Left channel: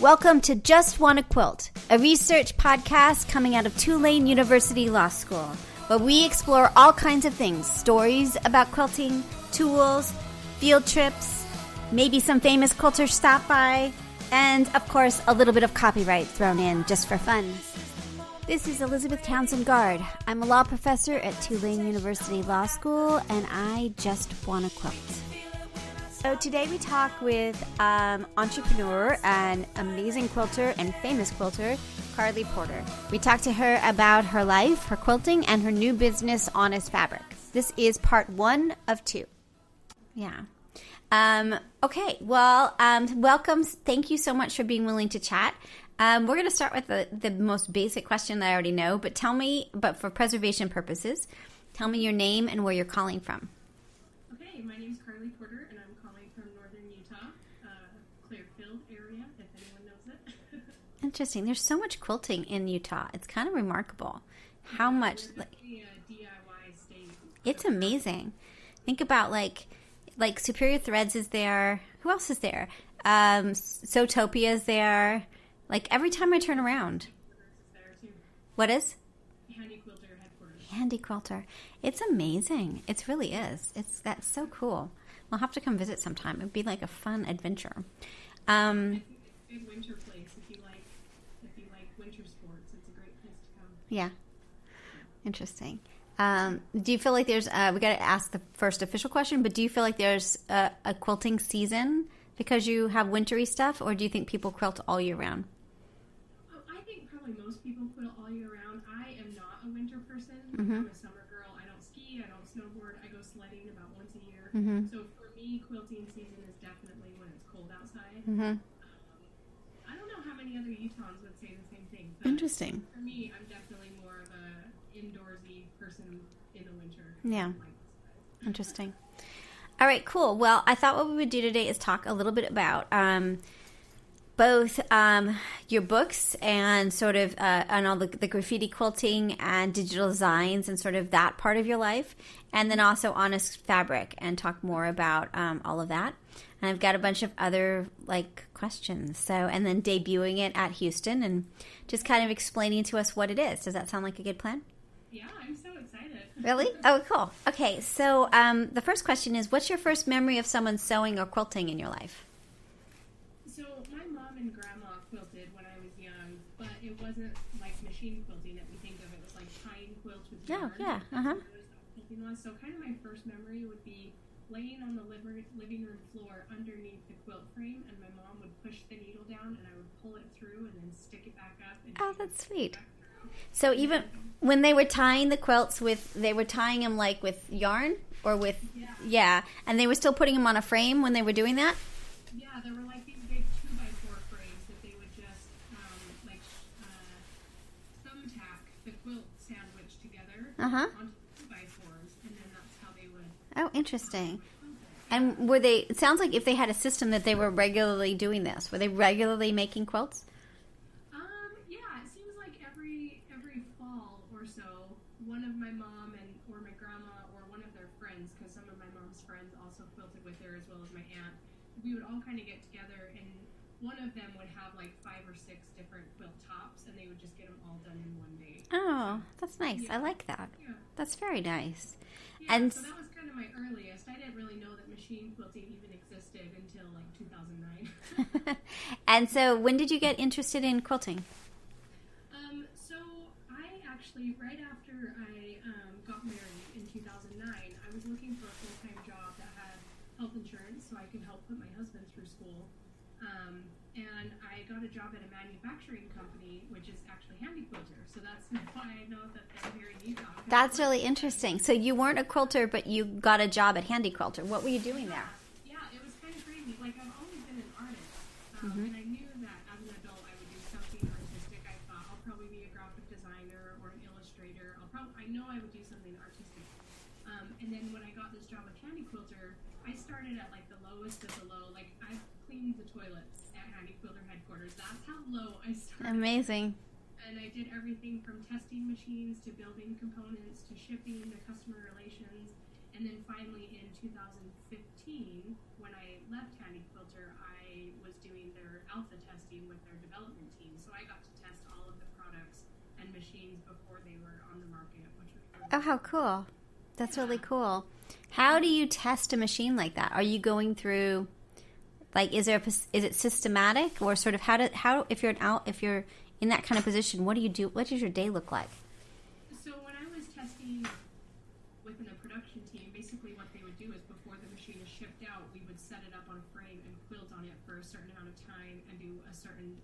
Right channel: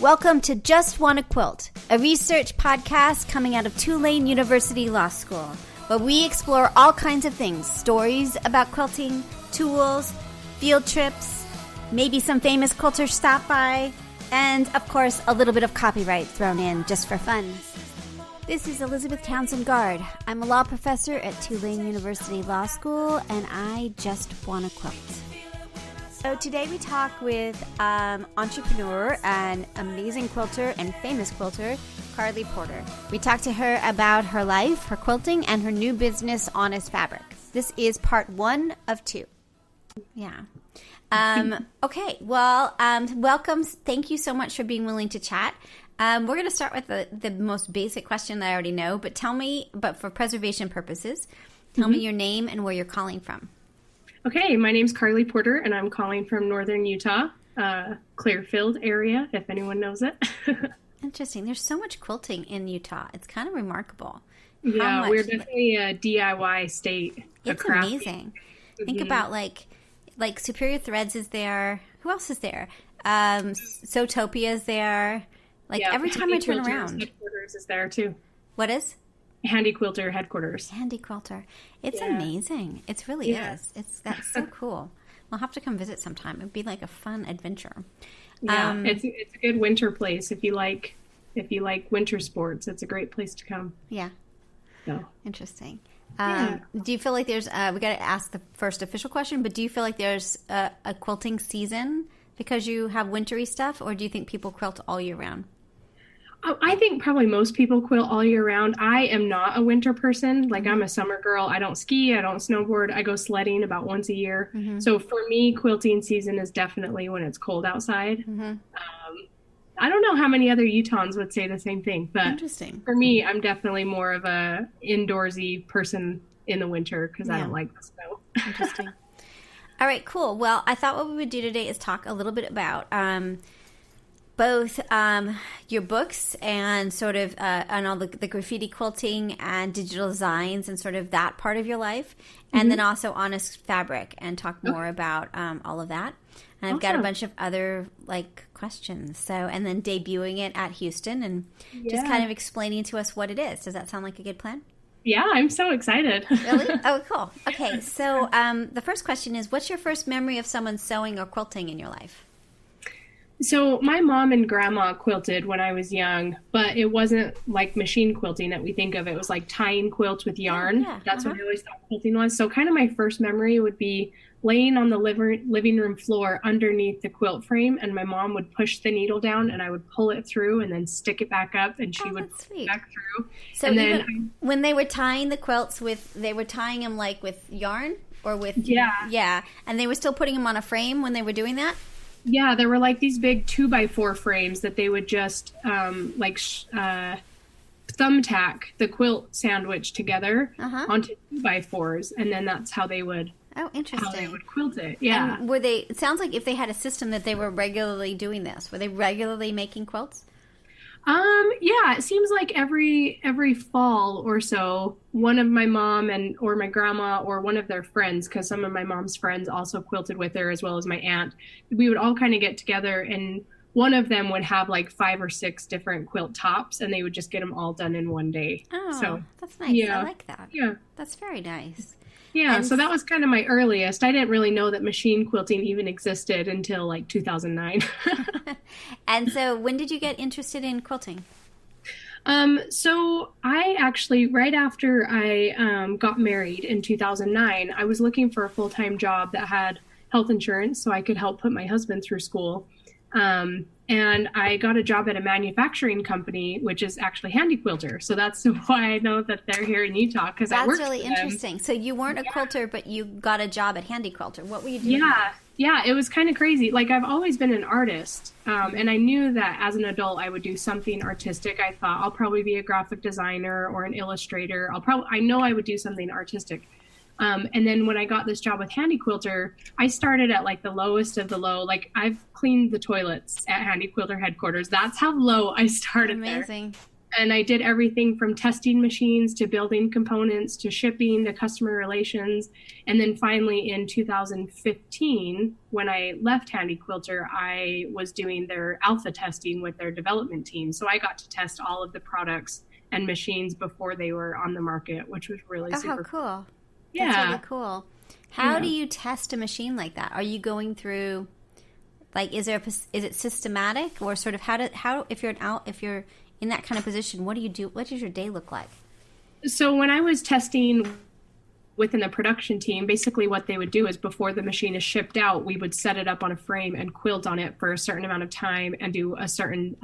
Welcome to JustWannaQuilt, a research podcast coming out of Tulane University Law School, where we explore all kinds of things, stories about quilting, tools, field trips, maybe some famous quilters stop by, and, of course, a little bit of copyright thrown in just for fun. This is Elizabeth Townsend Guard. I'm a law professor at Tulane University Law School, and I just wanna quilt. So today we talk with entrepreneur and amazing quilter and famous quilter, Karlee Porter. We talked to her about her life, her quilting, and her new business, Honest Fabric. This is part 1 of 2. Yeah. Okay, well, welcome. Thank you so much for being willing to chat. We're going to start with the most basic question that I already know, but for preservation purposes, tell me your name and where you're calling from. Okay, my name's Karlee Porter, and I'm calling from northern Utah, Clearfield area, if anyone knows it. Interesting. There's so much quilting in Utah. It's kind of remarkable. Yeah, we're definitely a DIY state. It's amazing. Think about like Superior Threads is there. Who else is there? Sewtopia is there. Every time I turn around. Headquarters is there too. What is? Handy Quilter headquarters. Handy Quilter. It's amazing. It really is. That's so cool. We'll have to come visit sometime. It'd be like a fun adventure. Yeah, it's a good winter place if you like winter sports. It's a great place to come. Yeah. So. Interesting. Do you feel like there's we got to ask the first official question, but do you feel like there's a quilting season because you have wintry stuff, or do you think people quilt all year round? I think probably most people quilt all year round. I am not a winter person. I'm a summer girl. I don't ski. I don't snowboard. I go sledding about once a year. So for me, quilting season is definitely when it's cold outside. I don't know how many other Utahns would say the same thing, but interesting. For me, I'm definitely more of a indoorsy person in the winter because I don't like the snow. Interesting. All right, cool. Well, I thought what we would do today is talk a little bit about both your books and sort of and all the graffiti quilting and digital designs and sort of that part of your life, and then also Honest Fabric, and talk more about all of that. And I've got a bunch of other questions. So, and then debuting it at Houston and just kind of explaining to us what it is. Does that sound like a good plan? Yeah, I'm so excited. Really? Oh, cool. Okay, so the first question is, what's your first memory of someone sewing or quilting in your life? So my mom and grandma quilted when I was young, but it wasn't like machine quilting that we think of. It was like tying quilts with yarn. That's what I always thought quilting was. So kind of my first memory would be laying on the living room floor underneath the quilt frame, and my mom would push the needle down and I would pull it through and then stick it back up, and she would pull it back through. So even when they were tying the quilts they were tying them with yarn or with... Yeah. And they were still putting them on a frame when they were doing that? Yeah, there were these big 2x4 frames that they would just thumbtack the quilt sandwich together onto 2x4s, and then that's how they would... Oh, interesting. How they would quilt it. Yeah. And it sounds like if they had a system that they were regularly doing this. Were they regularly making quilts? Yeah, it seems like every fall or so, one of my mom or my grandma or one of their friends, because some of my mom's friends also quilted with her, as well as my aunt, we would all kind of get together, and one of them would have 5 or 6 different quilt tops, and they would just get them all done in one day. Oh, so, that's nice. Yeah. I like that. Yeah. That's very nice. Yeah, and so that was kind of my earliest. I didn't really know that machine quilting even existed until 2009. And so when did you get interested in quilting? So I actually, right after I got married in 2009, I was looking for a full-time job that had health insurance so I could help put my husband through school. And I got a job at a manufacturing company, which is actually Handy Quilter. So that's why I know that they're here in Utah. That's really interesting. So you weren't a quilter, but you got a job at Handy Quilter. What were you doing? Yeah, it was kind of crazy. I've always been an artist, and I knew that as an adult I would do something artistic. I thought I'll probably be a graphic designer or an illustrator. I know I would do something artistic. And then when I got this job with Handy Quilter, I started at the lowest of the low. I've cleaned the toilets at Handy Quilter headquarters. That's how low I started. Amazing. And I did everything from testing machines to building components to shipping to customer relations. And then finally in 2015, when I left Handy Quilter, I was doing their alpha testing with their development team. So I got to test all of the products and machines before they were on the market, which was really super how cool. Yeah. That's really cool. How do you test a machine like that? Are you going through, like, is it systematic, or sort of if you're in that kind of position, what do you do? What does your day look like? So when I was testing within the production team, basically what they would do is before the machine is shipped out, we would set it up on a frame and quilt on it for a certain amount of time and do a certain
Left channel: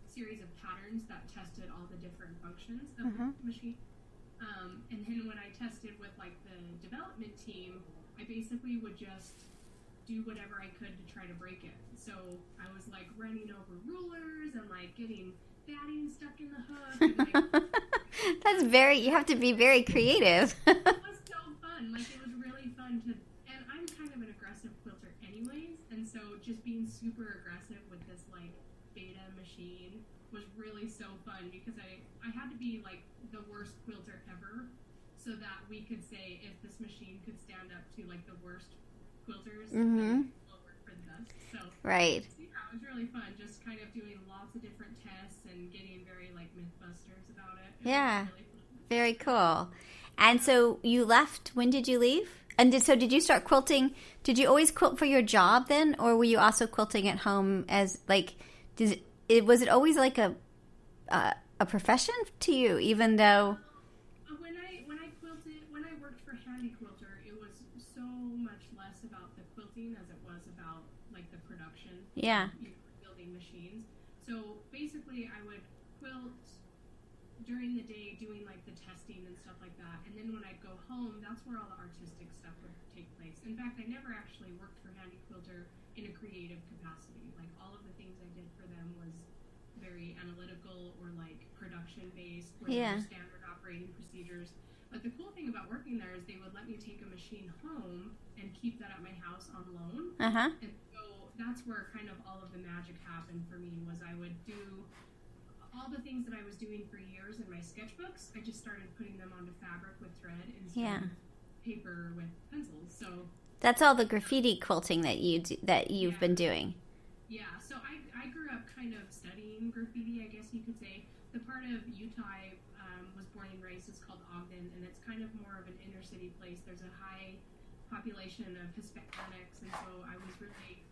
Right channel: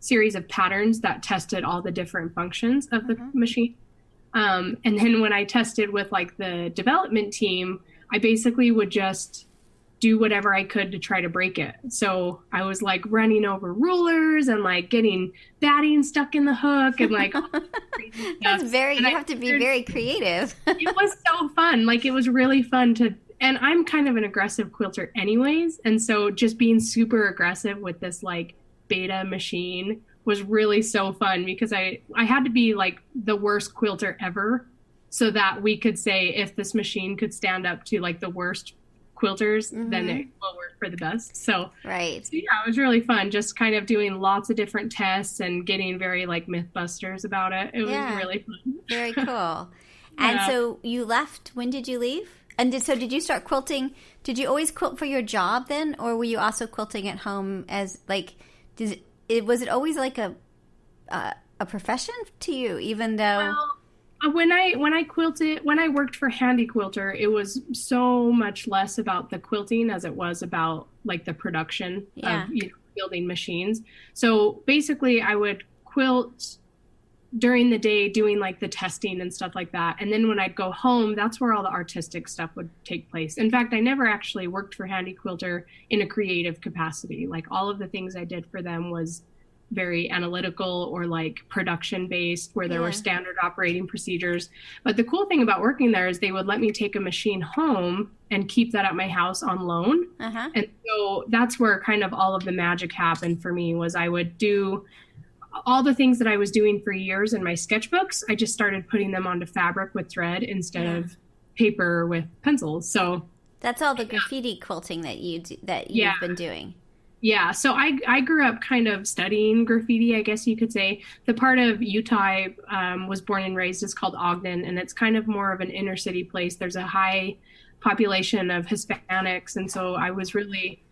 series of patterns that tested all the different functions of the machine. And then when I tested with like the development team, I basically would just do whatever I could to try to break it. So I was like running over rulers and like getting batting stuck in the hook and like that's very, you have to be very creative. It was so fun. Like, it was really fun and I'm kind of an aggressive quilter anyways. And so just being super aggressive with this like beta machine was really so fun, because I had to be like the worst quilter ever so that we could say if this machine could stand up to like the worst quilters, then it will work for the best. So yeah, it was really fun just kind of doing lots of different tests and getting very like mythbusters about it. It was really fun. Very cool. And so you left, when did you leave? And did you start quilting? Did you always quilt for your job then, or were you also quilting at home as like, was it always like a profession to you, even though? Well, when I quilted, when I worked for Handy Quilter, it was so much less about the quilting as it was about like the production of building machines. So basically I would quilt during the day doing like the testing and stuff like that. And then when I'd go home, that's where all the artistic stuff would take place. In fact, I never actually worked for Handy Quilter in a creative capacity. Like, all of the things I did for them was very analytical or like production based, where there were standard operating procedures. But the cool thing about working there is they would let me take a machine home and keep that at my house on loan. And so that's where kind of all of the magic happened for me. Was I would do all the things that I was doing for years in my sketchbooks, I just started putting them onto fabric with thread instead of paper with pencils. So that's all the graffiti quilting that you've been doing. Yeah, so I grew up kind of studying graffiti, I guess you could say. The part of Utah I was born and raised is called Ogden, and it's kind of more of an inner city place. There's a high population of Hispanics, and so I was really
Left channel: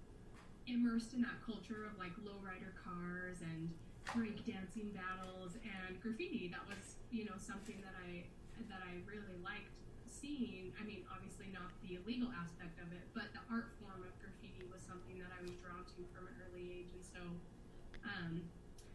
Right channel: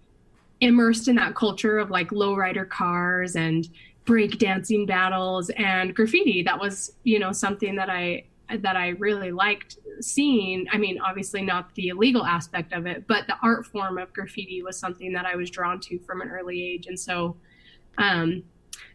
immersed in that culture of like lowrider cars and breakdancing battles and graffiti. That was, something that I really liked seeing. I mean, obviously not the illegal aspect of it, but the art form of graffiti was something that I was drawn to from an early age. And so,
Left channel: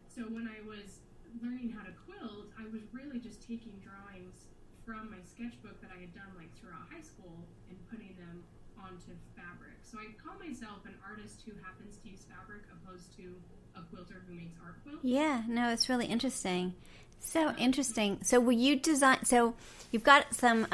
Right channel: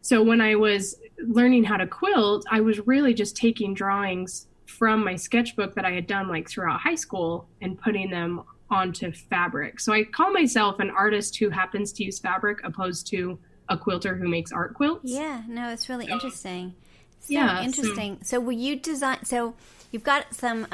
so when I was learning how to quilt, I was really just taking drawings from my sketchbook that I had done like throughout high school and putting them onto fabric. So I call myself an artist who happens to use fabric opposed to a quilter who makes art quilts. Yeah, no, it's really interesting. Interesting. So will you design, so you've got some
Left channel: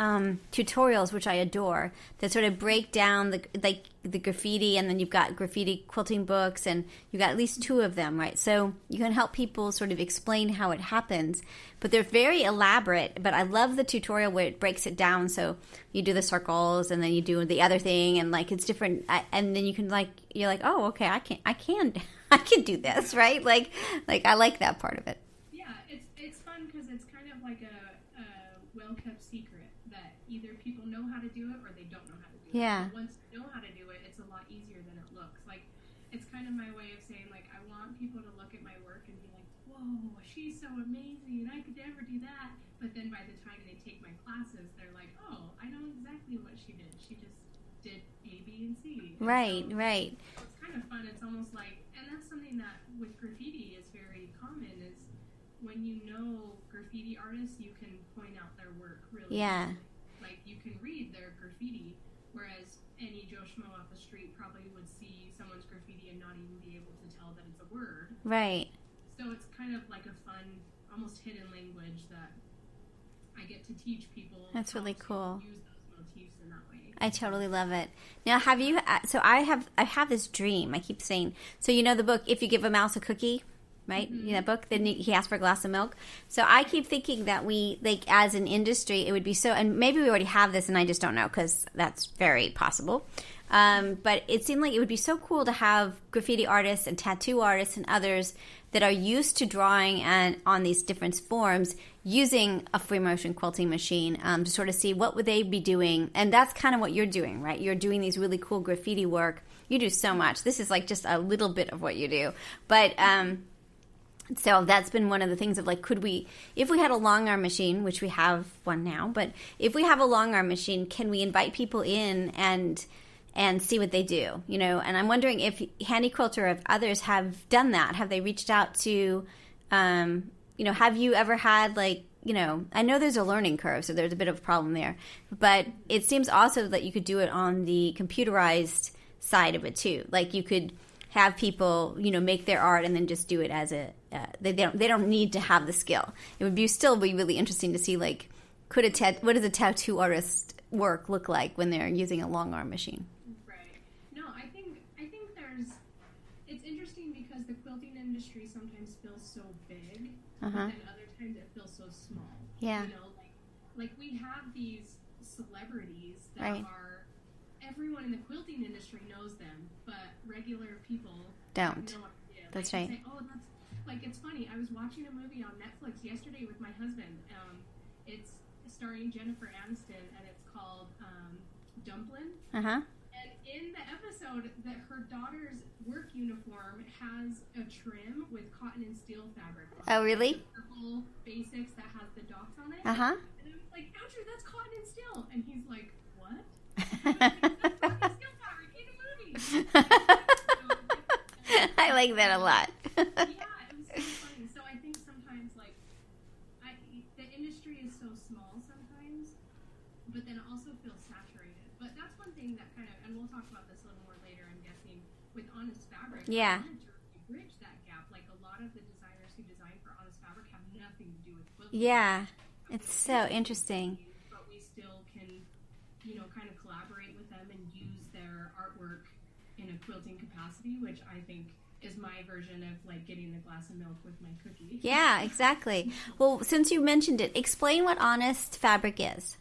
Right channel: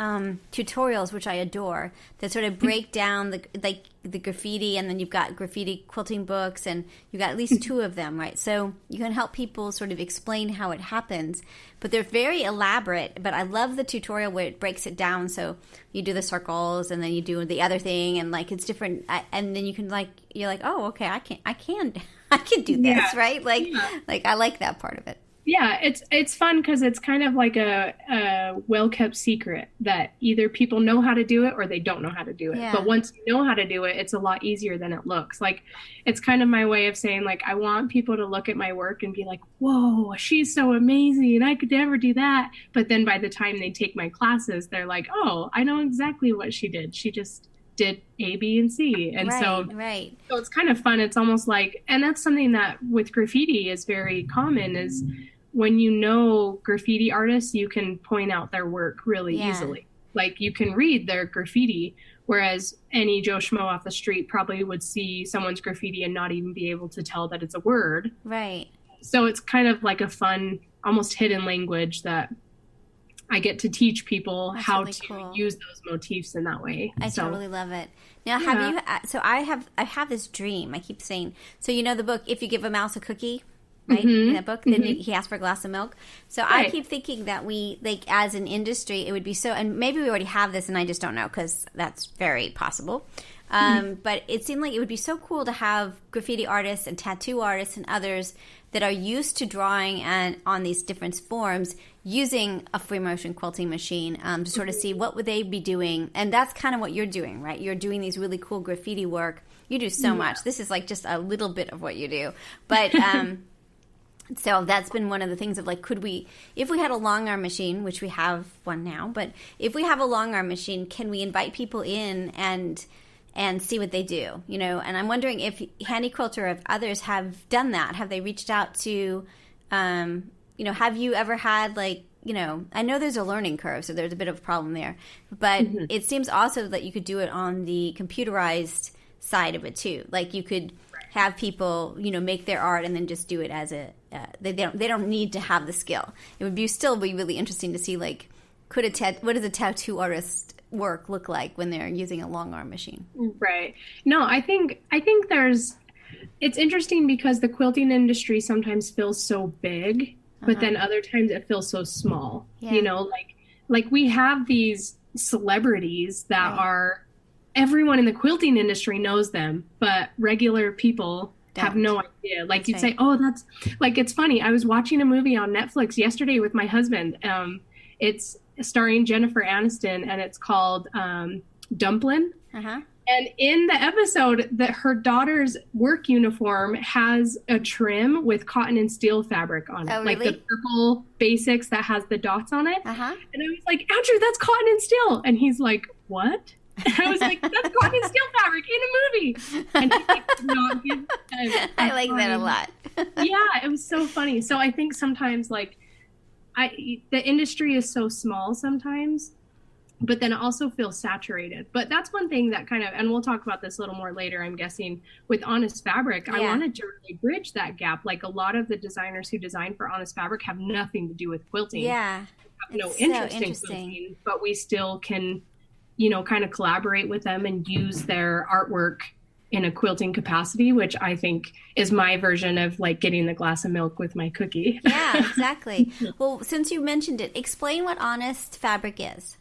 tutorials, which I adore, that sort of break down the graffiti, and then you've got graffiti quilting books, and you've got at least two of them, right? So you can help people sort of explain how it happens, but they're very elaborate. But I love the tutorial where it breaks it down. So you do the circles, and then you do the other thing, and like it's different, and then you can you're like, oh, okay, I can do this, right? Like I like that part of it. Yeah, it's fun because it's kind of like a well-kept secret that either people know how to do it or they don't know how to do it. Yeah. But once you know how to do it, it's a lot easier than it looks. Like, it's kind of my way of saying, like, I want people to look at my work and be like, whoa, she's so amazing. I could never do that. But then by the time they take my classes, they're like, oh, I know exactly what she did. She just did A, B, and C. And so it's kind of fun. It's almost like, and that's something that with graffiti is very common, is when you know graffiti artists, you can point out their work really easily. Like, you can read their graffiti, whereas any Joe Schmo off the street probably would see someone's graffiti and not even be able to tell that it's a word. Right. So it's kind of like a fun, almost hidden language that I get to teach people how to use those motifs in that way. I totally love it. Now, have you? So I have this dream. I keep saying. So the book, If You Give a Mouse a Cookie. right? In that book, then he asked for a glass of milk. So I keep thinking that we, like, as an industry, it would be so, and maybe we already have this and I just don't know, because that's very possible. But it seemed like it would be so cool to have graffiti artists and tattoo artists and others that are used to drawing and on these different forms using a free motion quilting machine to sort of see what would they be doing. And that's kind of what you're doing, right? You're doing these really cool graffiti work. You do so much. This is like just a little bit of what you do. But so that's been one of the things of like, could we, if we had a long arm machine, which we have one now, but if we have a long arm machine, can we invite people in and see what they do, you know? And I'm wondering if Handy Quilter or if others have done that. Have they reached out to, you know, have you ever had like, you know, I know there's a learning curve, so there's a bit of a problem there, but it seems also that you could do it on the computerized side of it too. Like you could have people, you know, make their art and then just do it as a, they don't need to have the skill. It would still be really interesting to see like, what does a tattoo artist work look like when they're using a long arm machine? Right. No, I think it's interesting because the quilting industry sometimes feels so big, but then other times it feels so small. You know, like we have these celebrities that are, everyone in the quilting industry knows them, but regular people have no idea. Like you'd say, oh, that's like, it's funny. I was watching a movie on Netflix yesterday with my husband. It's starring Jennifer Aniston, and it's called Dumplin'. And in the episode, that her daughter's work uniform has a trim with cotton and steel fabric on it. Oh, really? Like the purple basics that has the dots on it. And I was like, Andrew, that's cotton and steel. And he's like, what? And I was like, that's cotton and steel fabric in a movie. And he's like, no, I like that a lot. Yeah, it was so funny. So I think sometimes like, the industry is so small sometimes, but then it also feels saturated. But that's one thing that kind of, and we'll talk about this a little more later, I'm guessing, with Honest Fabric. I wanted to really bridge that gap. Like a lot of the designers who design for Honest Fabric have nothing to do with quilting. Yeah. It's so interesting. Quilting, but we still can, you know, kind of collaborate with them and use their artwork in a quilting capacity, which I think is my version of like getting the glass of milk with my cookie. Yeah, exactly. Well, since you mentioned it, explain what Honest Fabric is.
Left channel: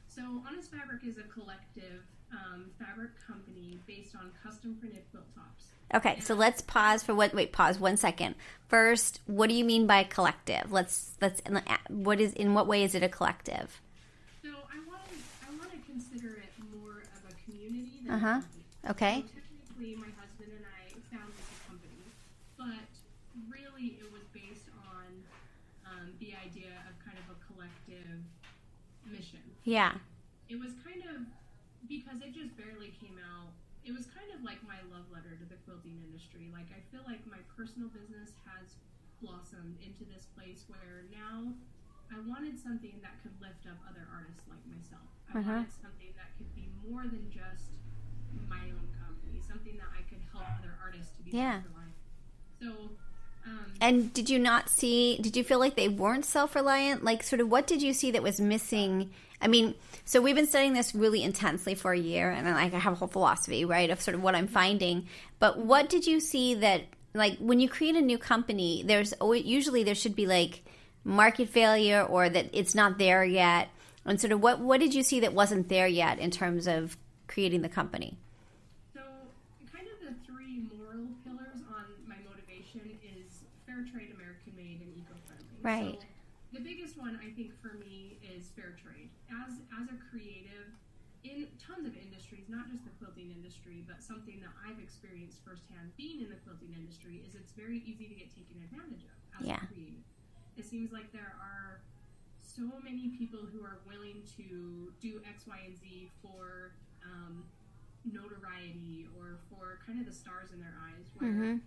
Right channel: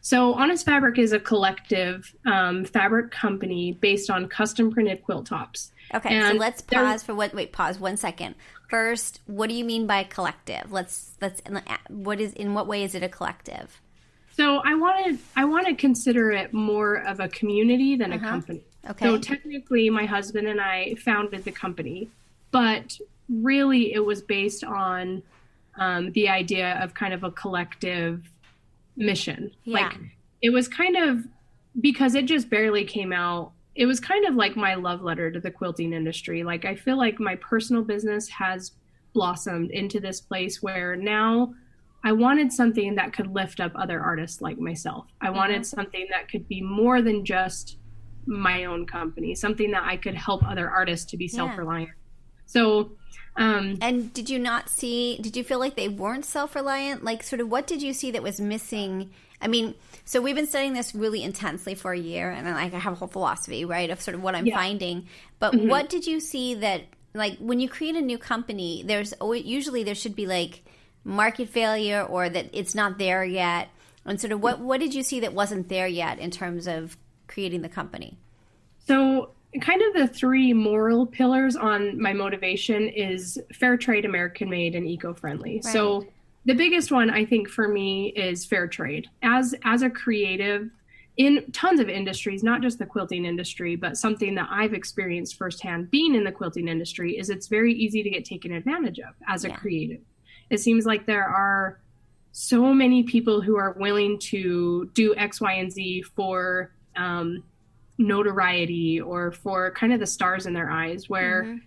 So Honest Fabric is a collective fabric company based on custom printed quilt tops. Okay, and so let's pause for pause 1 second. First, what do you mean by collective? In what way is it a collective? So I want to consider it more of a community than a company. Okay. So technically, my husband and I founded the company, but really it was based on the idea of kind of a collective mission. Yeah. Like, it was kind of, because it just barely came out, it was kind of like my love letter to the quilting industry. Like, I feel like my personal business has blossomed into this place where now I wanted something that could lift up other artists like myself. I wanted something that could be more than just my own company, something that I could help other artists to be self-reliant. So, and did you feel like they weren't self-reliant? Like, sort of, what did you see that was missing? I mean, so we've been studying this really intensely for a year, and like I have a whole philosophy, right, of sort of what I'm finding. But what did you see that, like, when you create a new company, usually there should be like market failure or that it's not there yet. And sort of what did you see that wasn't there yet in terms of creating the company? So kind of the three moral pillars on my motivation is fair trade, American made, and eco-friendly. Right. So the biggest one I think for me is fair trade. As a creative in tons of industries, not just the quilting industry, but something that I've experienced firsthand being in the quilting industry is it's very easy to get taken advantage of as a creative. It seems like there are so many people who are willing to do X, Y, and Z for notoriety or for kind of the stars in their eyes, where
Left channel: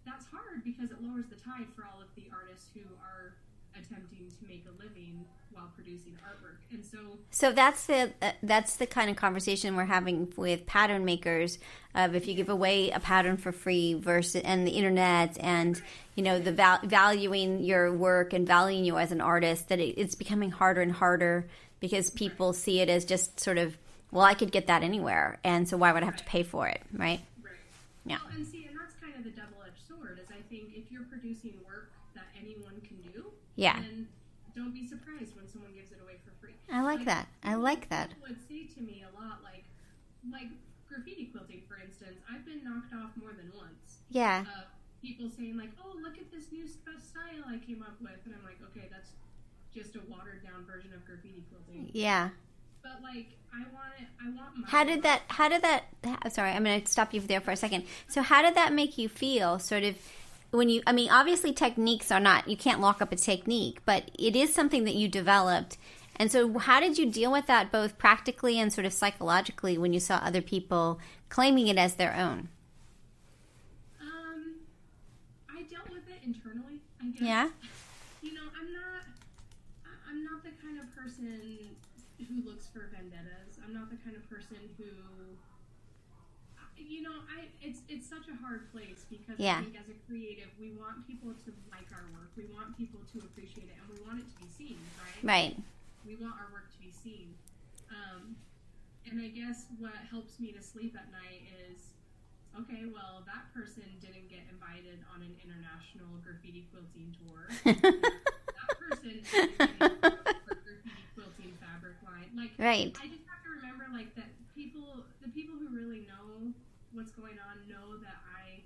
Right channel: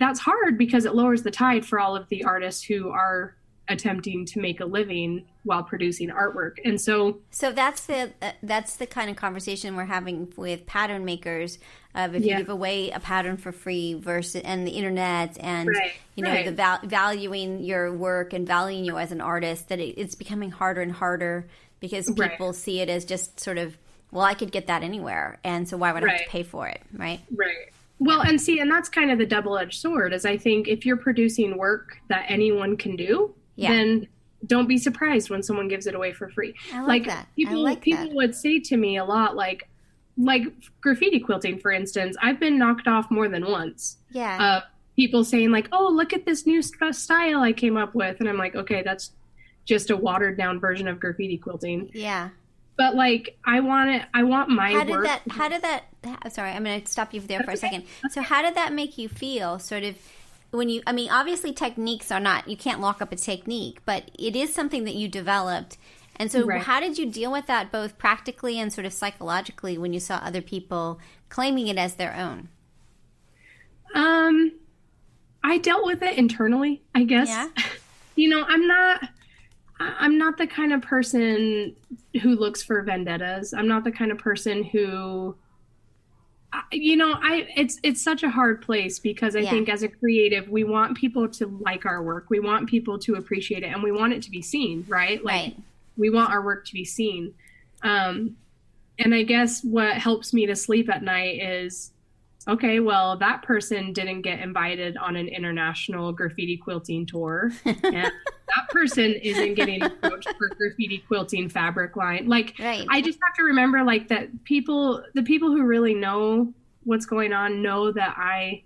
that's hard because it lowers the tide for all of the artists who are attempting to make a living while producing artwork. And so that's the kind of conversation we're having with pattern makers of if you give away a pattern for free versus and the internet and the valuing your work and valuing you as an artist, that it's becoming harder and harder because people see it as just sort of, well, I could get that anywhere, and so why would I have to pay for it, right? Right. Well, and see, and that's kind of the double-edged sword, is I think if you're producing work that anyone can do, then don't be surprised when someone gives it away for free. I like that. People would say to me a lot, like graffiti quilting, for instance, I've been knocked off more than once. Yeah. People saying like, oh, look at this new style I came up with. And I'm like, okay, that's just a watered down version of graffiti quilting. Yeah. But like, I want my work. Sorry, I'm going to stop you there for a second. So how did that make you feel sort of when you, I mean, obviously techniques are not, you can't lock up a technique, but it is something that you developed. And so how did you deal with that both practically and sort of psychologically when you saw other people claiming it as their own? I dealt with it internally, I guess. Yeah. You know, I'm not the kind of person who looks for vendettas. I'm not the kind of person who, you know, it's such a hard place because I think as a creative, we want people to like our work. We want people to appreciate it and we want it to be seen, right? Right. We want our work to be seen. And I guess what helps me to sleep at night is, okay, well, that person didn't get invited on an international graffiti quilting tour. And that person isn't getting approached for graffiti quilting fabric line. Like, I just have to remember, like, that the people who really know what's going on know that I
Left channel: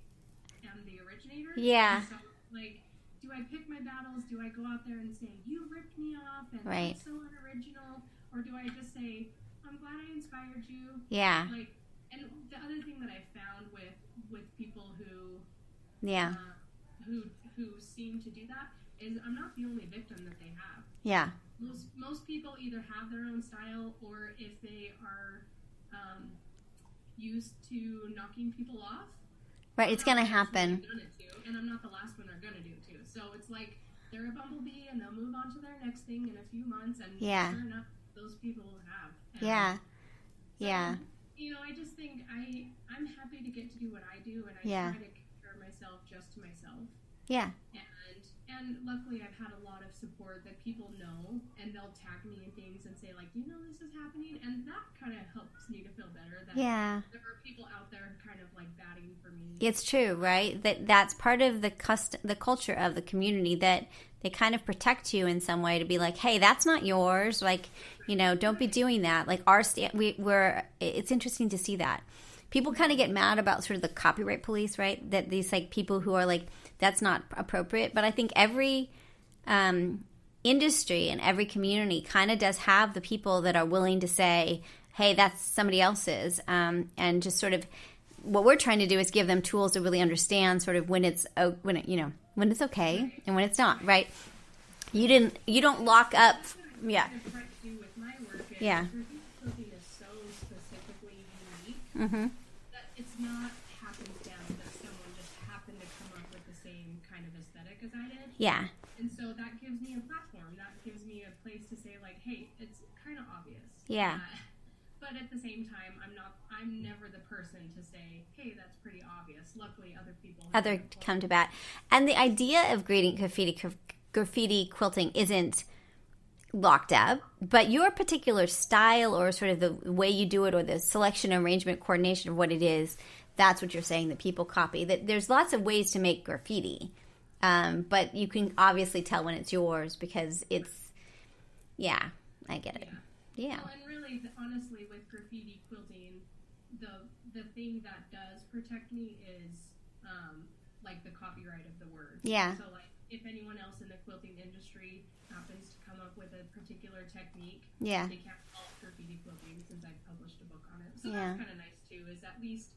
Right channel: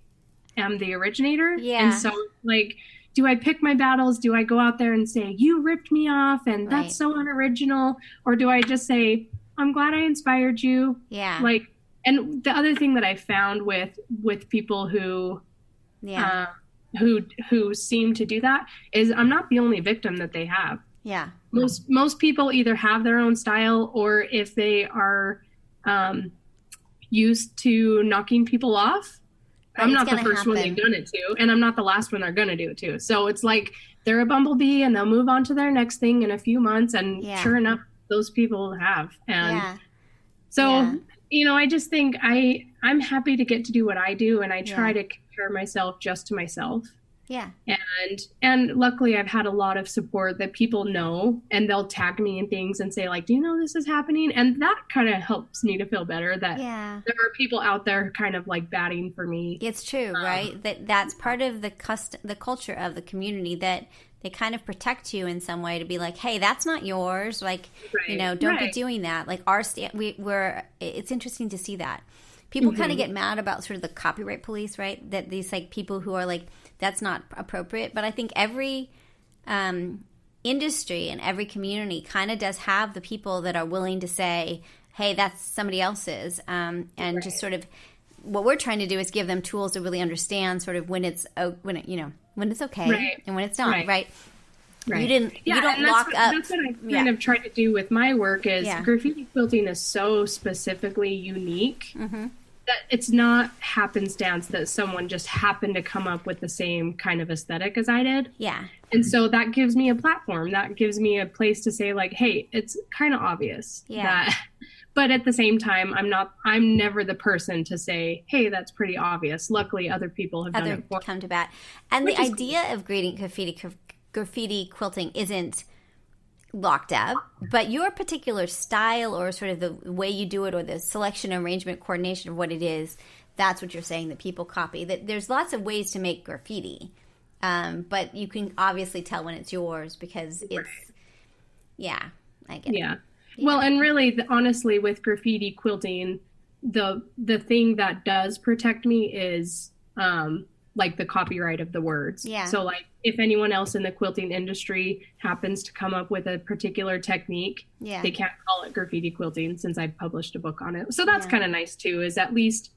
am the originator. Yeah. And so, like, do I pick my battles? Do I go out there and say, you ripped me off and that's so unoriginal? Or do I just say, I'm glad I inspired you? Yeah. Like, and the other thing that I found with people who seem to do that is I'm not the only victim that they have. Yeah. Most people either have their own style, or if they are used to knocking people off, I'm not the first one they've done it to, and I'm not the last one they're going to do it to. So it's like they're a bumblebee and they'll move on to their next thing in a few months, and sure enough, those people have. And so you know, I just think I'm happy to get to do what I do, and I try to compare myself just to myself. Yeah. And luckily I've had a lot of support that people know, and they'll tag me in things and say like, do you know this is happening? And that kind of helps me to feel better that there are people out there kind of like batting for me. It's true, right? That's part of the culture of the community, that they kind of protect you in some way to be like, hey, that's not yours. Like, you know, don't be doing that. Like it's interesting to see that. People kind of get mad about sort of the copyright police, right? That these like people who are like, that's not appropriate. But I think every industry and every community kind of does have the people that are willing to say, hey, that's somebody else's. And just sort of what we're trying to do is give them tools to really understand sort of when it's okay and when it's not, right? You don't lock up. That's what I kind of tried to do with my work is graffiti quilting is so specifically unique that it's not happenstance that someone just happened to come up with the same kind of aesthetic as I did. Yeah. And so that gives me a platform. That gives me a place to say like, hey, it's kind of obvious. Yeah. But at the same time, I'm never the person to say, hey, that's pretty obvious. Luckily, other people have done it before. Come to bat. And the idea of graffiti quilting isn't locked up, but your particular style or sort of the way you do it or the selection, arrangement, coordination of what it is, that's what you're saying that people copy. That there's lots of ways to make graffiti, but you can obviously tell when it's yours because it's, I get it. Well, and really, honestly, with graffiti quilting, the thing that does protect me is like the copyright of the words. Yeah. So like if anyone else in the quilting industry happens to come up with a particular technique, they can't call it graffiti quilting since I published a book on it. So that's kind of nice too, is at least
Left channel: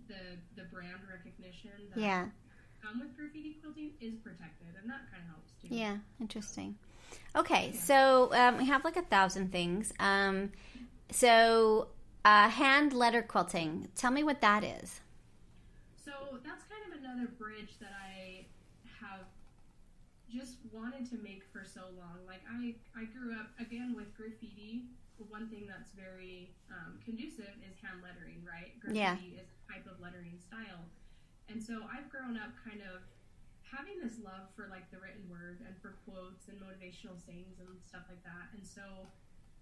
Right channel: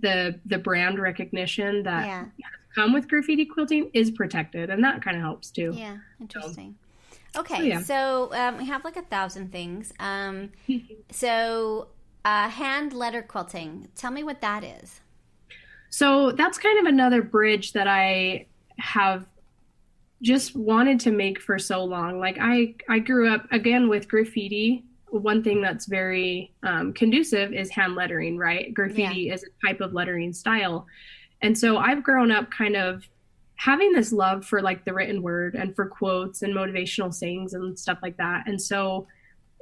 the brand recognition that has come with graffiti quilting is protected, and that kind of helps too. Yeah, interesting. Okay, so we have like 1,000 things. So hand letter quilting, tell me what that is. So that's kind of another bridge that I have just wanted to make for so long. Like I grew up, again, with graffiti. One thing that's very conducive is hand lettering, right? Graffiti is a type of lettering style. And so I've grown up kind of having this love for like the written word and for quotes and motivational sayings and stuff like that. And so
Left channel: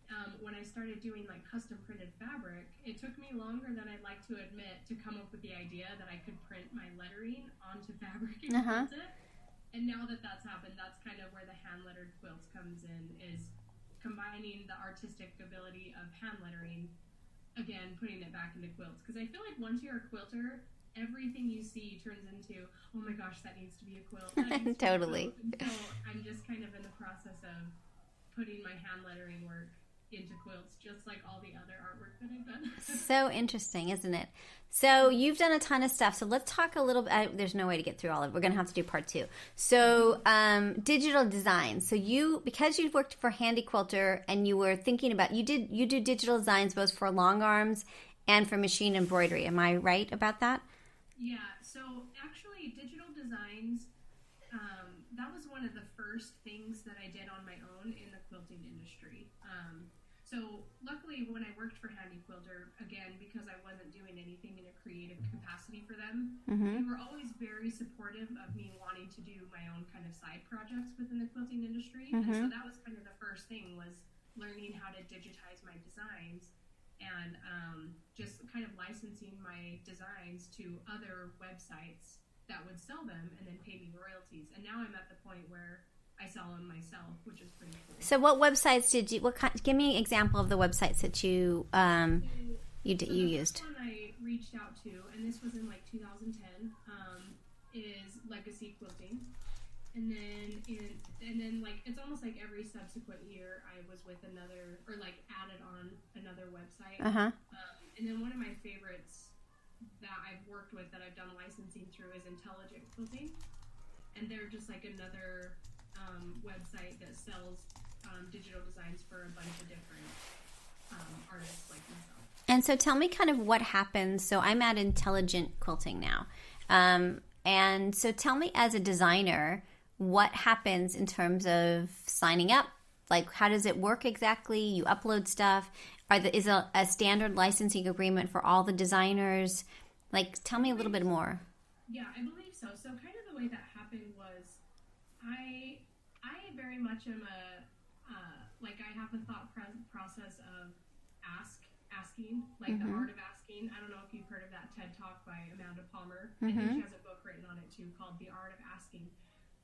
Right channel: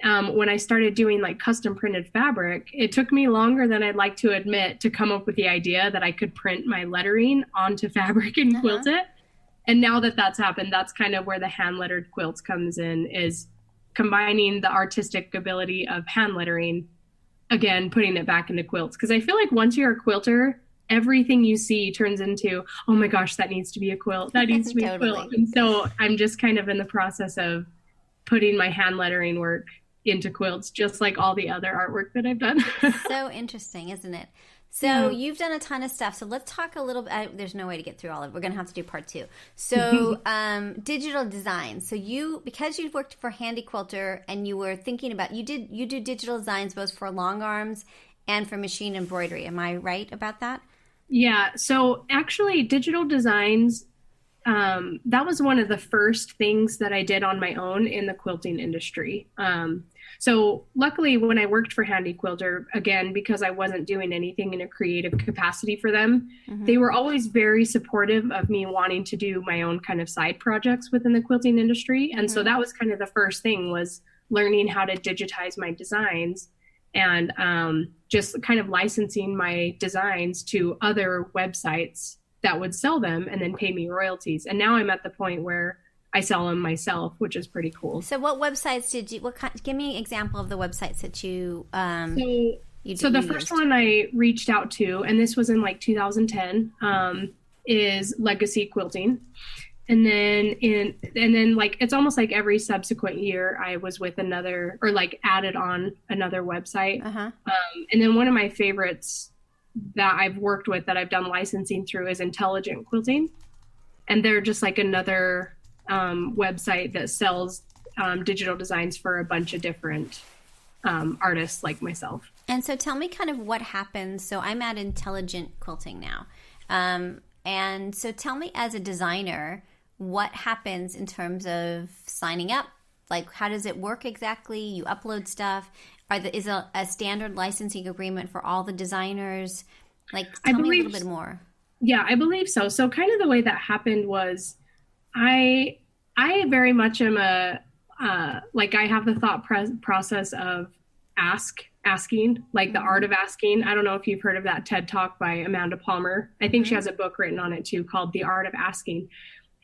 when I started doing like custom printed fabric, it took me longer than I'd like to admit to come up with the idea that I could print my lettering onto fabric and quilt it. And now that that's happened, that's kind of where the hand lettered quilts comes in, is combining the artistic ability of hand lettering, again, putting it back into quilts. Because I feel like once you're a quilter, everything you see turns into, oh my gosh, that needs to be a quilt. That needs to be a quilt. And so I'm just kind of in the process of putting my hand lettering work into quilts, just like all the other artwork that I've done. So interesting, isn't it? So you've done a ton of stuff. So let's talk a little bit. There's no way to get through all of it. We're going to have to do part 2. So digital design. So because you've worked for Handy Quilter and you were thinking about, you do digital designs both for long arms and for machine embroidery. Am I right about that? Yeah. So actually digital designs, that was one of the first things that I did on my own in the quilting industry. So luckily when I worked for Handy Quilter, again, because I wasn't doing anything in a creative capacity for them, they were always very supportive of me wanting to do my own kind of side projects within the quilting industry. And so that was kind of the first thing, was learning how to digitize my designs and just kind of licensing my designs to other websites that would sell them and then pay me royalties. And now I'm at the point where I sell them myself, which is pretty cool. So what websites did you, give me an example of the websites that you, So the first one I reached out to, and this was in like 2010, is Legacy Quilting. And then like, it's almost like every subsequent year I was with another, or like added on another website. And then one of my favorites that I've worked with that I've done licensing through is Intelligent Quilting. And they're just like another website that sells digital designs for a bunch of different artists like myself. And so tell me kind of what happens. So I'm at Intelligent Quilting now. And so tell me, as a designer, what happens in terms of signing up? Like, how does it work exactly? You upload stuff. Is a standard licensing agreement for all the designers? Like, tell me a little bit more. Yeah, I believe so. So kind of the way that happened was I very much am like, I have the thought process of asking, like the art of asking. I don't know if you've heard of that TED Talk by Amanda Palmer. I think she has a book written on it too, called The Art of Asking.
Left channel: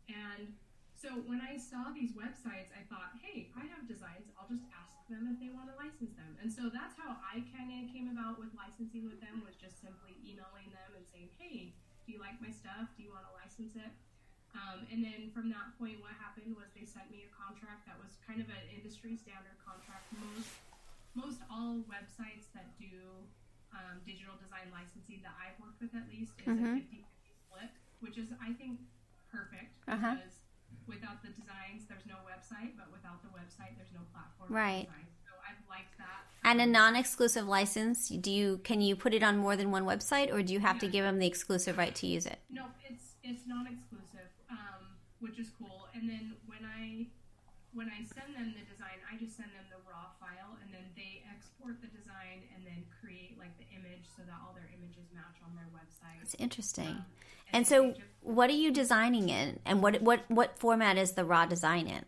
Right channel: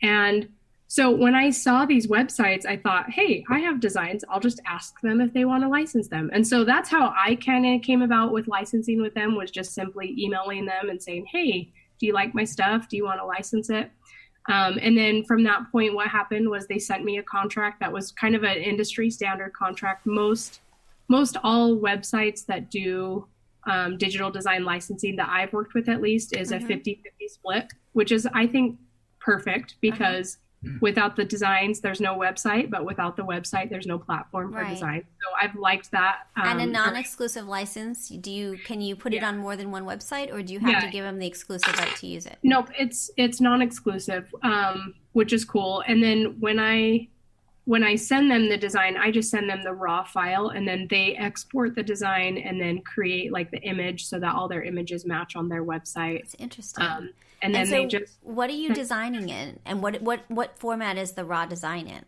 And so when I saw these websites, I thought, hey, I have designs. I'll just ask them if they want to license them. And so that's how I kind of came about with licensing with them, was just simply emailing them and saying, hey, do you like my stuff? Do you want to license it? And then from that point, what happened was they sent me a contract that was kind of an industry standard contract. Most all websites that do digital design licensing that I've worked with, at least, is a 50-50 split, which is, I think, perfect, because without the designs, there's no website, but without the website, there's no platform for design. So I've liked that. And a non-exclusive license, can you put it on more than one website, or do you have to give them the exclusive right to use it? Nope, it's non-exclusive, which is cool. And then when I send them the design, I just send them the raw file, and then they export the design and then create like the image so that all their images match on their website. It's interesting. And then so what are you designing in, and what format is the raw design in?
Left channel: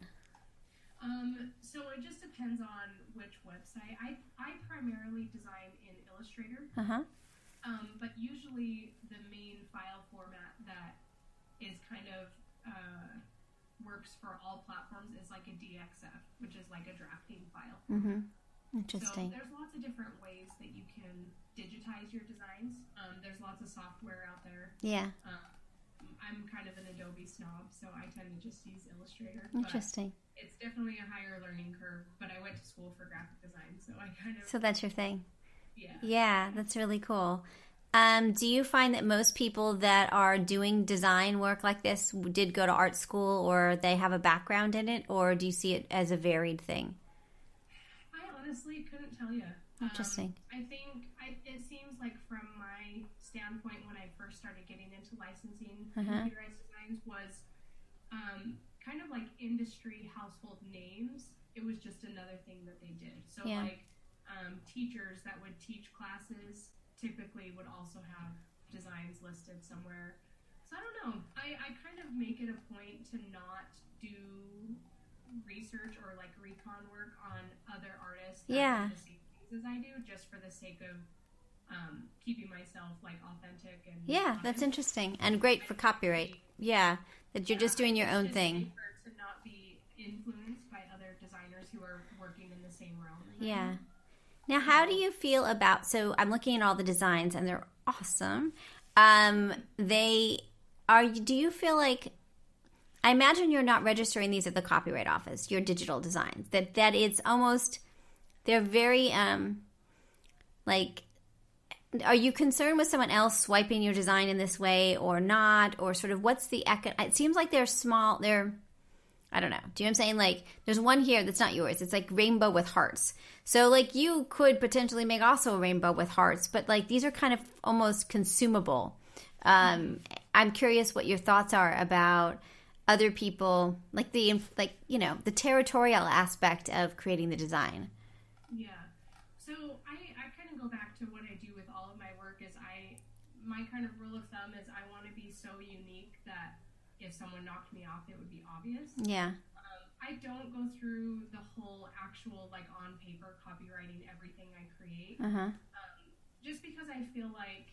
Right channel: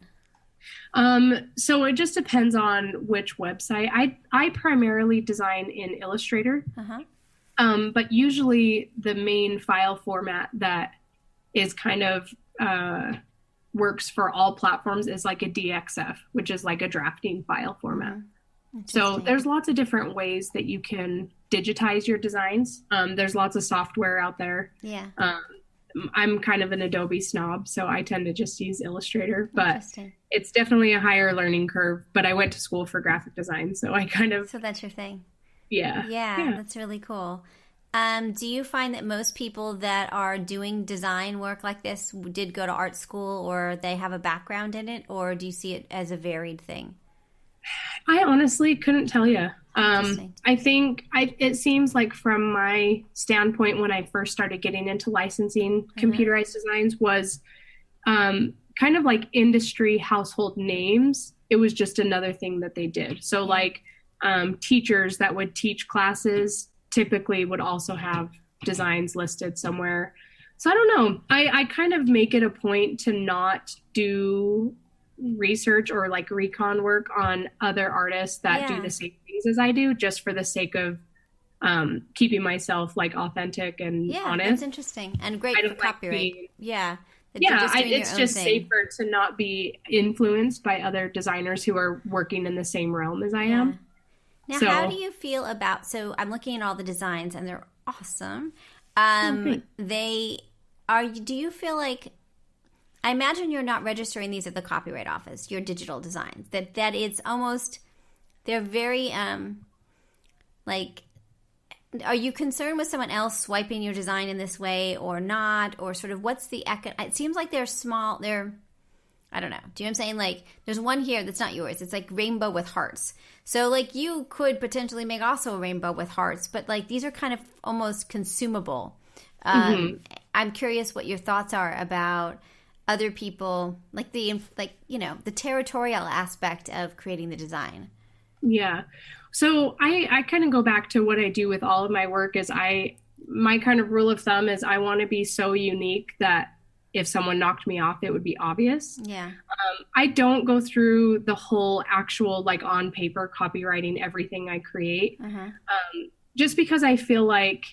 So it just depends on which website. I primarily design in Illustrator, but usually the main file format that is kind of works for all platforms is like a DXF, which is like a drafting file format. So there's lots of different ways that you can digitize your designs. There's lots of software out there. Yeah. I'm kind of an Adobe snob, so I tend to just use Illustrator, but it's definitely a higher learning curve. But I went to school for graphic design, so I kind of... So that's your thing. Yeah, that's really cool. Do you find that most people that are doing design work like this did go to art school, or they have a background in it, or do you see it as a varied thing? I honestly couldn't tell you. I think it seems like, from my standpoint, when I first started getting into licensing computerized designs, was kind of like industry household names. It was just another thing that they did. So like teachers that would teach classes typically would also have designs listed somewhere. So I don't know. I kind of make it a point to not do research or like recon work on other artists that do the same things as I do, just for the sake of keeping myself like authentic and honest. That's interesting and great for copyright. You're just doing your own just thing. safer to not be influenced by other designers who are working in the same realm as I am. Now, how do you feel about, so I'm looking at all the designs and they're awesome. Do you feel like, I imagine you're not registering these at the Copyright Office, your digital designs, that it's almost, they're very, like, are you concerned with someone else swiping your design in this way or not? Or sort of what's the, it seems like they're small, I don't know. Do you know what I'm saying? Like, there's one here that's not yours. It's like rainbow with hearts. So, like, you could potentially make also a rainbow with hearts, but, like, these are kind of almost consumable. I'm curious what your thoughts are about other people, like, the territorial aspect of creating the design. Yeah. So I kind of go back to what I do with all of my work is my kind of rule of thumb is I want to be so unique that if someone knocked me off, it would be obvious. Yeah. I don't go through the whole actual, like, on paper copywriting everything I create. Just because I feel like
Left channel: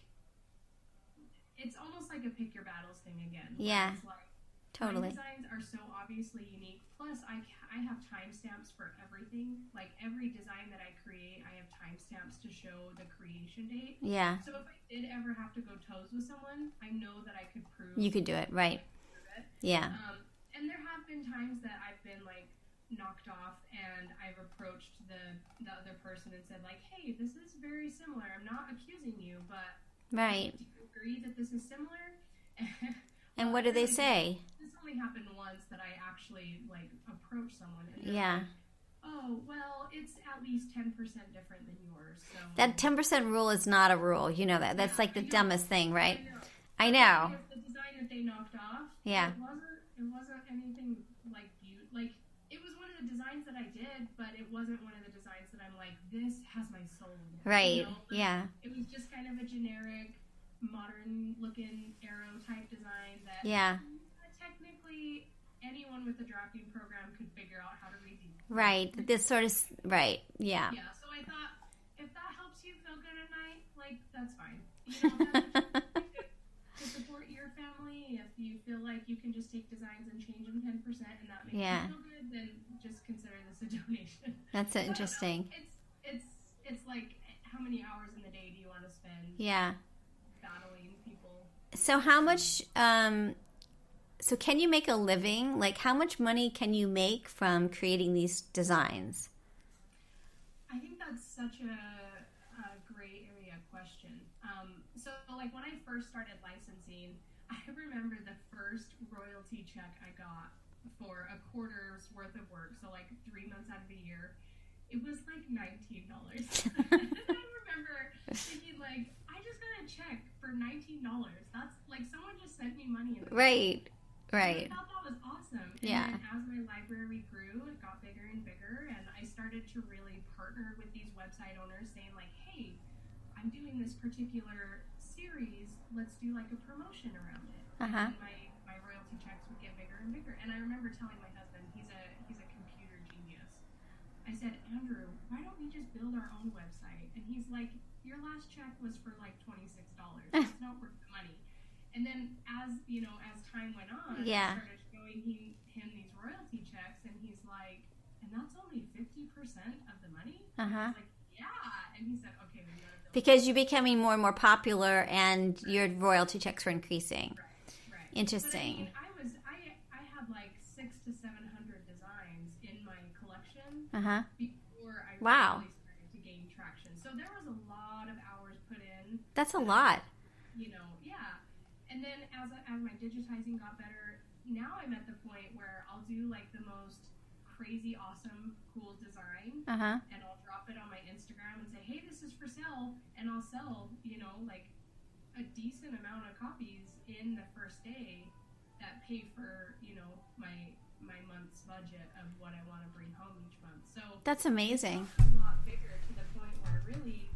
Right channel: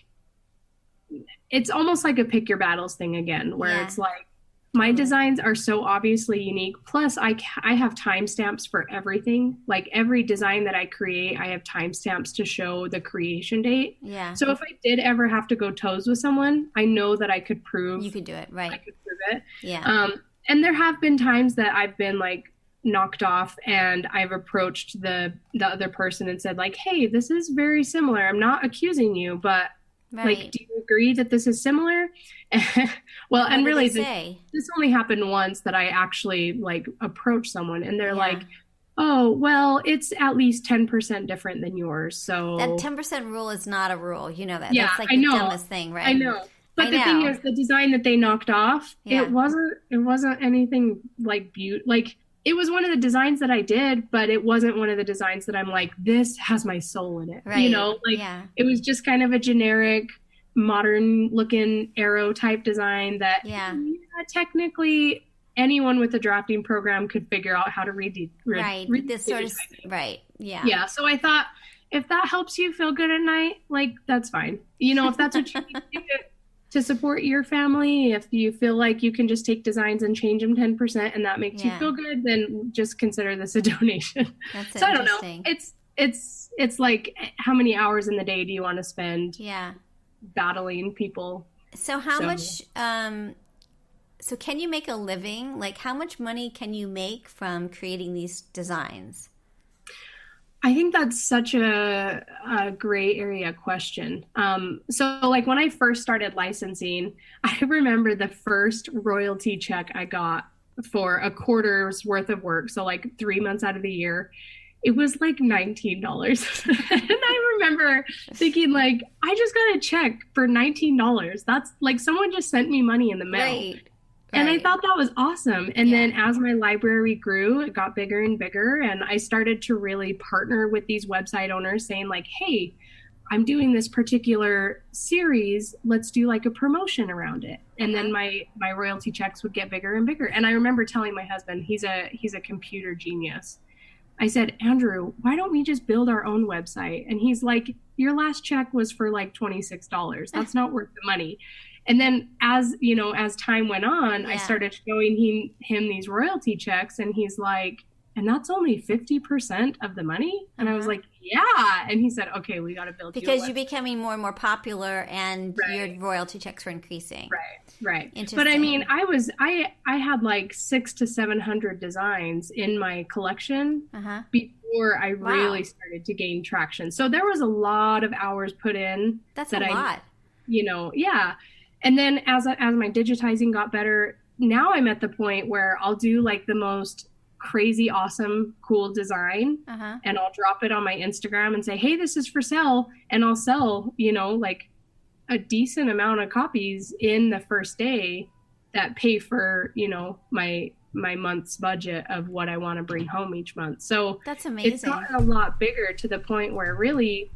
it's almost like a pick your battles thing again, where it's like, my designs are so obviously unique. Plus, I have timestamps for everything. Like, every design that I create, I have timestamps to show the creation date. Yeah. So if I did ever have to go toes with someone, I know that I could prove. You could do it, right? I could prove it. Yeah. And there have been times that I've been, like, knocked off and I've approached the other person and said, like, hey, this is very similar. I'm not accusing you, but like, do you agree that this is similar? Well, and really, this only happened once that I actually, like, approached someone and they're like, oh, well, it's at least 10% different than yours. So that 10% rule is not a rule. You know that. That's like the dumbest thing, right? I know. But the thing is, the design that they knocked off, it wasn't anything like like, it was one of the designs that I did, but it wasn't one of the designs that I'm like, this has my soul in it. Right. You know, like, it was just kind of a generic, modern looking arrow type design that technically anyone with a drafting program could figure out how to read this sort of yeah. So I thought, if that helps you feel good at night, like, that's fine. You know, if that's what you need to support your family, if you feel like you can just take designs and change them 10% and that makes you feel good, then just consider this a donation. That's so interesting. I don't know. It's like, how many hours in the day do you want to spend battling people? So how much so can you make a living? Like, how much money can you make from creating these designs? I think that's such a gray area question. So, like, when I first started licensing, I remember the first royalty check I got for a quarter's worth of work. So, like, 3 months out of the year, it was like $19. And I remember thinking, like, I just got a check for $19. That's like, someone just sent me money in the mail. Right. And I thought that was awesome. And then as my library grew, it got bigger and bigger. And I started to really partner with these website owners saying, like, hey, I'm doing this particular series. Let's do, like, a promotion around it. And then my royalty checks would get bigger and bigger. And I remember telling my husband, he's a computer genius. I said, Andrew, why don't we just build our own website? And he's like, your last check was for like $26. That's not worth the money. And then as time went on, I started showing him these royalty checks, and he's like, and that's only 50% of the money? And I was like, yeah. And he said, okay, we got to build. Because you're becoming more and more popular and your royalty checks were increasing. Right. Interesting. But I mean, I had like 600 to 700 designs in my collection before I really started to gain traction. So there was a lot of hours put in. That's a lot. And then as my digitizing got better, now I'm at the point where I'll do like the most crazy, awesome, cool design, and I'll drop it on my Instagram and say, hey, this is for sale. And I'll sell, like a decent amount of copies in the first day that pay for, my month's budget of what I want to bring home each month. So that's amazing. It's gotten a lot bigger to the point where really,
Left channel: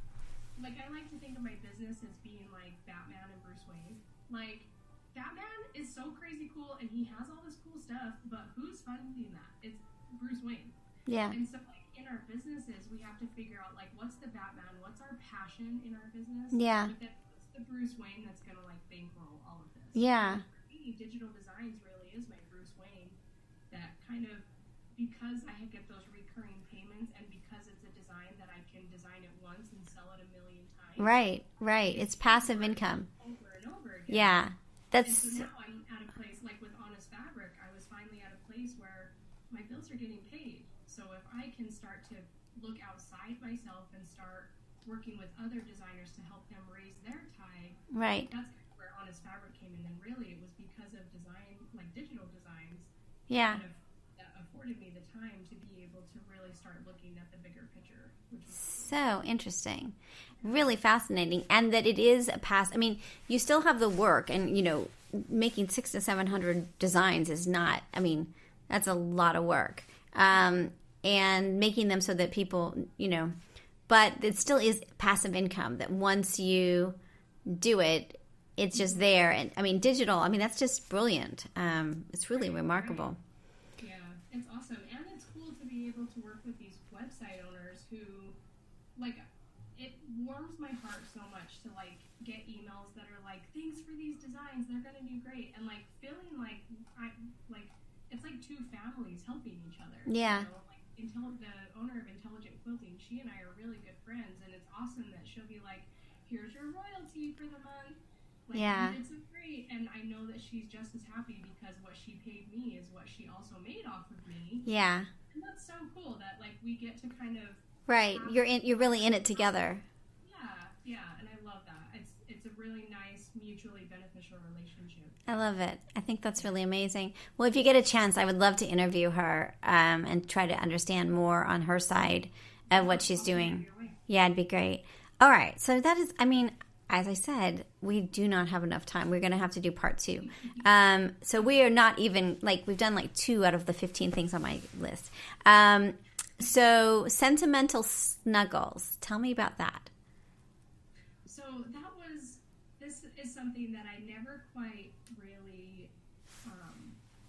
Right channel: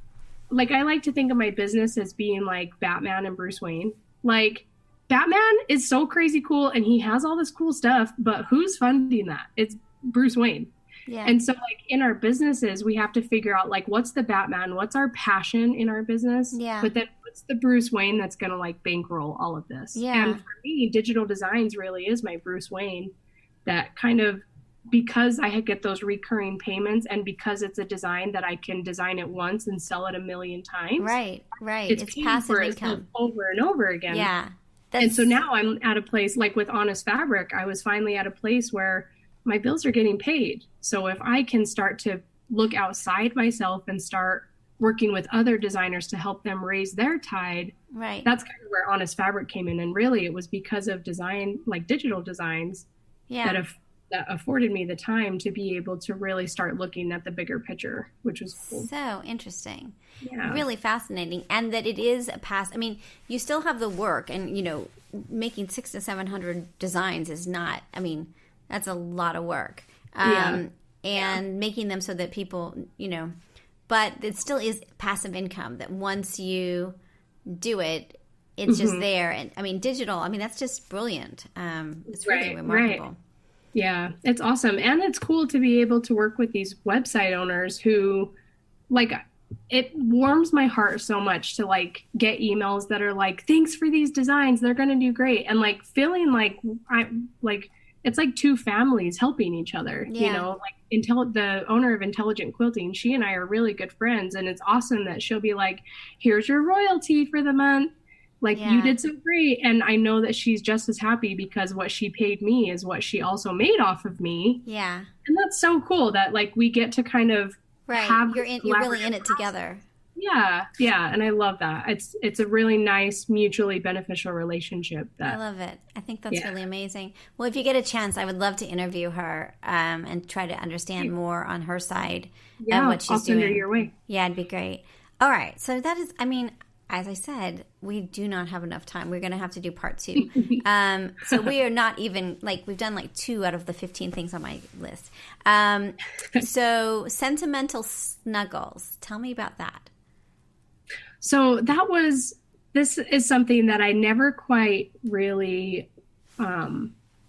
like, I like to think of my business as being like Batman and Bruce Wayne. Like, Batman is so crazy cool and he has all this cool stuff, but who's funding that? It's Bruce Wayne. Yeah. And so like in our businesses, we have to figure out like, what's the Batman? What's our passion in our business? Yeah. But then what's the Bruce Wayne that's going to like bankroll all of this? Yeah. And for me, digital designs really is my Bruce Wayne, that kind of, because I get those recurring payments and because it's a design that I can design it once and sell it 1 million times. Right. It's passive income. Over and over again. Yeah. And so now I'm at a place like with Honest Fabric, I was finally at a place where my bills are getting paid. So if I can start to look outside myself and start working with other designers to help them raise their tide, right, that's kind of where Honest Fabric came in. And really it was because of design, like digital designs, that afforded me the time to be able to really start looking at the bigger picture, which was cool. So interesting. Really fascinating. And that it is I mean, you still have the work, and, you know, making 600 to 700 designs is not, I mean, that's a lot of work. And making them so that people, you know, but it still is passive income, that once you do it, it's just there. And I mean, digital, I mean, that's just brilliant. It's really remarkable. Right. Yeah, it's awesome. And it's cool to be able to work with these website owners who, like, it warms my heart so much to, like, get emails that are like, thanks for these designs, they're going to do great. And, like, feeling like it's like two families helping each other. You know, like the owner of Intelligent Quilting, she and I are really good friends. And it's awesome that she'll be like, here's your royalty for the month. Like, you did so great. And I know that she's just as happy because what she paid me is what she also made off of me. Yeah. And that's so cool that, like, we get to kind of you're really in it together. Yeah. And I love that. It's a really nice, mutually beneficial relationship. I love it. I think that's really amazing. Well, if you get a chance, I would love to interview her and try to understand more on her side of what she's doing. Send her your way. Yeah, it'd be great. All right. So that is, I mean, as I said, we do not have enough time. We're going to have to do part 2. So we are not even, like, we've done like 2 out of the 15 things on my list. So sentimental snuggles. Tell me about that. So this is something that I never quite really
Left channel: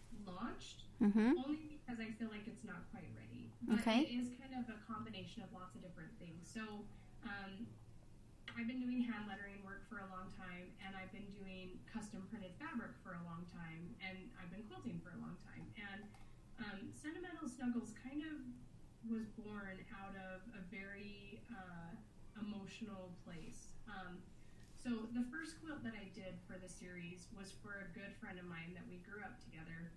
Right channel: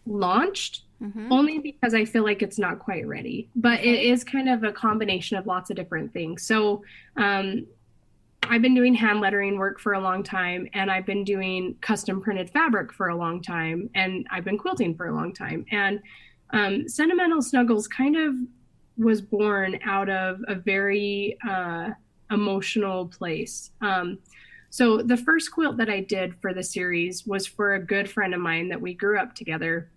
launched, only because I feel like it's not quite ready. But it is kind of a combination of lots of different things. So I've been doing hand lettering work for a long time, and I've been doing custom printed fabric for a long time, and I've been quilting for a long time. And Sentimental Snuggles kind of was born out of a very emotional place. So the first quilt that I did for the series was for a good friend of mine that we grew up together.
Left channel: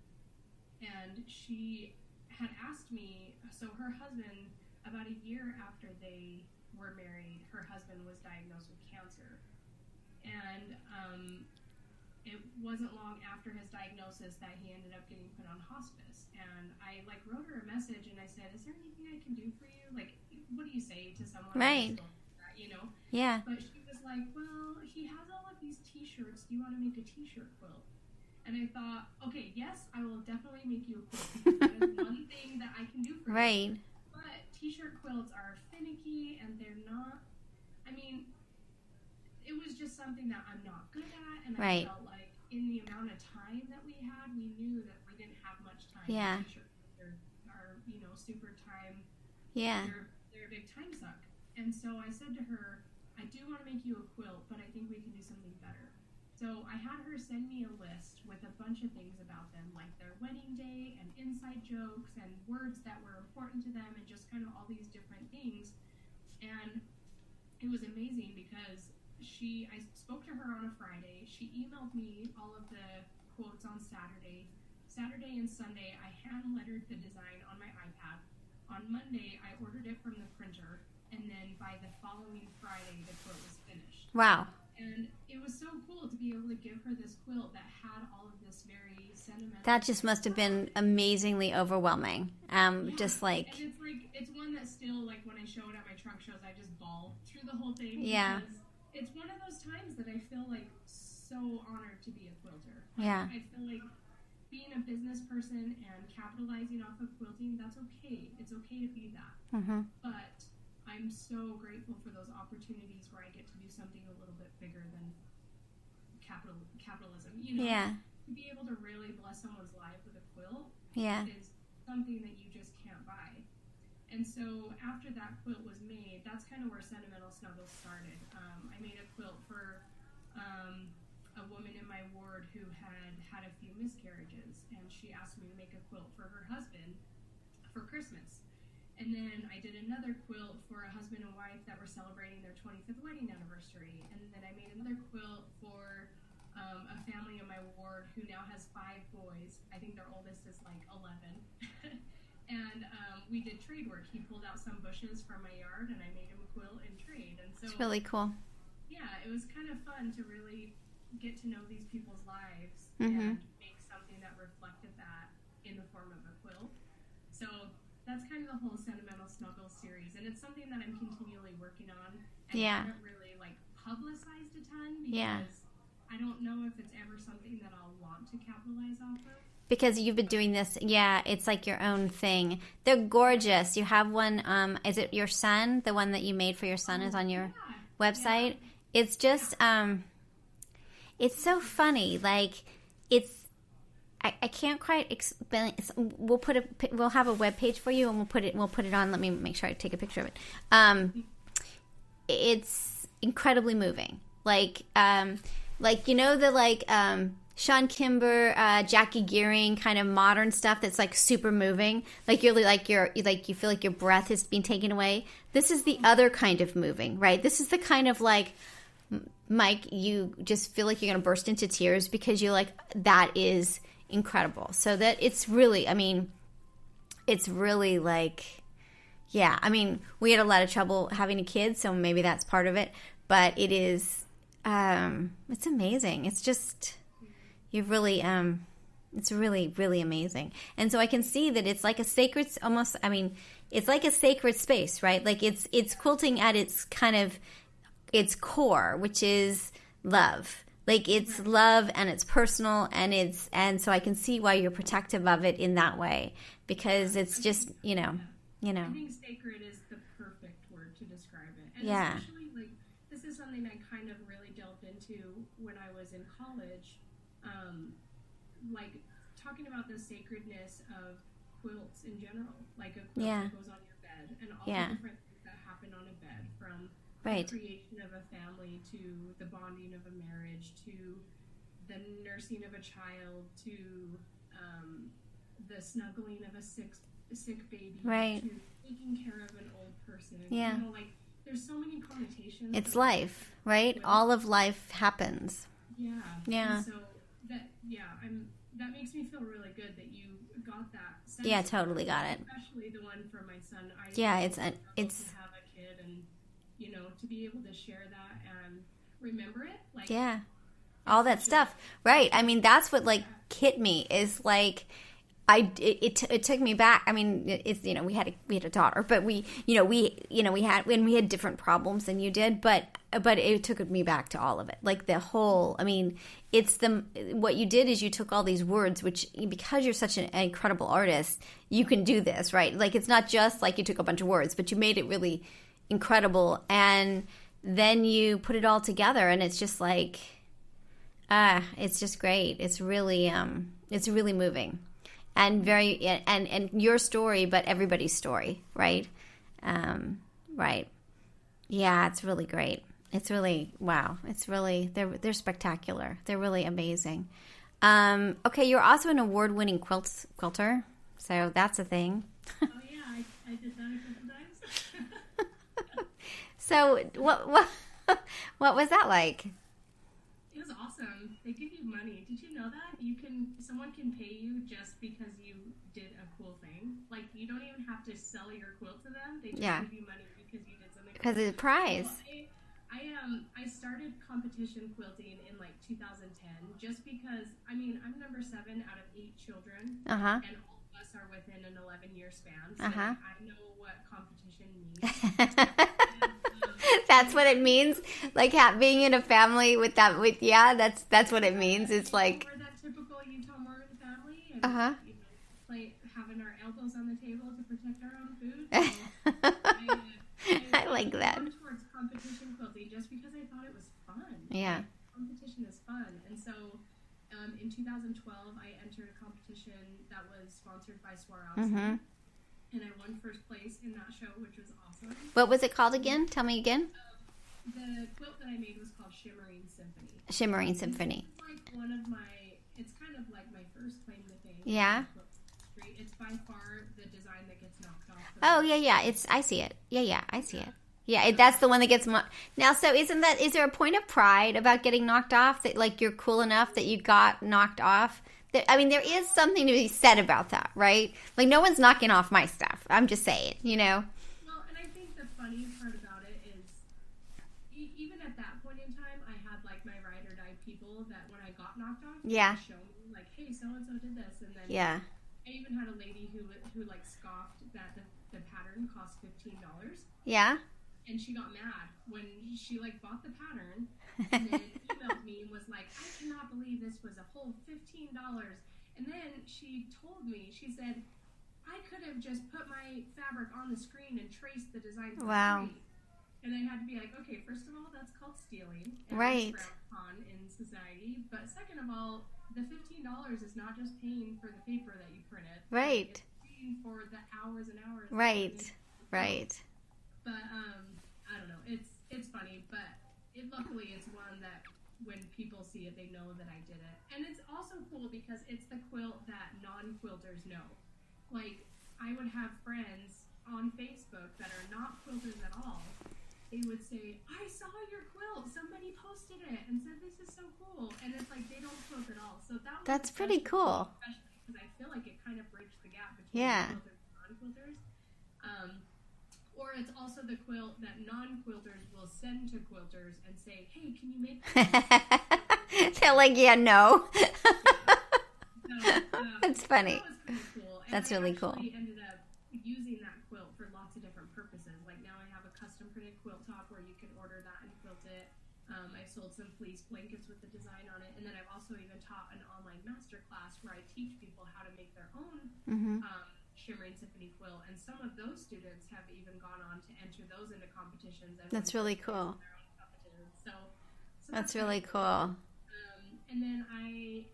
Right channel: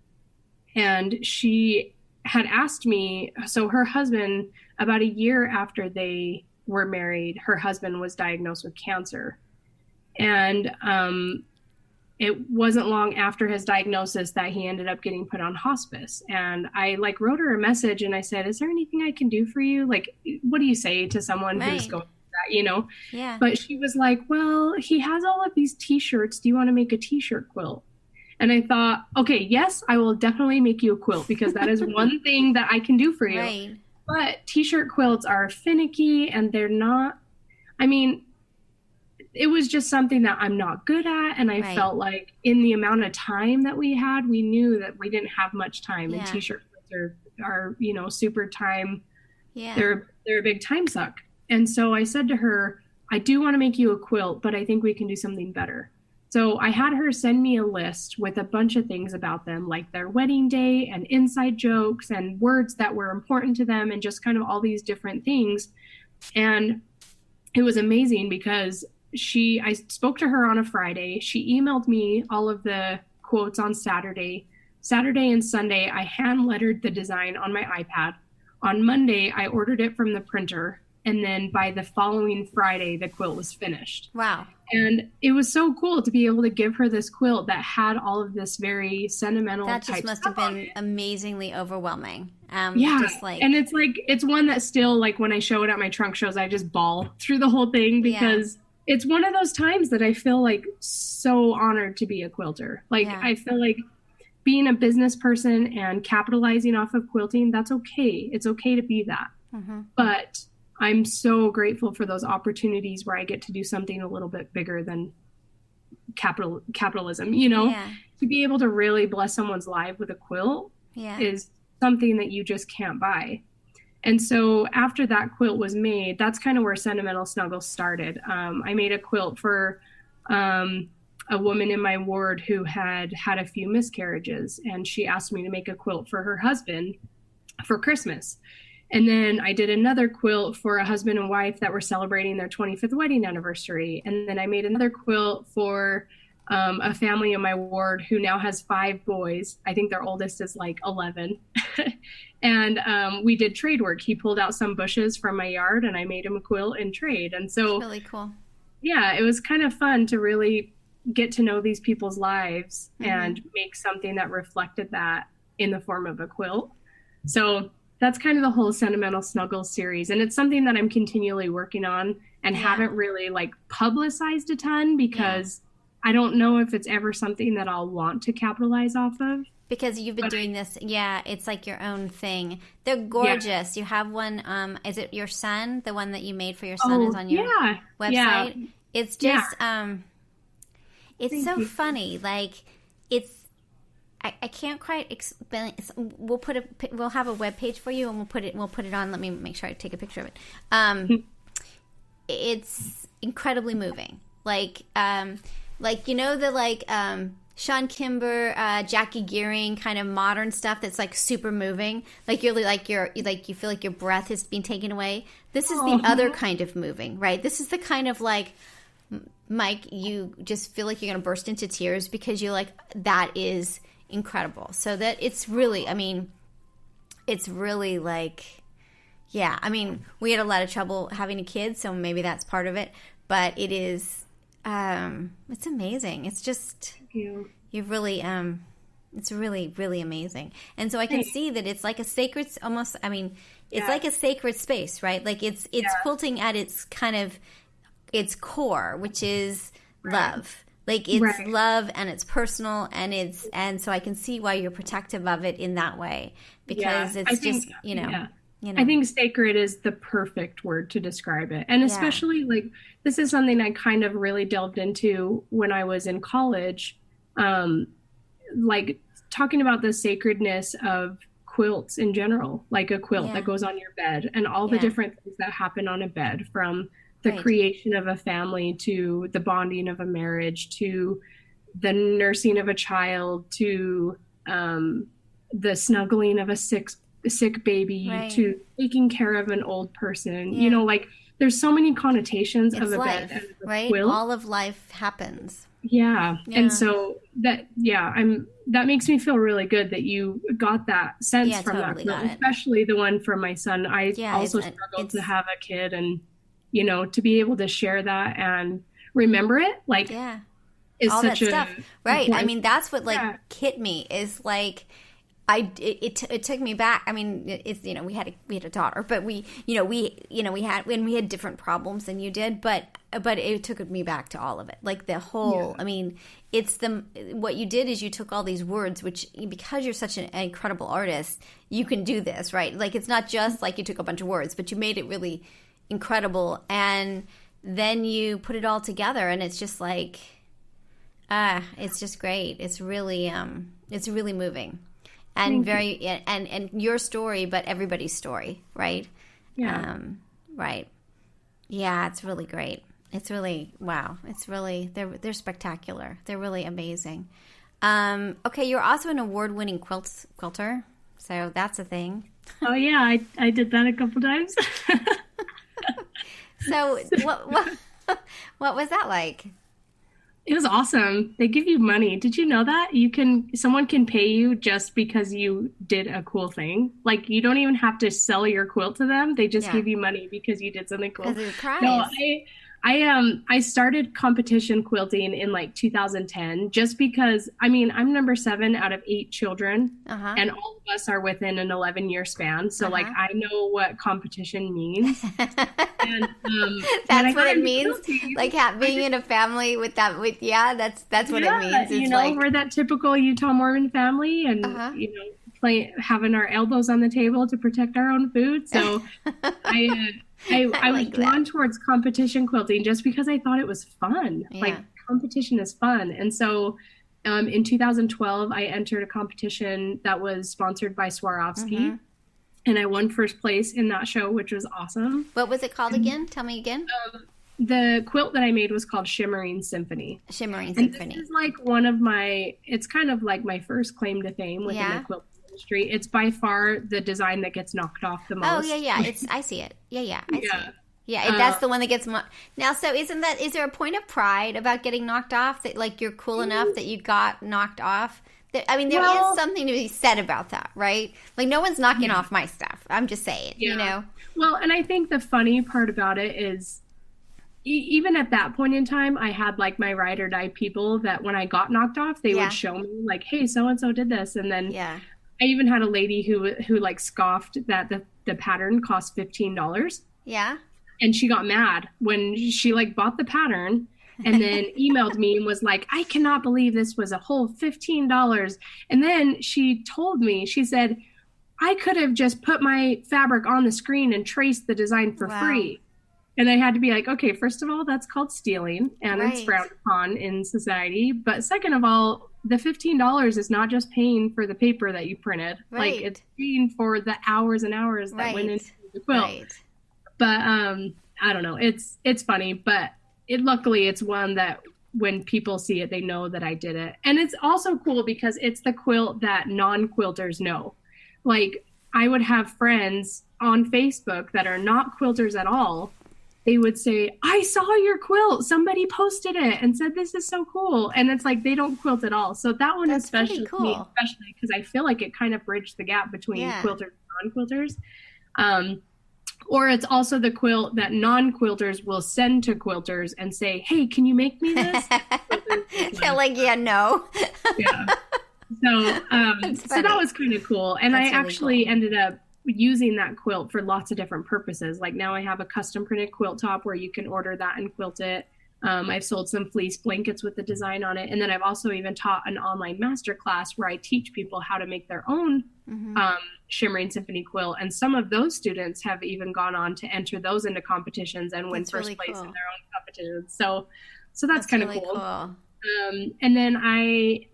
And she had asked me, so her husband, about a year after they were married, her husband was diagnosed with cancer. And it wasn't long after his diagnosis that he ended up getting put on hospice. And I like wrote her a message and I said, is there anything I can do for you? Like, what do you say to someone who's going through that, you know? Yeah. But she was like, well, he has all of these t-shirts. Do you want to make a t-shirt quilt? And I thought, okay, yes, I will definitely make you a quilt, because that is one thing that I can do for you. Right. But t-shirt quilts are finicky, and they're not, I mean, it was just something that I'm not good at. And I felt like in the amount of time that we had, we knew that we didn't have much time. And t-shirt quilts are, you know, super time. Yeah. They're a big time suck. And so I said to her, I do want to make you a quilt, but I think we can do something better. So I had her send me a list with a bunch of things about them, like their wedding day and inside jokes and words that were important to them, and just kind of all these different things. And it was amazing because I spoke to her on a Friday. She emailed me all of the quotes on Saturday. Saturday and Sunday, I hand lettered the design on my iPad. On Monday, I ordered it from the printer. And then by the following Friday, the quilt was finished. Wow. And it was so cool to be able to give her this quilt that had all of this very sentimental. That just must have been amazingly overwhelming. Just like, and it's one that still, like, when I show it at my trunk shows, I just bawl through the whole thing, because it's one of those times that I feel like so honored to be a quilter. Like, I feel like being a business person and capitalizing off of quilting, that's okay. It's okay to be that. Mm-hmm. But I'm so grateful for those opportunities where I get to do something a little bit bigger than capitalism, you know, to be able to really bless someone's life with a quilt is something that you just can't buy. And so after that quilt was made, that's kind of where Sentimental Snuggles started. I made a quilt for a woman in my ward who had had a few miscarriages, and she asked me to make a quilt for her husband for Christmas. And then I did another quilt for a husband and wife that were celebrating their 25th wedding anniversary. And then I made another quilt for a family in my ward who now has 5 boys. I think their oldest is like 11. And we did trade work. He pulled out some bushes from my yard and I made him a quilt in trade. And so it's really cool. Yeah, it was kind of fun to really get to know these people's lives and make something that reflected that in the form of a quilt. So that's kind of the whole Sentimental Snuggles series. And it's something that I'm continually working on and haven't really like publicized a ton because I don't know if it's ever something that I'll want to capitalize off of. Because you've been doing this, it's like your own thing. They're gorgeous. You have one, is it your son? The one that you made for your son is on your website? Yeah. It's just, it's so funny. Like, it's, I can't quite explain. We'll have a web page for you, and we'll put it on. Let me make sure I take a picture of it. It's incredibly moving. Like you know the Sean Kimber, Jackie Gearing kind of modern stuff that's like super moving. Like you feel like your breath is being taken away. This is the other kind of moving, right? This is the kind of like, Mike, you just feel like you're going to burst into tears because you're like, that is incredible. So that it's really like, we had a lot of trouble having a kid, so maybe that's part of it. But it is, it's amazing. It's just, you've really, it's really, really amazing. And so I can see that it's like a sacred, almost, it's like a sacred space, right? Like it's quilting at its kind of, its core, which is love. Like it's love and it's personal and so I can see why you're protective of it in that way because it's just, you know. I think sacred is the perfect word to describe it. And especially like this is something I kind of really delved into when I was in college. Like talking about the sacredness of quilts in general, like a quilt that goes on your bed and all the different things that happen on a bed, from the creation of a family to the bonding of a marriage to the nursing of a child to the snuggling of a sick baby to taking care of an old person. You know, like there's so many connotations of life, right? Quilt. All of life happens. Yeah. And so that makes me feel really good that you got that sense from totally that. Got it. Especially the one for my son. I also struggled to have a kid, and you know, to be able to share that and remember it, like all that stuff, right? I mean, that's what like hit me is like. It took me back. I mean, it's, you know, we had a daughter, but we had different problems than you did, but it took me back to all of it. Like the whole, I mean, what you did is you took all these words, which because you're such an incredible artist, you can do this, right? Like it's not just like you took a bunch of words, but you made it really incredible, and then you put it all together, and it's just like, it's just great. It's really moving. And very and your story, but everybody's story, right? Yeah. Right. Yeah, it's really great. It's really wow. It's really they're spectacular. They're really amazing. Okay, you're also an award-winning quilter, so that's a thing. Oh yeah, I did that a couple times. So what was that like? It was awesome. They give you money. Did you know that? Someone can pay you just because you did a cool thing. Like you don't even have to sell your quilt to them. They just give you money because you did something cool. Because of the prize. I started competition quilting in like 2010 just because, I mean, I'm number 7 out of 8 children and all of us are within an 11-year span. So like I know what competition means. And, that's what it means. Like being in a family that's what it means. It's like we're that typical Utah Mormon family and having our elbows on the table to protect our own food. So I was drawn towards competition quilting just because I thought it was fun. Yeah. Like competition is fun. And so In 2012, I entered a competition that was sponsored by Swarovski, and I won first place in that show, which was awesome. What was it called again? Tell me again. The quilt that I made was called Shimmering Symphony. Shimmering Symphony. This is like it's kind of like my first claim to fame within the quilt industry. It's by far the design that gets knocked off the most. Oh, yeah. I see it. Yeah, I see it. Yeah, that's the one that gets now. So is there a point of pride about getting knocked off, that like you're cool enough that you got knocked off? There is something to be said about that, right? Like no one's knocking off my stuff. I'm just saying, you know. Well, and I think the funny part about it is, even at that point in time, I had like my ride or die people that when I got knocked off, they would show me like, hey, so and so did this, and then I even had a lady who like scoffed that the pattern cost $15. Yeah. And she got mad when she like bought the pattern and then emailed me and was like, I cannot believe this was a whole $15. And then she told me, she said, I could have just put my fabric on the screen and traced the design for free. And I had to be like, okay, first of all, that's called stealing, and it's frowned upon in society. But second of all, the $15 is not just paying for the paper that you printed. Right. Like, it's paying for the hours and hours that went into the quilt. Right. But I don't know. It's funny, but luckily it's one that when people see it, they know that I did it. And it's also cool because it's the quilt that non-quilters know. Like, I would have friends on Facebook that are not quilters at all. They would say, I saw your quilt. Somebody posted it and said, this is so cool. And it's like, they don't quilt at all. So that one is especially cool, especially because I feel like it kind of bridged the gap between quilters and non-quilters. Or it's also the quilt that non-quilters will send to quilters and say, hey, can you make me this? They're like, no. Yeah. So that was kind of cool. And I actually ended up using that quilt for lots of different purposes. Like now I have a custom printed quilt top where you can order that and quilt it. I've sold some fleece blankets with the design on it. And then I've also even taught an online masterclass where I teach people how to make their own Shimmering Symphony quilt. And some of those students have even gone on to enter those into competitions and win first place in their own competitions. So that's kind of really cool. And then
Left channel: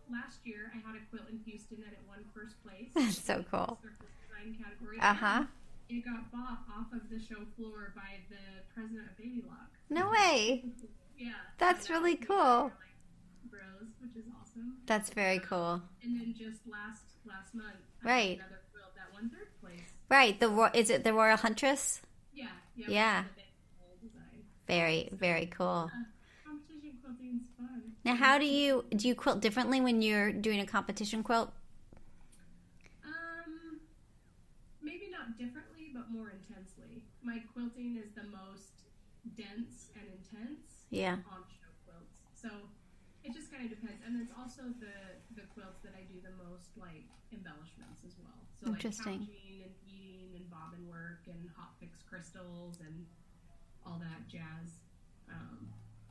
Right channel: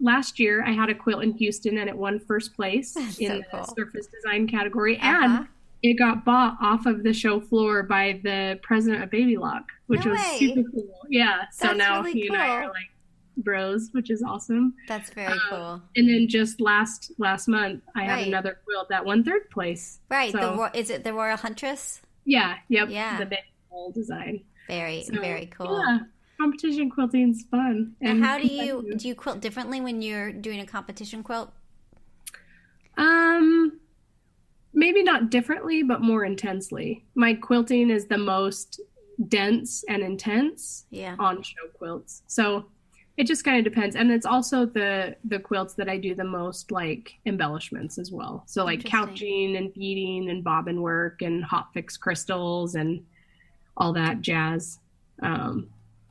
last year I had a quilt in Houston and it won first place in the surface design category. And it got bought off of the show floor by the president of Baby Lock, which was super cool. Yeah. So that's now really he and I are like bros, which is awesome. That's very cool. And then just last month I had another quilt that won third place. Right. So, is it the Royal Huntress? Yeah. Yep. Yeah. The big design. Very cool. Yeah. Competition quilting is fun. And how do you quilt differently when you're doing a competition quilt? Maybe not differently, but more intensely. My quilting is the most dense and intense on show quilts. So it just kind of depends. And it's also the quilts that I do the most like embellishments as well. So like couching and beading and bobbin work and hot fix crystals and all that jazz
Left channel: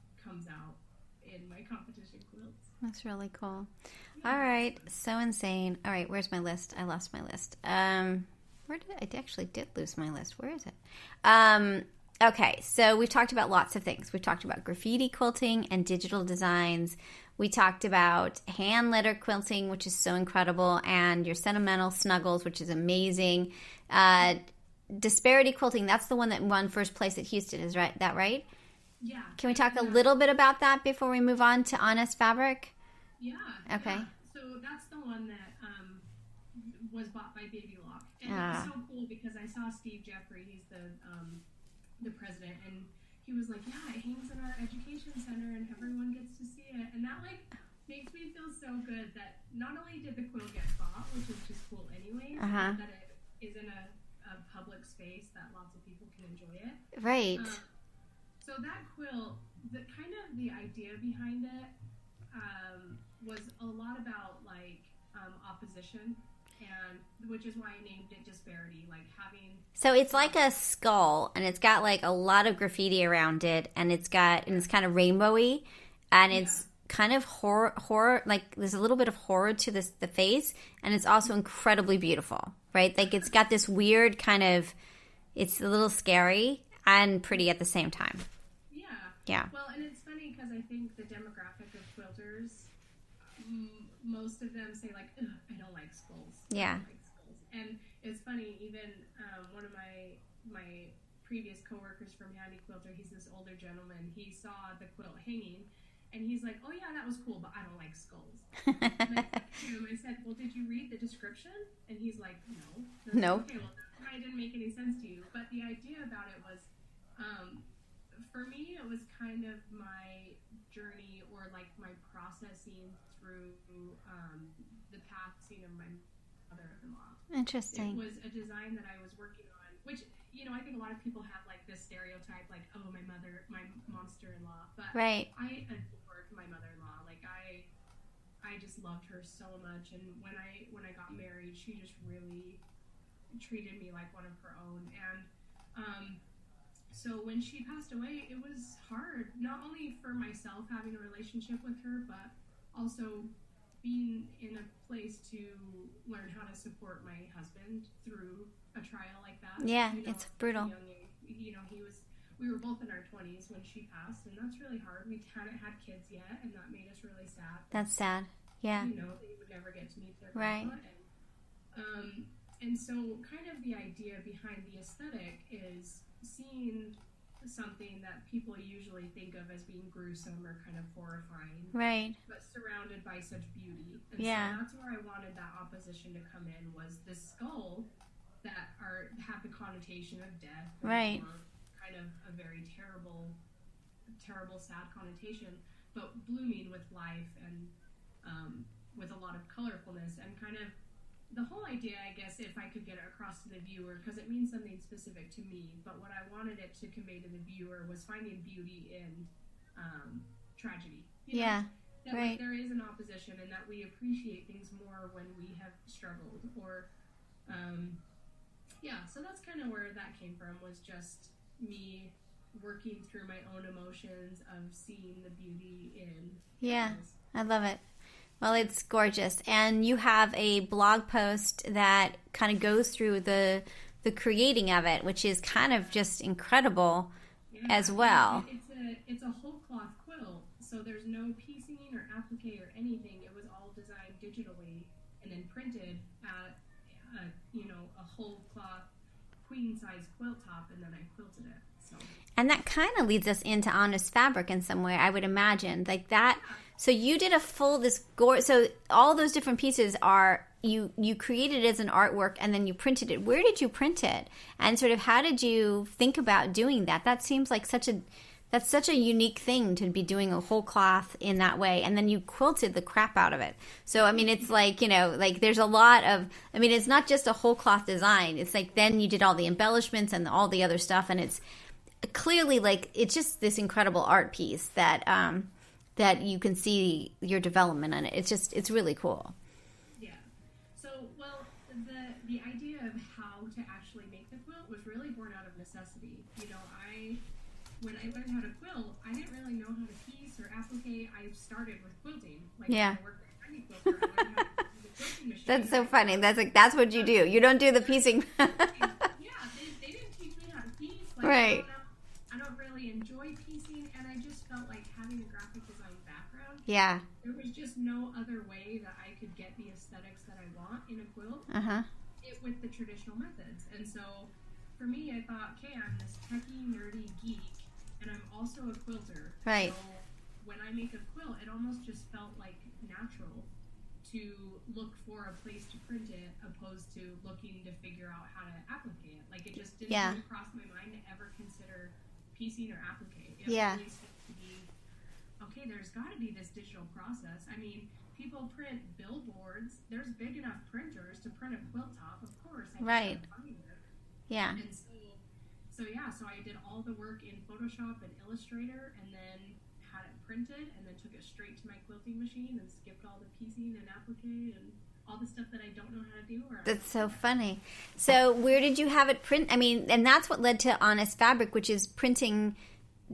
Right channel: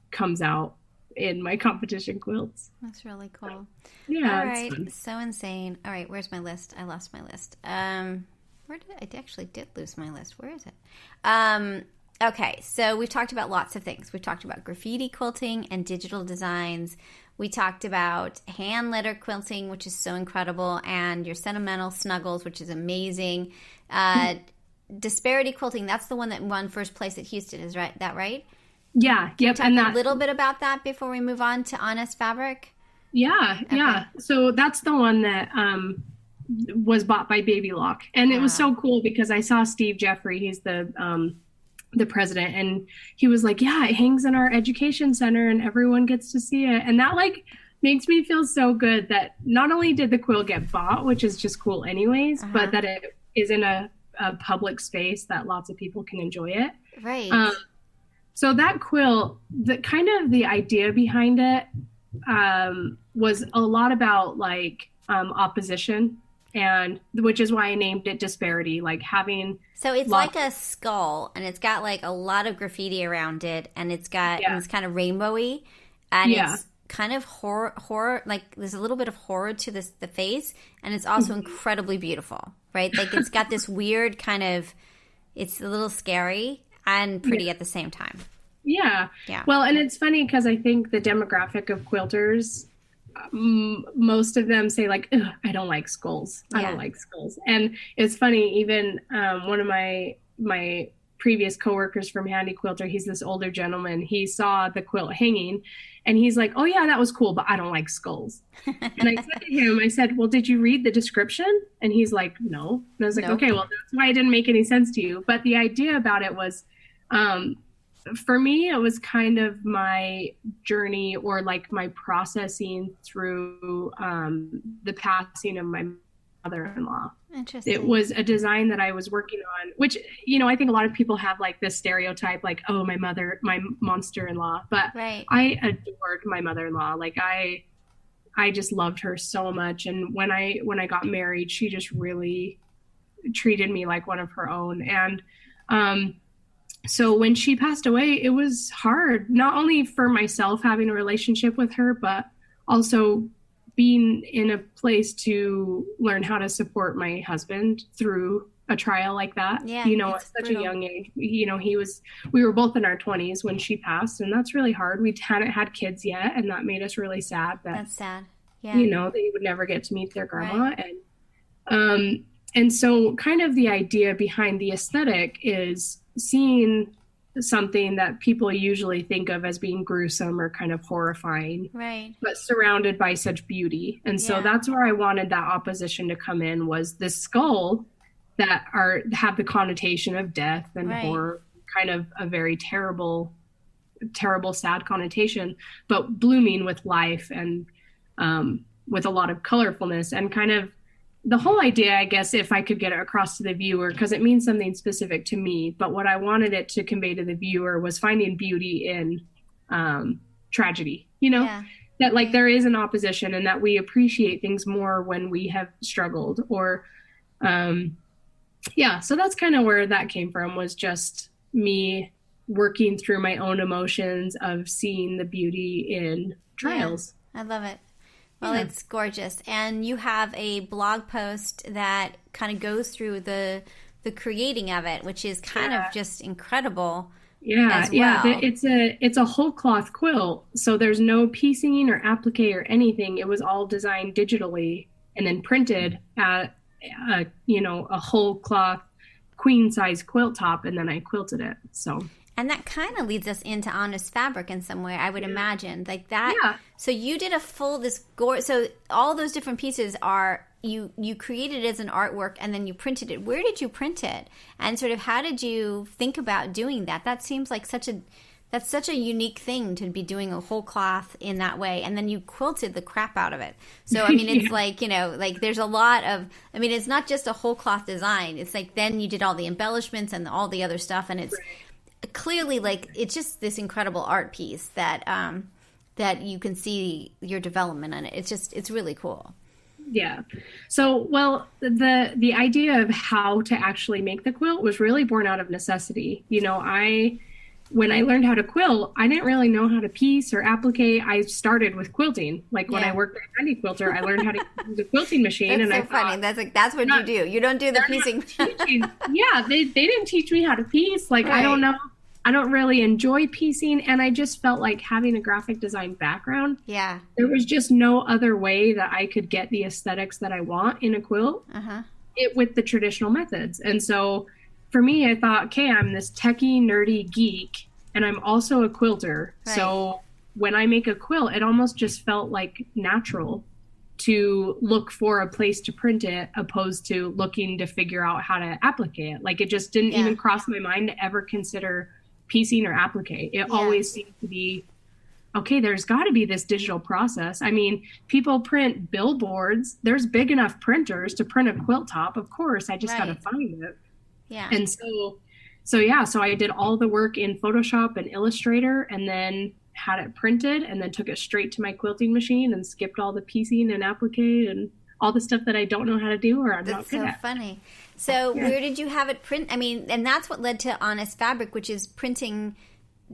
comes out in my competition quilts. That's really cool. Yeah. All right. So insane. All right. Where's my list? I lost my list. I actually did lose my list. Where is it? Okay. So we've talked about lots of things. We've talked about graffiti quilting and digital designs. We talked about hand letter quilting, which is so incredible, and your sentimental snuggles, which is amazing. Disparity quilting. That's the one that won first place at Houston. Is that right? Yeah. Can you talk a little bit about that before we move on to Honest Fabric? Yeah. Okay. Yeah. So that's the one that was bought by Baby Lock. And it was so cool because I saw Steve Jeffrey, he's the president, and he was like, yeah, it hangs in our education center and everyone gets to see it. And that like makes me feel so good that not only did the quilt get bought, which is just cool anyways, but that it is in a public space that lots of people can enjoy it. Right. So that quilt, the idea behind it was a lot about like opposition, and which is why I named it Disparity, like having. So it's like a skull, and it's got like a lot of graffiti around it, and it's got and it's kind of rainbowy, and it's kind of horror, like there's a little bit of horror to the face, and it's also incredibly beautiful, right? Like it's got this weird kind of, it's a little scary and pretty at the same time. Yeah. Well, and it's funny because I think the demographic of quilters most of them say like, I don't like skulls. I don't like skulls. And it's funny, even one of my previous coworkers from Handy Quilter, he's this older gentleman, he saw the quilt hanging and he's like, oh yeah, that was cool, but I don't like skulls. And I said to him, I said, well, did you read the description? And he's like, no. And I was like, okay, well, that's why it didn't make any sense to you. But the idea about it was, for me, it was kind of my journey, or like my processing through the passing of my mother-in-law. Interesting. It was a design that I was working on, which, you know, I think a lot of people have like this stereotype, like, oh, my monster-in-law. But I adored my mother-in-law. Like I just loved her so much. And when I got married, she just really treated me like one of her own. And so when she passed away, it was hard, not only for myself having a relationship with her, but also being in a place to learn how to support my husband through a trial like that. Yeah, you know, at such a young age. You know, we were both in our 20s when she passed, and that's really hard. We hadn't had kids yet, and that made us really sad. That's sad. Yeah. You know, they would never get to meet their grandma. Right. And so kind of the idea behind the aesthetic is seeing something that people usually think of as being gruesome or kind of horrifying, right, but surrounded by such beauty. And so that's where I wanted that opposition to come in, was this skull that have the connotation of death and horror, kind of a very terrible, sad connotation, but blooming with life and with a lot of colorfulness. And kind of the whole idea, I guess, if I could get it across to the viewer, because it means something specific to me, but what I wanted it to convey to the viewer was finding beauty in tragedy, you know, that like there is an opposition, and that we appreciate things more when we have struggled, or so that's kind of where that came from, was just me working through my own emotions of seeing the beauty in trials. I love it. Well, it's gorgeous. And you have a blog post that kind of goes through the creating of it, which is kind of just incredible as well. Yeah, it's a whole cloth quilt. So there's no piecing or applique or anything. It was all designed digitally and then printed at a whole cloth queen size quilt top, and then I quilted it. So. And that kind of leads us into Honest Fabric in some way, I would imagine. Like that. Yeah. So you did a full, so all those different pieces are, you created it as an artwork and then you printed it. Where did you print it? And sort of how did you think about doing that? That seems like that's such a unique thing to be doing a whole cloth in that way. And then you quilted the crap out of it. So, I mean, it's like, you know, like there's a lot of, I mean, it's not just a whole cloth design. It's like then you did all the embellishments and all the other stuff, and it's clearly like it's just this incredible art piece that that you can see your development in it. It's really cool. Yeah. So, well, the idea of how to actually make the quilt was really born out of necessity. You know, when I learned how to quilt, I didn't really know how to piece or applique. I started with quilting. Like when I worked at Handy Quilter, I learned how to use the quilting machine. That's so funny. That's what you do. You don't do the piecing. Yeah, they didn't teach me how to piece. Like, I don't know. I don't really enjoy piecing, and I just felt like having a graphic design background. Yeah. There was just no other way that I could get the aesthetics that I want in a quilt with the traditional methods. And so for me, I thought, okay, I'm this techie, nerdy geek, and I'm also a quilter. Right. So when I make a quilt, it almost just felt like natural to look for a place to print it, opposed to looking to figure out how to applique it. Like it just didn't even cross my mind to ever consider piecing or applique. It always seemed to be, okay, there's got to be this digital process. I mean, people print billboards. There's big enough printers to print a quilt top. Of course, I just got to find it. Yeah. And so I did all the work in Photoshop and Illustrator, and then had it printed, and then took it straight to my quilting machine and skipped all the piecing and applique and all the stuff that I don't know how to do, or I'm not good at. That's so funny. So where did you have it print? I mean, and that's what led to Honest Fabric, which is printing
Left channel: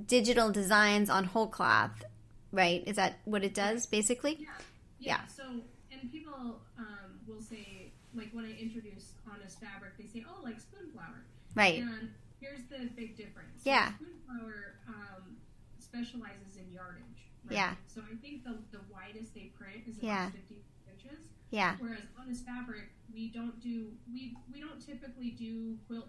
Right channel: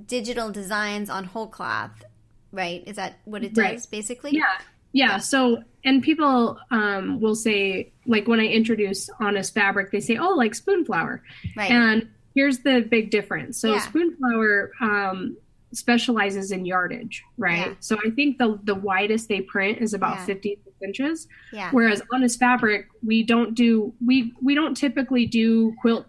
digital designs on whole cloth, right? Is that what it does, basically? Yeah. So, and people will say, like when I introduce Honest Fabric, they say, oh, like Spoonflower. Right. And here's the big difference. So Spoonflower, specializes in yardage, right? Yeah. So I think the widest they print is about 56 inches. Yeah. Whereas Honest Fabric, we don't typically do quilt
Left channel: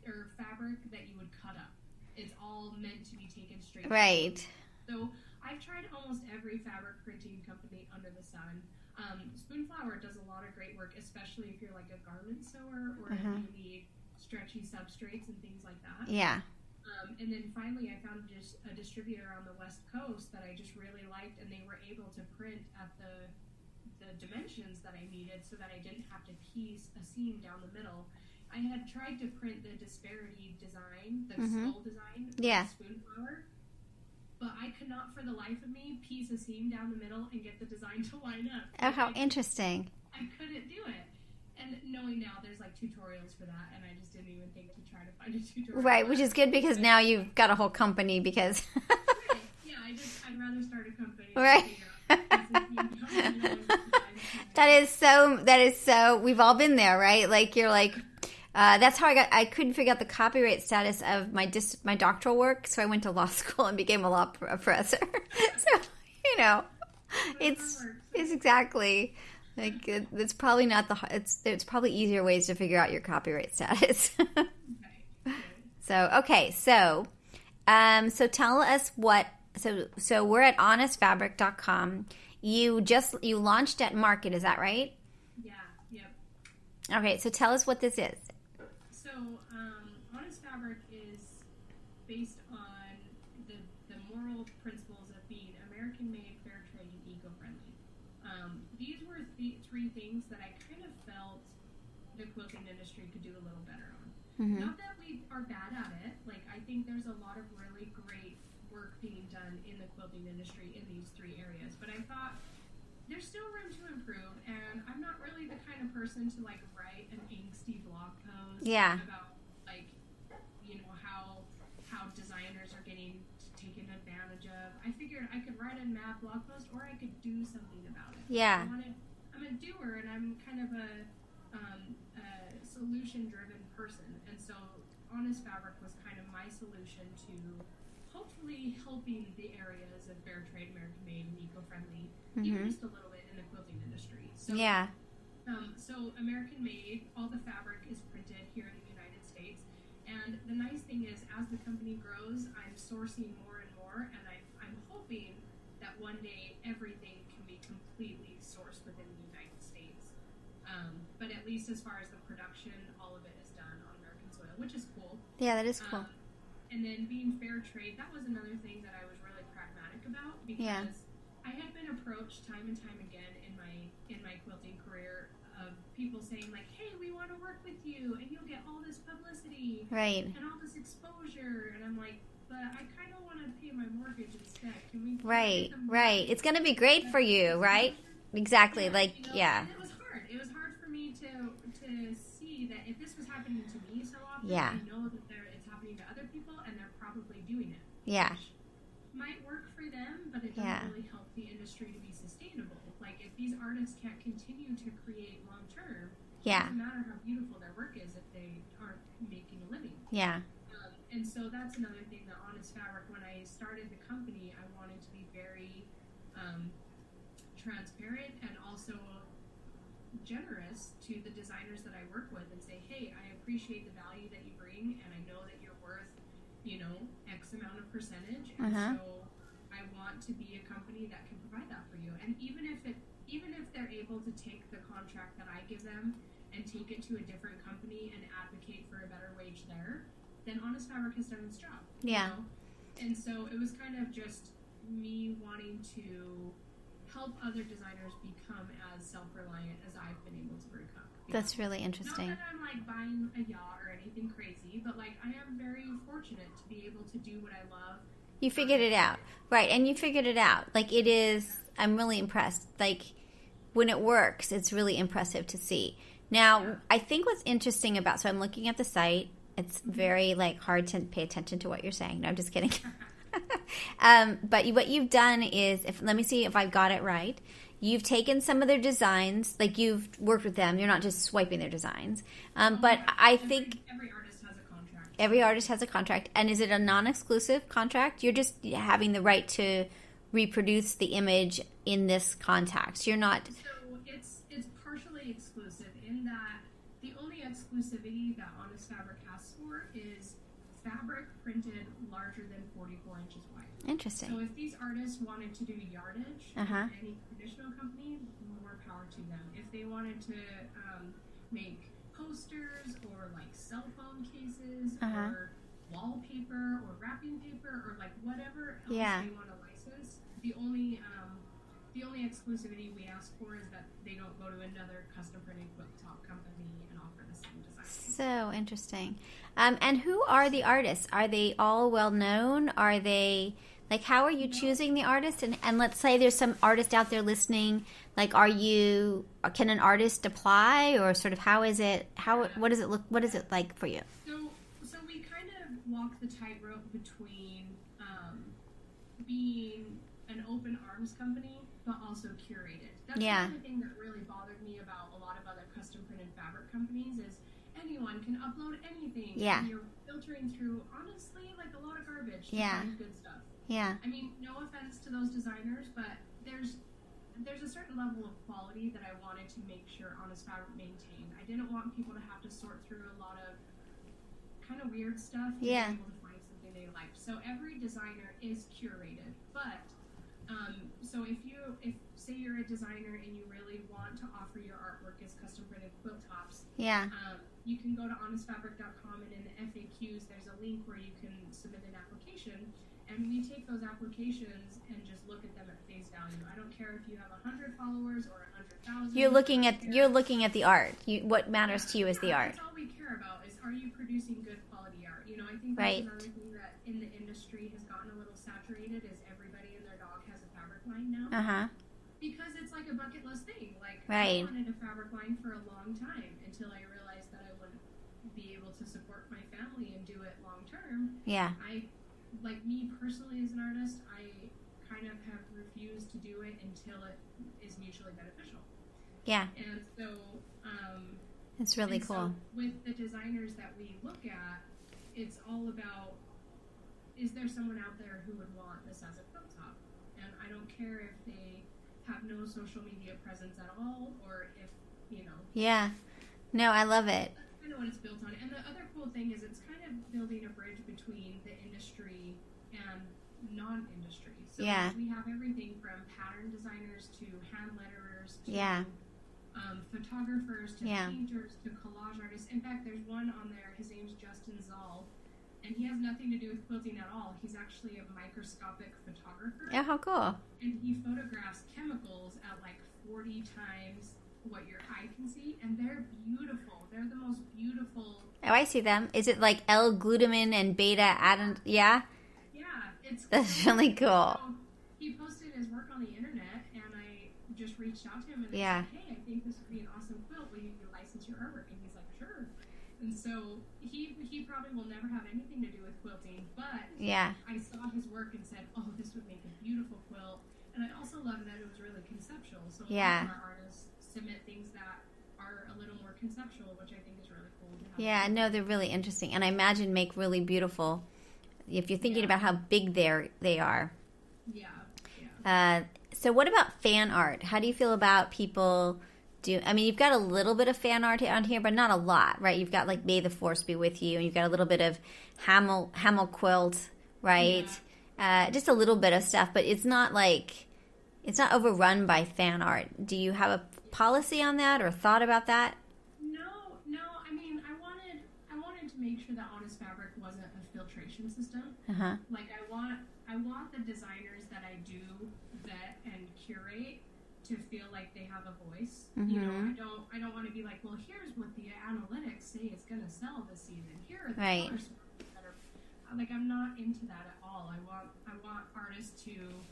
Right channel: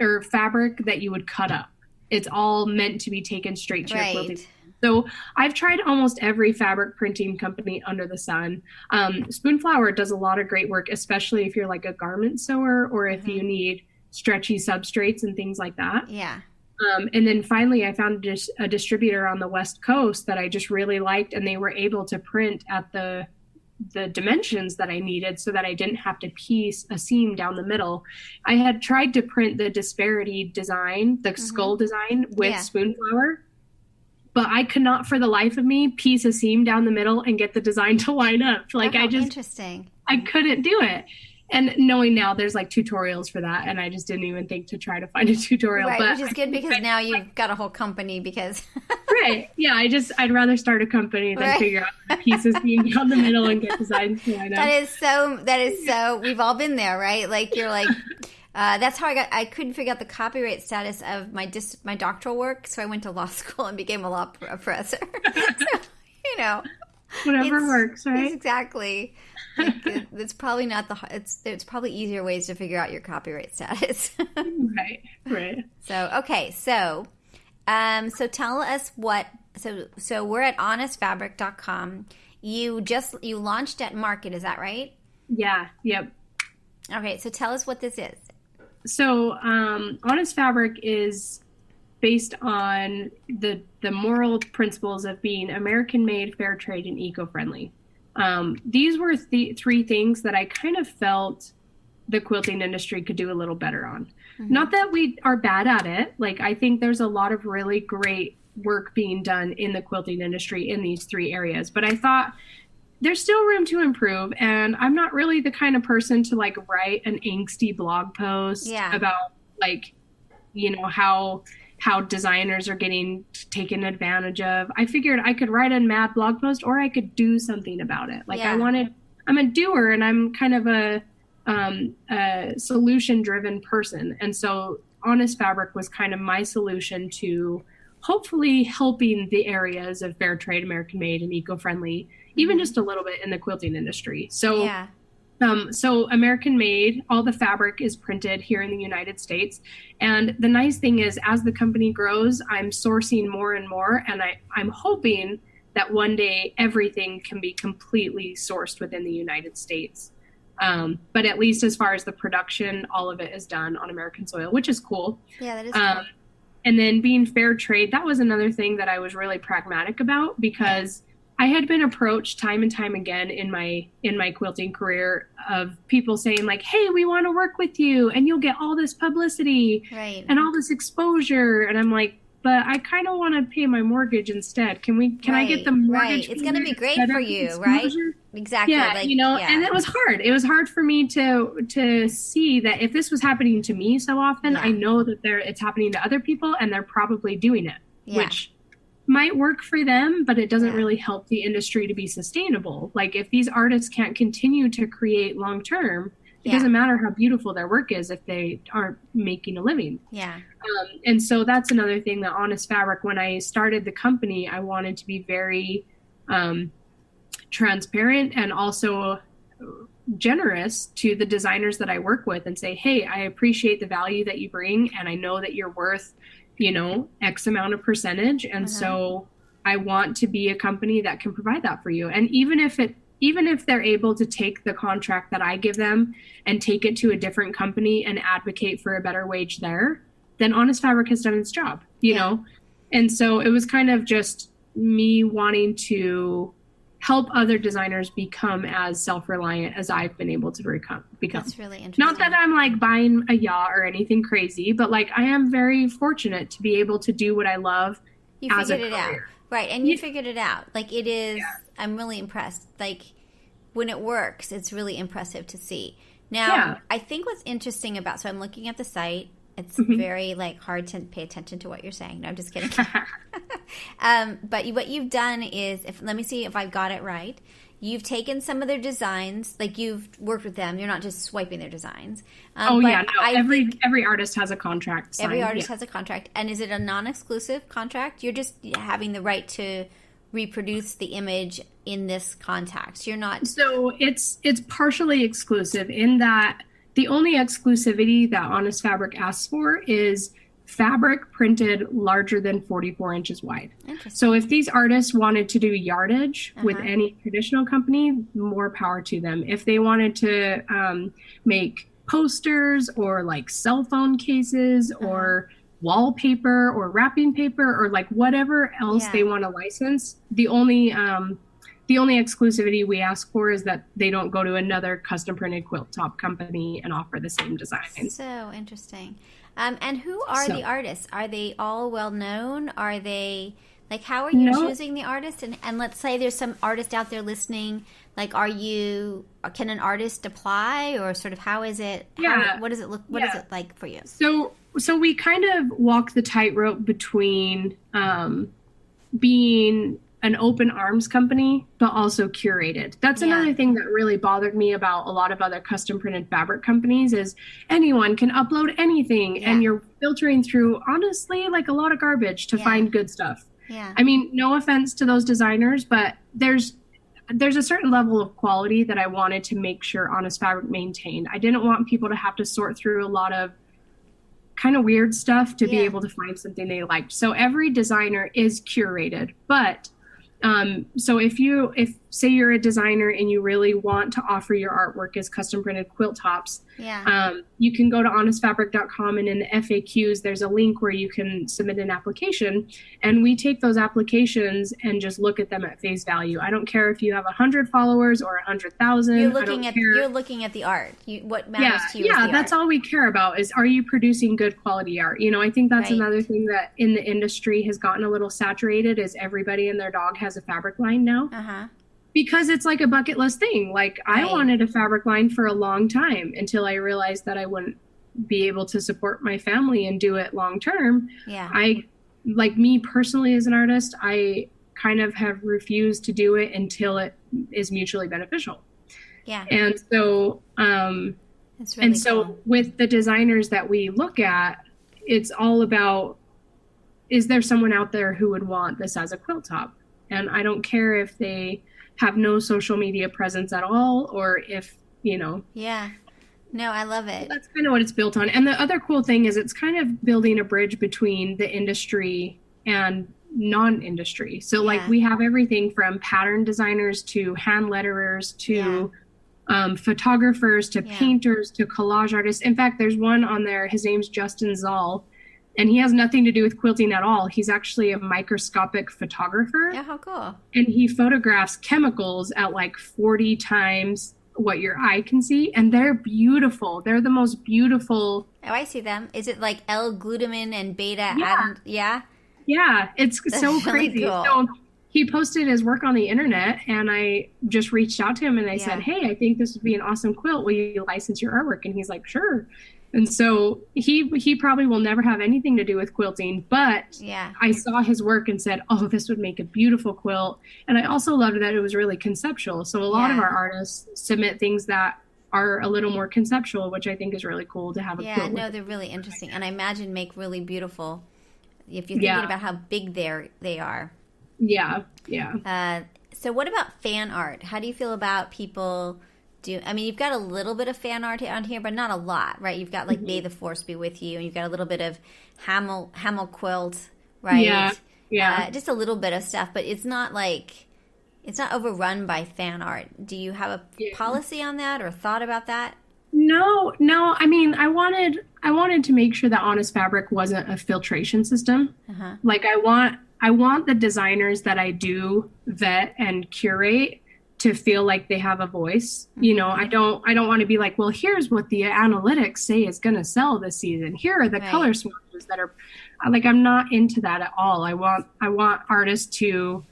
or fabric that you would cut up. It's all meant to be taken straight to your quilting. So I've tried almost every fabric printing company under the sun. Spoonflower does a lot of great work, especially if you're like a garment sewer or if you need stretchy substrates and things like that. Yeah. And then finally, I found a distributor on the West Coast that I just really liked, and they were able to print at the dimensions that I needed so that I didn't have to piece a seam down the middle. I had tried to print the disparity design, the skull design with Spoonflower, but I could not for the life of me piece a seam down the middle and get the design to line up. Like interesting. I couldn't do it. And knowing now there's like tutorials for that, and I just didn't even think to try to find a tutorial. Right, which is good because now you've got a whole company because... Right, yeah, I'd rather start a company than figure out pieces being down the middle and get designs. That is so, we've all been there, right? Like you're like, that's how I couldn't figure out the copyright status of my doctoral work, so I went to law school and became a law professor. So, you know. Whatever works, right? Exactly. Like it's probably not it's probably easier ways to figure out your copyright status. Right. So okay, so tell us so we're at honestfabric.com. You launched at Market, is that right? Yeah. Yep. Okay, so tell us what this is. So Honest Fabric is based on the moral principles of being American-made, fair trade, and eco-friendly. These were three things that I kind of felt the quilting industry could do a little better on. Not that we are bad at it. Like, I think there's a lot of really great work being done in the quilting industry in these three areas. But I thought there's still room to improve. And I'm not really the kind of person to like write an angsty blog post about like, you know, how designers are getting taken advantage of. I figured I could write a mad blog post or I could do something about it. Like I'm a doer, and I'm kind of a solution-driven person. And so Honest Fabric was kind of my solution to hopefully helping the areas of fair trade, American-made, and eco-friendly, even just a little bit in the quilting industry. So so American-made, all the fabric is printed here in the United States. And the nice thing is, as the company grows, I'm sourcing more and more, and I'm hoping that one day everything can be completely sourced within the United States. But at least as far as the production, all of it is done on American soil, which is cool. Yeah, that is cool. And then being fair trade, that was another thing that I was really pragmatic about, because I had been approached time and time again in my quilting career of people saying like, hey, we want to work with you and you'll get all this publicity and all this exposure. And I'm like, but I kind of want to pay my mortgage instead. Can I get the mortgage? Right. It's going to be great for you, right? Exactly. Yeah, like, you know, and it was hard. It was hard for me to see that if this was happening to me so often, I know that it's happening to other people and they're probably doing it, which might work for them, but it doesn't really help the industry to be sustainable. Like if these artists can't continue to create long term, it doesn't matter how beautiful their work is if they aren't making a living. Yeah. And so that's another thing that Honest Fabric, when I started the company, I wanted to be very transparent and also generous to the designers that I work with and say, hey, I appreciate the value that you bring, and I know that you're worth, you know, X amount of percentage. And so I want to be a company that can provide that for you. And even if they're able to take the contract that I give them and take it to a different company and advocate for a better wage there, then Honest Fabric has done its job, you know? And so it was kind of just me wanting to help other designers become as self-reliant as I've been able to become. That's really interesting. Not that I'm like buying a yacht or anything crazy, but like I am very fortunate to be able to do what I love. You figured it out. Right. And you figured it out. Like it is, I'm really impressed. Like when it works, it's really impressive to see. Now, I think what's interesting about, so I'm looking at the site. It's very like hard to pay attention to what you're saying. No, I'm just kidding. But what you've done is, let me see if I've got it right. you've taken some of their designs, like you've worked with them. You're not just swiping their designs. Every artist has a contract signed. Every artist has a contract. And is it a non-exclusive contract? You're just having the right to reproduce the image in this context. You're not. So it's partially exclusive in that the only exclusivity that Honest Fabric asks for is fabric printed larger than 44 inches wide. Interesting. So if these artists wanted to do yardage with any traditional company, more power to them. If they wanted to make posters or like cell phone cases or wallpaper or wrapping paper or like whatever else they want to license, the only exclusivity we ask for is that they don't go to another custom printed quilt top company and offer the same design. So interesting. And who are the artists? Are they all well known? Are they like, how are you choosing the artist? And let's say there's some artist out there listening. Like, can an artist apply, or sort of how is it? What does it look? What is it like for you? So we kind of walk the tightrope between being an open arms company, but also curated. That's another thing that really bothered me about a lot of other custom printed fabric companies is anyone can upload anything and you're filtering through, honestly, like a lot of garbage to find good stuff. Yeah. I mean, no offense to those designers, but there's a certain level of quality that I wanted to make sure Honest Fabric maintained. I didn't want people to have to sort through a lot of kind of weird stuff to be able to find something they liked. So every designer is curated, but so if say you're a designer and you really want to offer your artwork as custom printed quilt tops, you can go to honestfabric.com, and in the FAQs, there's a link where you can submit an application, and we take those applications and just look at them at face value. I don't care if you have 100 followers or 100,000. You're looking at the art. What matters to you is the art. Yeah, that's all we care about is, are you producing good quality art? You know, I think that's another thing that in the industry has gotten a little saturated is everybody and their dog has a fabric line now. Because it's like a bucket list thing. Like I wanted a fabric line for a long time until I realized that I wouldn't be able to support my family and do it long term. I, like me personally as an artist, I kind of have refused to do it until it is mutually beneficial. And so, it's really cool. With the designers that we look at, it's all about, is there someone out there who would want this as a quilt top? And I don't care if they have no social media presence at all, or if, no, I love it. That's kind of what it's built on. And the other cool thing is it's kind of building a bridge between the industry and non-industry. So like we have everything from pattern designers to hand letterers to photographers to painters to collage artists. In fact, there's one on there, his name's Justin Zoll, and he has nothing to do with quilting at all. He's actually a microscopic photographer. Yeah, how cool. And he photographs chemicals at like 40 times what your eye can see. And they're beautiful. They're the most beautiful. Oh, I see them. Is it like L-glutamine and beta-adenine? Yeah. Yeah, it's so really crazy. Cool. So he posted his work on the internet, and I just reached out to him and I said, hey, I think this would be an awesome quilt. Will you license your artwork? And he's like, sure. And so he probably will never have anything to do with quilting, but I saw his work and said, oh, this would make a beautiful quilt. And I also loved that it was really conceptual. So a lot of our artists submit things that are a little more conceptual, which I think is really cool to have a quilt. No, they're really interesting. And I imagine make really beautiful, if you're thinking about how big they are. So what about fan art? How do you feel about people... you've got a little bit of fan art on here, but not a lot, right? You've got like May the Force be with you, and you've got a little bit of Hamel quilt, right? Just a little bit of stuff, but it's not overrun by fan art. Do you have a policy on that or thought about that? No. I mean, I wanted to make sure that Honest Fabric wasn't a filtration system. Like I want the designers that I do vet and curate to feel like they have a voice. You know, I don't want to be like, well, here's what the analytics say is going to sell this season. Here are the color swatches that are like, I'm not into that at all. I want artists to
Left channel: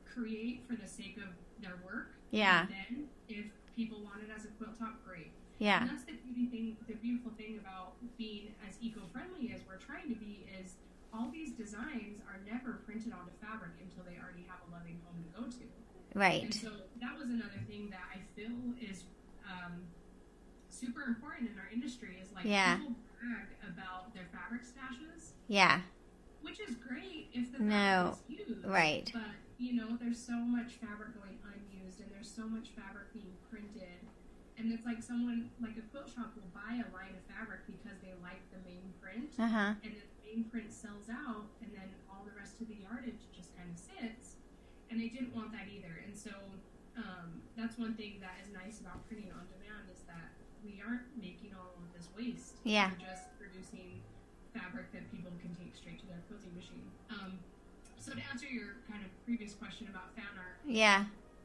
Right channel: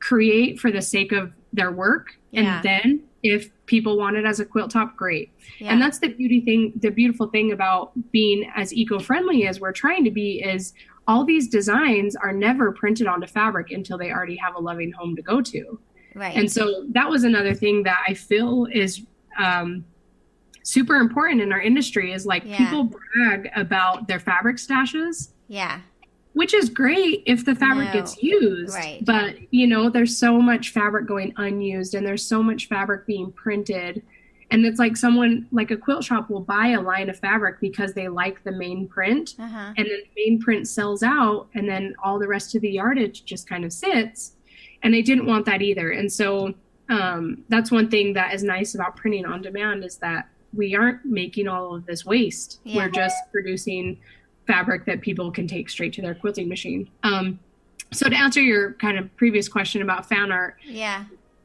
create for the sake of their work. And then if people want it as a quilt top, great. And that's the beautiful thing about being as eco-friendly as we're trying to be is all these designs are never printed onto fabric until they already have a loving home to go to. Right. And so that was another thing that I feel is super important in our industry is like people brag about their fabric stashes. Yeah. Which is great if the fabric gets used. Right. But, you know, there's so much fabric going unused and there's so much fabric being printed. And it's like someone, like a quilt shop will buy a line of fabric because they like the main print. And then the main print sells out and then all the rest of the yardage just kind of sits. And they didn't want that either. And so that's one thing that is nice about printing on demand is that we aren't making all of this waste. We're just producing fabric that people can take straight to their quilting machine. So to answer your kind of previous question about fan art,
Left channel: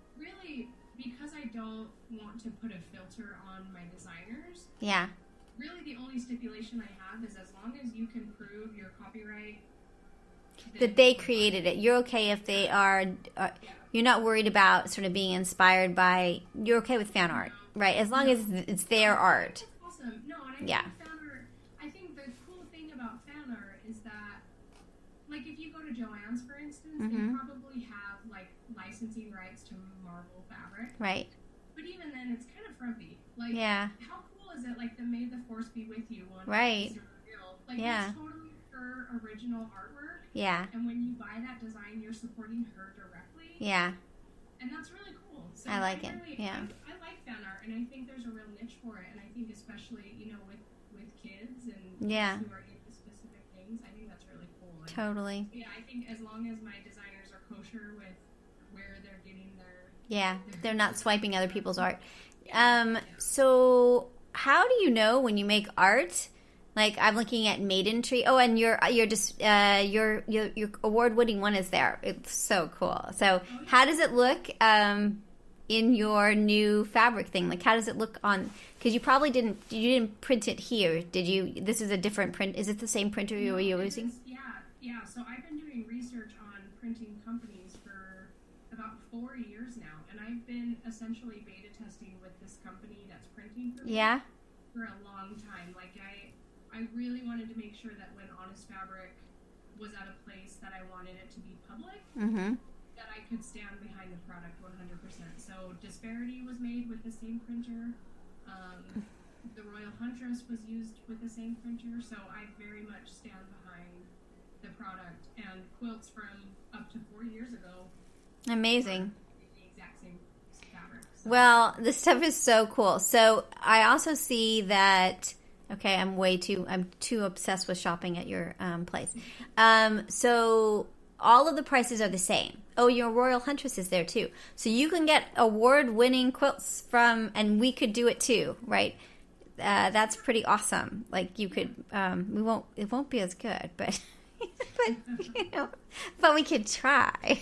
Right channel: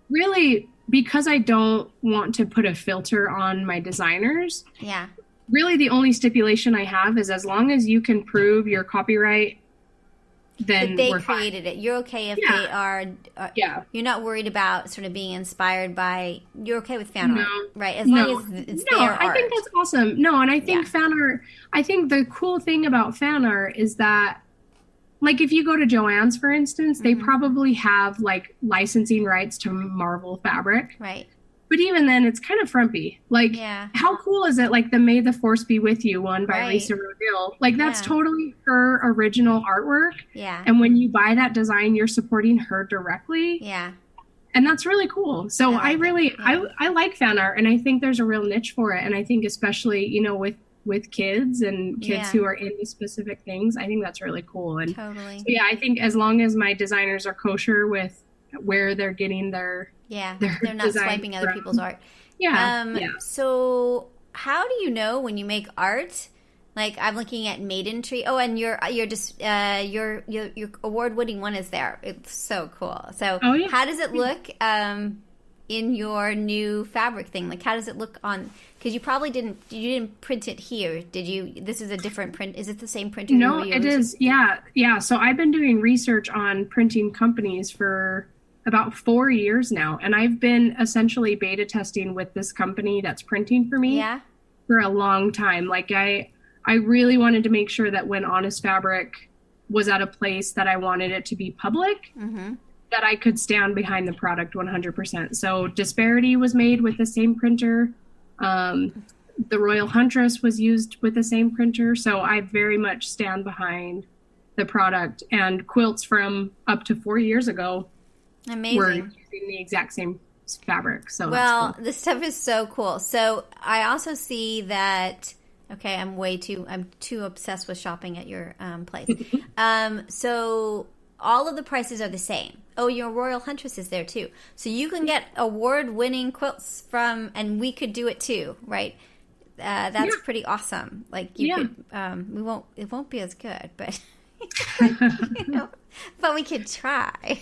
really, because I don't want to put a filter on my designers, really the only stipulation I have is as long as you can prove your copyright, then that they created it. You're okay if they are, you're not worried about sort of being inspired by, you're okay with fan art, right? As long as it's their art. I think that's awesome. No, and I think fan art, I think the cool thing about fan art is that, like if you go to Joann's, for instance, they probably have like licensing rights to Marvel fabric. Right. But even then, it's kind of frumpy. Like, how cool is it? Like the "May the Force Be with You" one by Lisa Rodil. Like that's totally her original artwork. Yeah. And when you buy that design, you're supporting her directly. Yeah. And that's really cool. So I like fan art, and I think there's a real niche for it. And I think especially, you know, with kids and kids who are into specific things, I think that's really cool. And totally. So I think as long as my designers are kosher with where they're getting their they're not swiping other people's art. So how do you know when you make art? Like I'm looking at Maiden Tree. Oh, and your award-winning one is there. It's so cool. So how does it look in your new fabric thing? Like how does it look on? Because you probably didn't print it here, did you? This is a different print. Is it the same printer? No, it is. Yeah. So I've been doing research on printing companies for about 4 years now, and I've been essentially beta testing with this company that's printing for me for a long time. Like I really wanted to make sure that when Honest Fabric was at a place that I wanted it to be public, that I could stand behind the product 100%. So Disparity was made with the same printer. The Royal Huntress was used with the same printer. So I very much stand behind the product, and quilts from up to 4 years ago were using the exact same fabric. So cool. This stuff is so cool. So I also see that, okay, I'm too obsessed with shopping at your place. So all of the prices are the same. Oh, your Royal Huntress is there too. So you can get award-winning quilts from, and we could do it too, right? That's pretty awesome. Like you could, it won't be as good, but but we could try.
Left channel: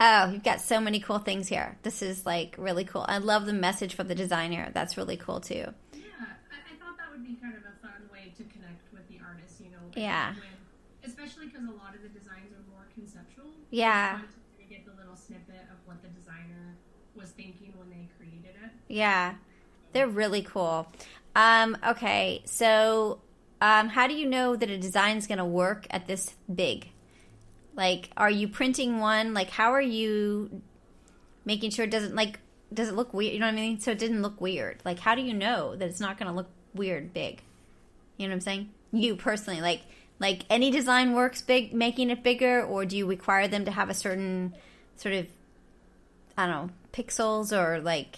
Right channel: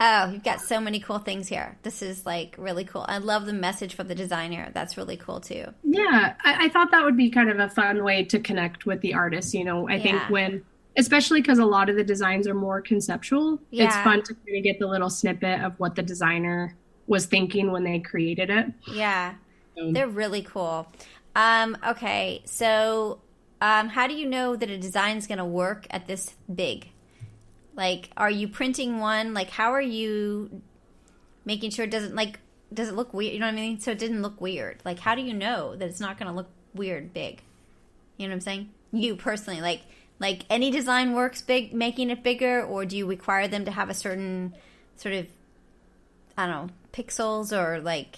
Oh, you've got so many cool things here. This is like really cool. I love the message from the designer. That's really cool too. Yeah, I thought that would be kind of a fun way to connect with the artist. You know, I think especially because a lot of the designs are more conceptual. It's fun to kind of get the little snippet of what the designer was thinking when they created it. Yeah, they're really cool. Okay, so how do you know that a design's going to work at this big? Like, are you printing one? Like, how are you making sure it does it look weird? You know what I mean? So it didn't look weird. Like, how do you know that it's not going to look weird big? You know what I'm saying? You personally, like any design works big, making it bigger, or do you require them to have a certain sort of, I don't know, pixels or like,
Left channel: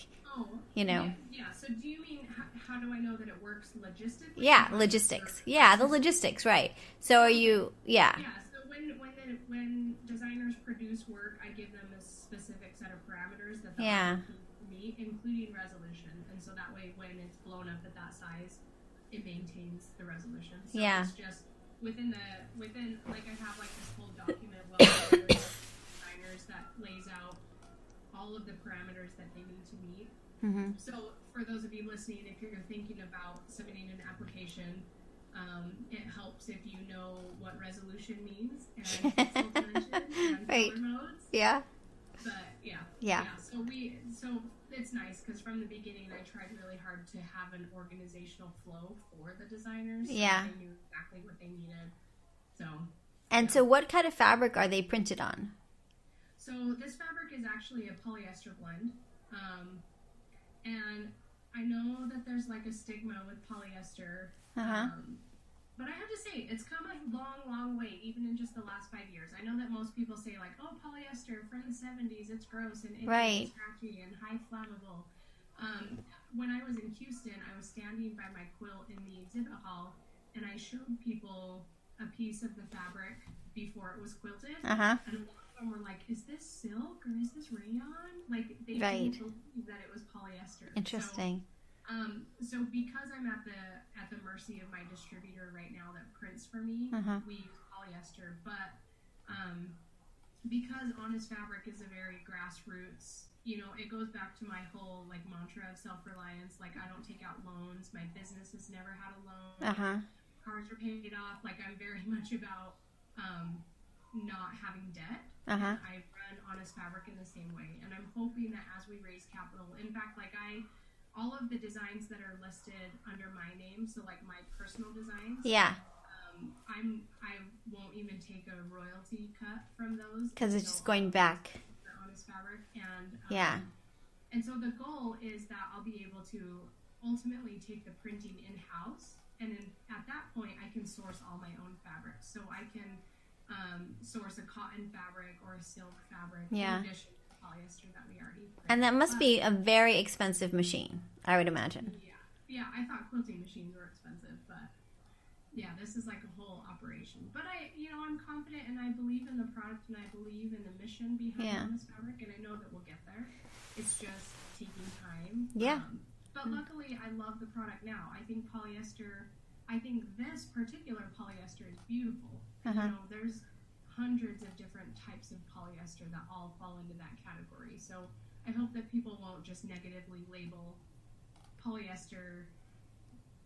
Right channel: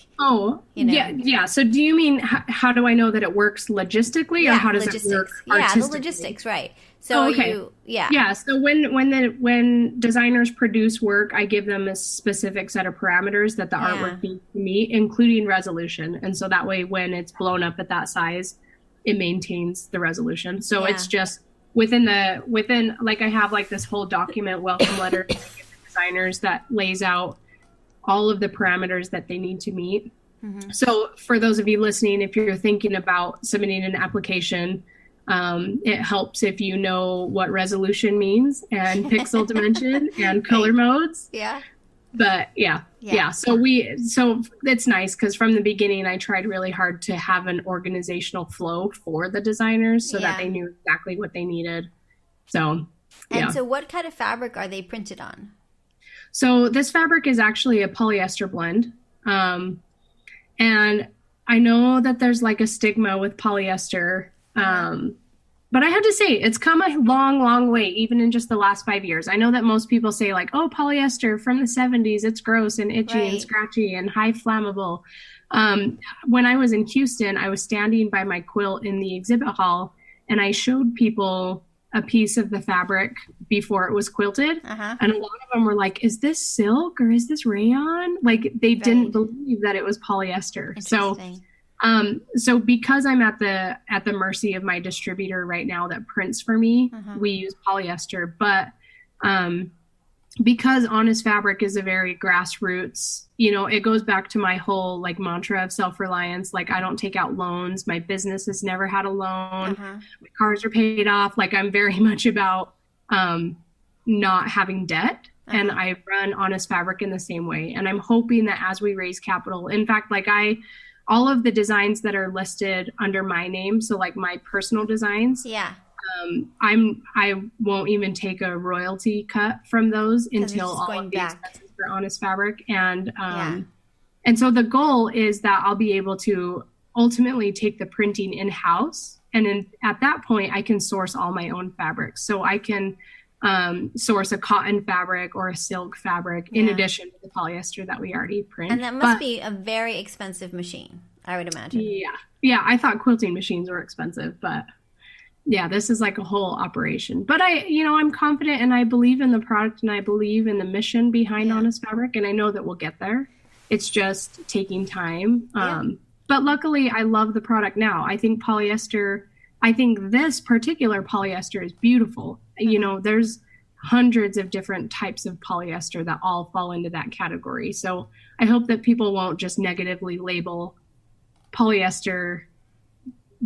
you know? Yeah. So do you mean, how do I know that it works logistically? Yeah, or how does logistics. It work the logistics, right. So are you, Yeah, so when designers produce work, I give them a specific set of parameters that the artwork needs to meet, including resolution. And so that way, when it's blown up at that size, it maintains the resolution. So it's just within like I have like this whole document welcome letter to designers that lays out all of the parameters that they need to meet. So for those of you listening, if you're thinking about submitting an application, it helps if you know what resolution means and pixel dimension and color modes. Yeah. But yeah. So it's nice because from the beginning, I tried really hard to have an organizational flow for the designers so that they knew exactly what they needed. So, so what kind of fabric are they printed on? So this fabric is actually a polyester blend. And I know that there's like a stigma with polyester. But I have to say, it's come a long, long way, even in just the last 5 years. I know that most people say like, oh, polyester from the 70s, it's gross and itchy and scratchy and high flammable. When I was in Houston, I was standing by my quilt in the exhibit hall, and I showed people a piece of the fabric before it was quilted. And a lot of them were like, is this silk or is this rayon? Like they didn't believe that it was polyester. So because I'm at the mercy of my distributor right now that prints for me, we use polyester. But because Honest Fabric is a very grassroots, you know, it goes back to my whole like mantra of self-reliance. Like I don't take out loans. My business has never had a loan. My cars are paid off. Like I'm very much about not having debt. And I run Honest Fabric in the same way. And I'm hoping that as we raise capital, in fact, like all of the designs that are listed under my name, so like my personal designs, I won't even take a royalty cut from those until all of the expenses for Honest Fabric. And so the goal is that I'll be able to ultimately take the printing in-house. And then at that point, I can source all my own fabrics. So I can source a cotton fabric or a silk fabric in addition to the polyester that we already print. And that must be a very expensive machine, I would imagine. Yeah, I thought quilting machines were expensive, but yeah, this is like a whole operation. But I'm confident and I believe in the product and I believe in the mission behind Honest Fabric, and I know that we'll get there. It's just taking time. But luckily, I love the product now. I think this particular polyester is beautiful. You know, there's hundreds of different types of polyester that all fall into that category. So I hope that people won't just negatively label polyester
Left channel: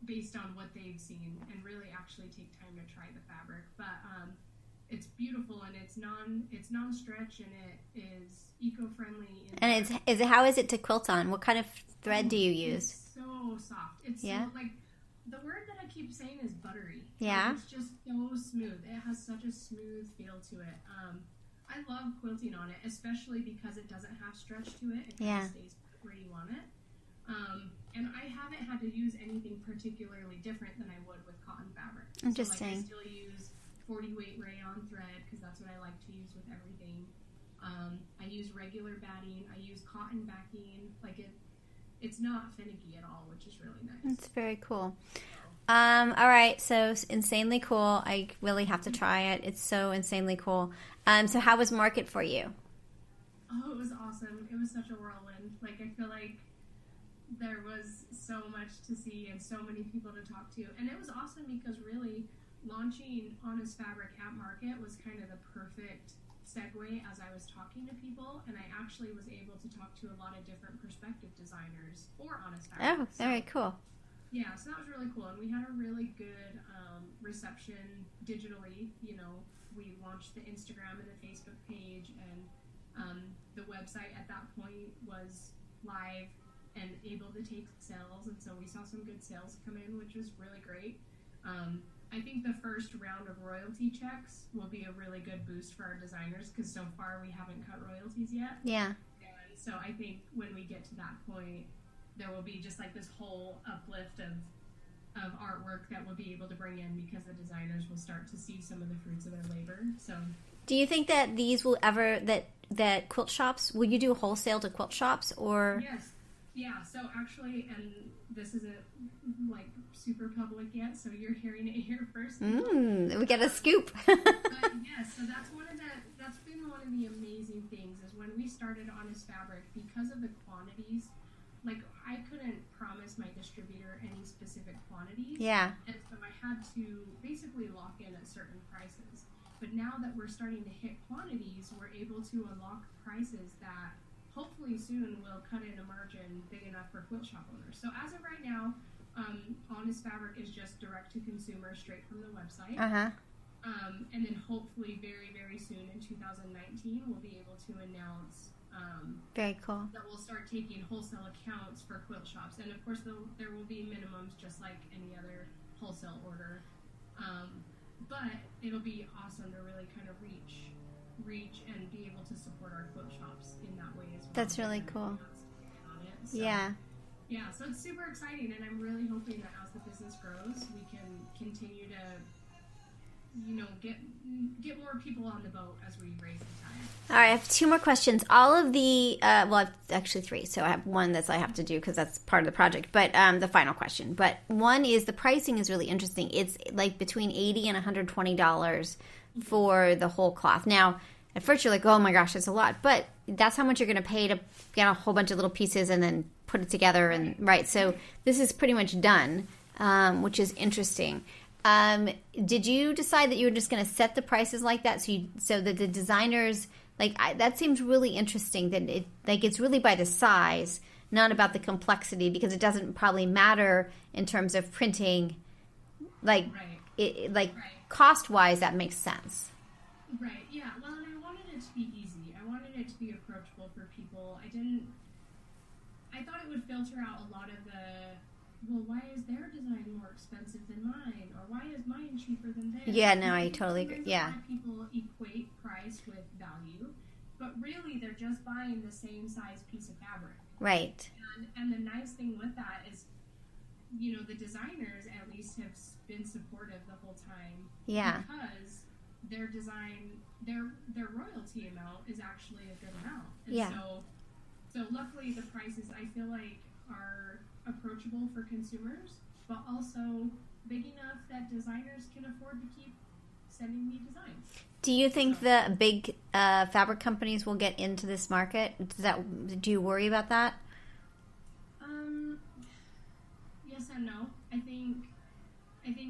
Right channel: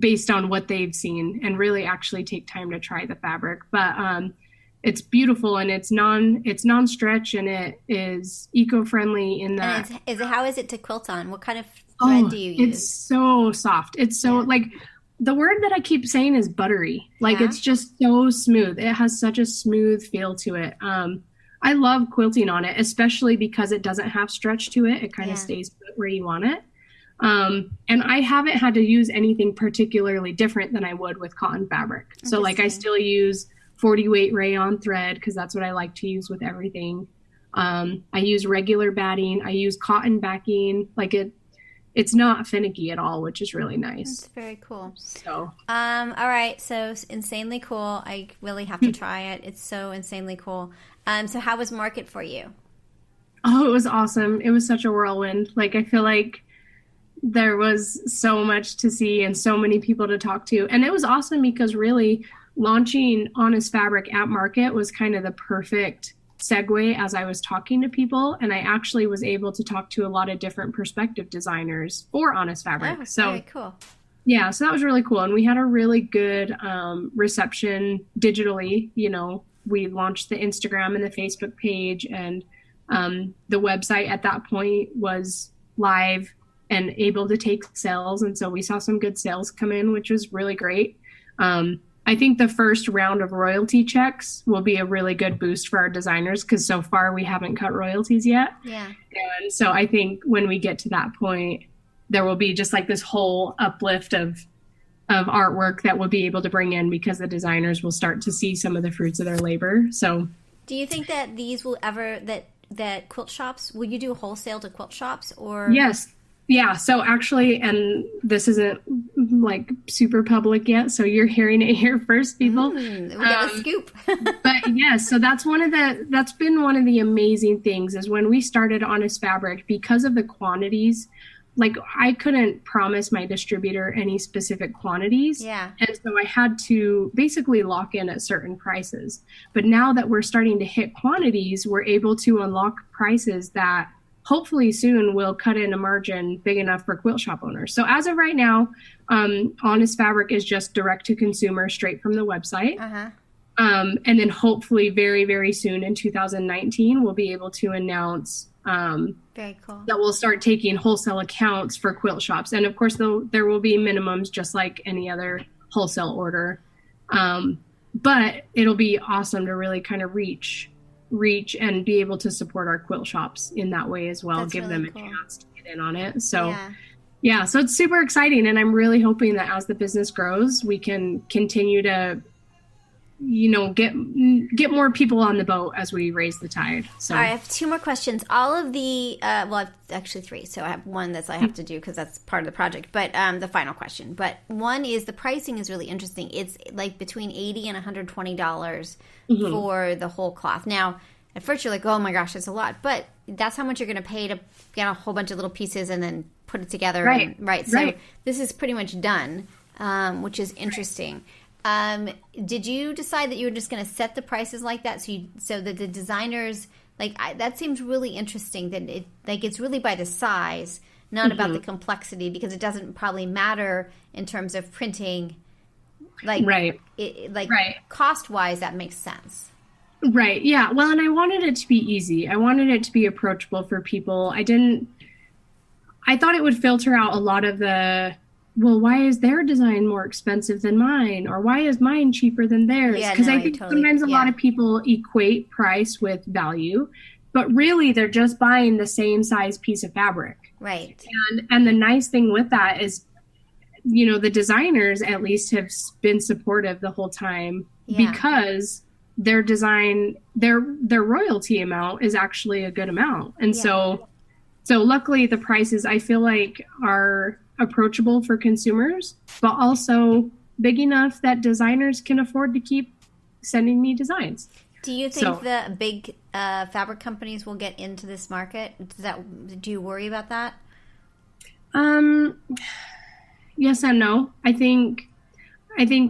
based on what they've seen and really actually take time to try the fabric. But it's beautiful and it's non-stretch and it is eco-friendly in that. And how is it to quilt on? What kind of thread do you use? It's so soft. It's so like the word that I keep saying is buttery. Like it's just so smooth. It has such a smooth feel to it. I love quilting on it, especially because it doesn't have stretch to it. It kind of stays put where you want it. And I haven't had to use anything particularly different than I would with cotton fabric. So like I still use 40 weight rayon thread because that's what I like to use with everything. I use regular batting. I use cotton backing. Like it's not finicky at all, which is really nice. That's very cool. So, all right. So insanely cool. I really have to try it. It's so insanely cool. So how was market for you? Oh, it was awesome. It was such a whirlwind. Like, I feel like there was so much to see and so many people to talk to. And it was awesome because really launching Honest Fabric at market was kind of the perfect segue as I was talking to people, and I actually was able to talk to a lot of different perspective designers for Honest Fabric. Oh, so very cool. Yeah, so that was really cool, and we had a really good reception digitally. You know, we launched the Instagram and the Facebook page, and the website at that point was live and able to take sales, and so we saw some good sales come in, which was really great. I think the first round of royalty checks will be a really good boost for our designers because so far we haven't cut royalties yet. Yeah. And so I think when we get to that point, there will be just like this whole uplift of artwork that we'll be able to bring in because the designers will start to see some of the fruits of their labor. So do you think that these will ever, that quilt shops, will you do wholesale to quilt shops or? Yes. Yeah, so actually, and this isn't like super public yet, so you're hearing it here first, people. We got a scoop. But yeah, so that's been one of the amazing things is when we started Honest Fabric, because of the quantities, like I couldn't promise my distributor any specific quantities. Yeah. And so I had to basically lock in at certain prices. But now that we're starting to hit quantities, we're able to unlock prices that hopefully soon we'll cut in a margin big enough for quilt shop owners. So as of right now, Honest Fabric is just direct to consumer straight from the website. And then hopefully very, very soon in 2019, we'll be able to announce very cool. that we'll start taking wholesale accounts for quilt shops. And of course, there will be minimums just like any other wholesale order. But it'll be awesome to really kind of reach reach and be able to support our quilt shops in that way as well. That's give really them a cool. chance to get in on it. So yeah, so it's super exciting, and I'm really hoping that as the business grows, we can continue to, you know, get more people on the boat as we raise the tide. So. All right, I have 2 more questions. All of the, well, I've actually 3, so I have one that I have to do because that's part of the project, but the final question. But one is the pricing is really interesting. It's like between $80 and $120 for the whole cloth. Now, at first you're like, oh my gosh, that's a lot, but that's how much you're going to pay to get a whole bunch of little pieces and then put it together. So this is pretty much done, which is interesting. Did you decide that you were just going to set the prices like that so that the designers, that seems really interesting, that it's really by the size, not about the complexity, because it doesn't probably matter in terms of printing, cost-wise, that makes sense. Right. Yeah. Well, and I wanted it to be easy. I wanted it to be approachable for people. I thought it would filter out a lot of the, well, why is their design more expensive than mine? Or why is mine cheaper than theirs? Yeah, because I think sometimes a lot of people equate price with value, but really they're just buying the same size piece of fabric. Right. And the nice thing with that is, you know, the designers at least have been supportive the whole time because their design, their royalty amount is actually a good amount. And so luckily the prices I feel like are approachable for consumers, but also big enough that designers can afford to keep sending me designs. Do you think the big fabric companies will get into this market? Do you worry about that? Yes and no. I think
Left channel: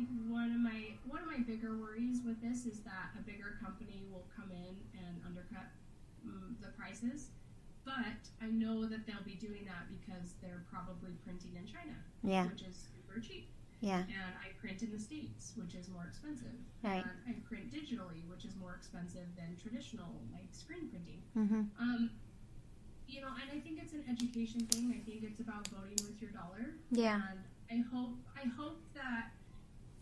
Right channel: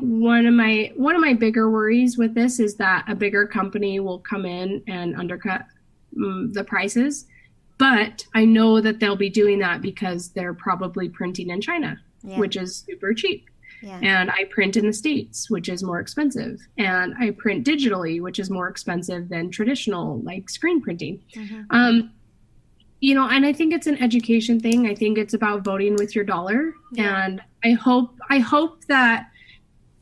one of my bigger worries with this is that a bigger company will come in and undercut the prices. But I know that they'll be doing that because they're probably printing in China, which is super cheap. Yeah. And I print in the States, which is more expensive. And I print digitally, which is more expensive than traditional, like screen printing. You know, and I think it's an education thing. I think it's about voting with your dollar. Yeah. And I hope that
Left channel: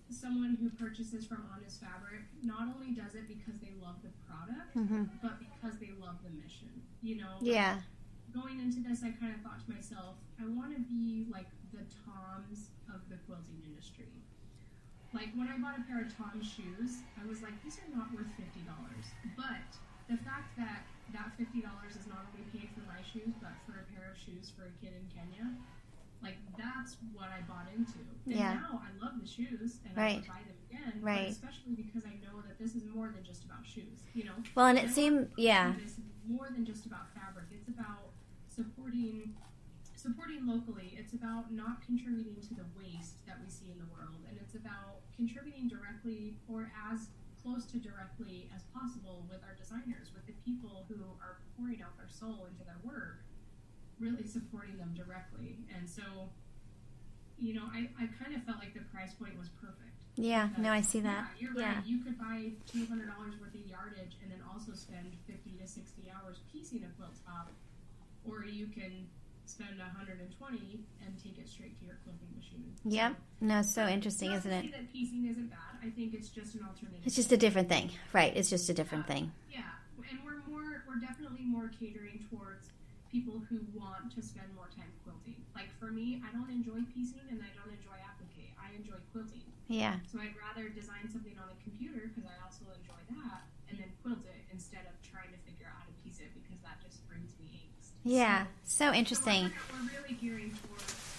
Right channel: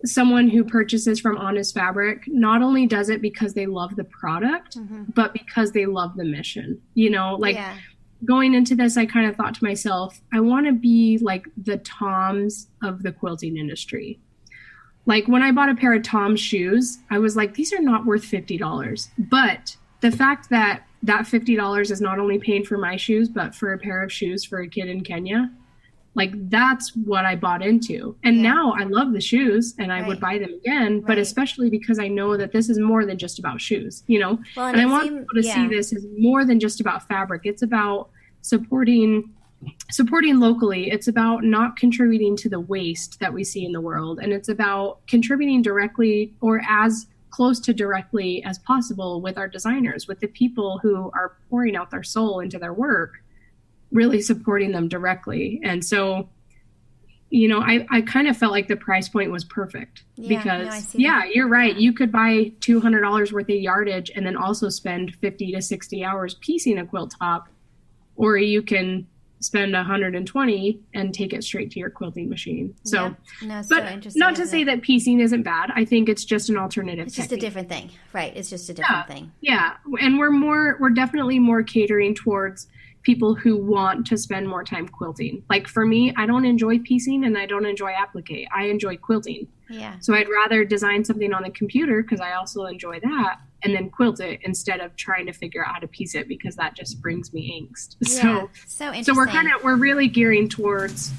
someone who purchases from Honest Fabric not only does it because they love the product, but because they love the mission. You know, going into this, I kind of thought to myself, I want to be like the Toms of the quilting industry. Like when I bought a pair of Tom's shoes, I was like, these are not worth $50. But the fact that $50 is not only paying for my shoes, but for a pair of shoes for a kid in Kenya, like that's what I bought into. And now I love the shoes and I would buy them again, but especially because I know that this is more than just about shoes, you know? Well, and I want people to see this as more than just about fabric. It's about supporting locally. It's about not contributing to the waste that we see in the world. And it's about contributing directly or as close to directly as possible with our designers, with the people who are pouring out their soul into their work, really supporting them directly. And so, you know, I kind of felt like the price point was perfect because you're right. Yeah. You could buy $200 worth of yardage and then also spend 50 to 60 hours piecing a quilt top, or you can spend 120 and take it straight to your quilting machine. So, so interesting. Not to say that piecing isn't bad. I think it's just an alternative. It's just a different thing, right? It's just a different thing. Yeah, and we're definitely more catering towards people who want to spend more time quilting. Like for me, I don't enjoy piecing and I don't enjoy applique. I enjoy quilting. Yeah. So I'd rather design something on the computer because I also enjoy that, and then quilt it instead of trying to figure out how to piece it because that just brings me angst. Yeah. So interesting. So we're really gearing towards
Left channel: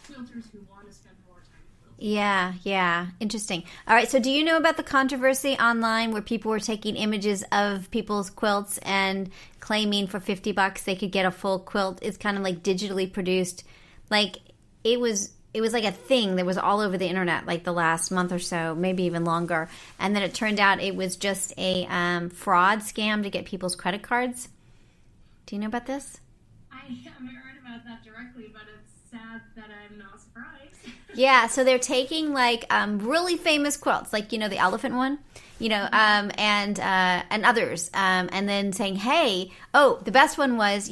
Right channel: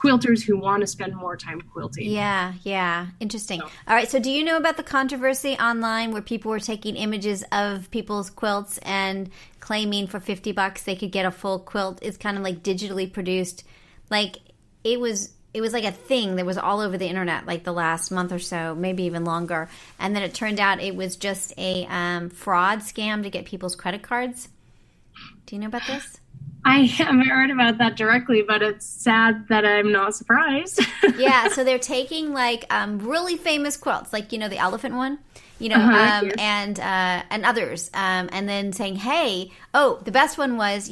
quilters who want to spend more time quilting. Yeah. Interesting. All right. So do you know about the controversy online where people were taking images of people's quilts and claiming for $50 they could get a full quilt? It's kind of like digitally produced. Like it was like a thing that was all over the internet like the last month or so, maybe even longer. And then it turned out it was just a fraud scam to get people's credit cards. Do you know about this? I haven't heard about that directly, but it's sad that I'm not surprised. Yeah, so they're taking like really famous quilts, like, you know, the elephant one. and others, and then saying, hey, the best one was,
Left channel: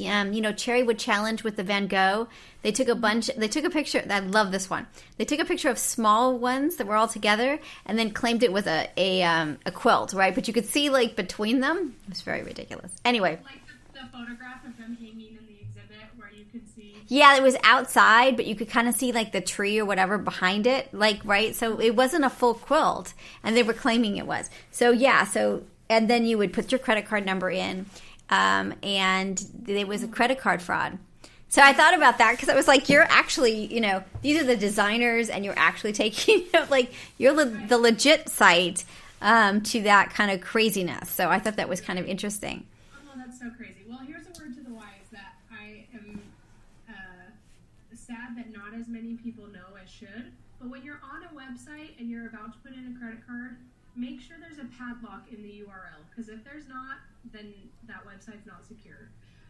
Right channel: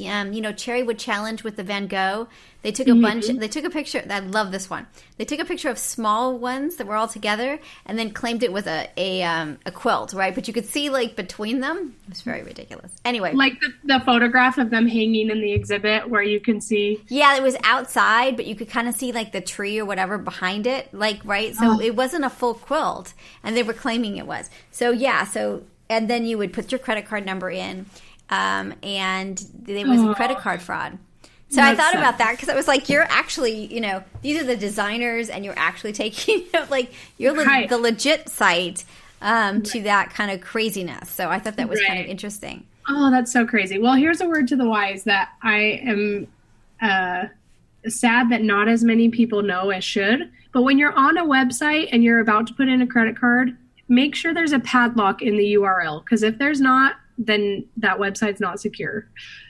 Cherry would challenge with the Van Gogh. They took they took a picture. I love this one. They took a picture of small ones that were all together and then claimed it was a quilt, right? But you could see like between them. It was very ridiculous. Anyway. Like the photograph of them hanging in the exhibit where you can see. Yeah, it was outside, but you could kind of see like the tree or whatever behind it, like, right? So it wasn't a full quilt, and they were claiming it was. So, and then you would put your credit card number in, and there was a credit card fraud. So I thought about that because I was like, you're actually, these are the designers and you're actually taking, you're the legit site to that kind of craziness. So I thought that was kind of interesting. Oh, that's so crazy. Well, here's a word to the wise that I am sad that not as many people know as should. But when you're on a website and you're about to put in a credit card, make sure there's a padlock in the URL. Because if there's not, then that website's not secure.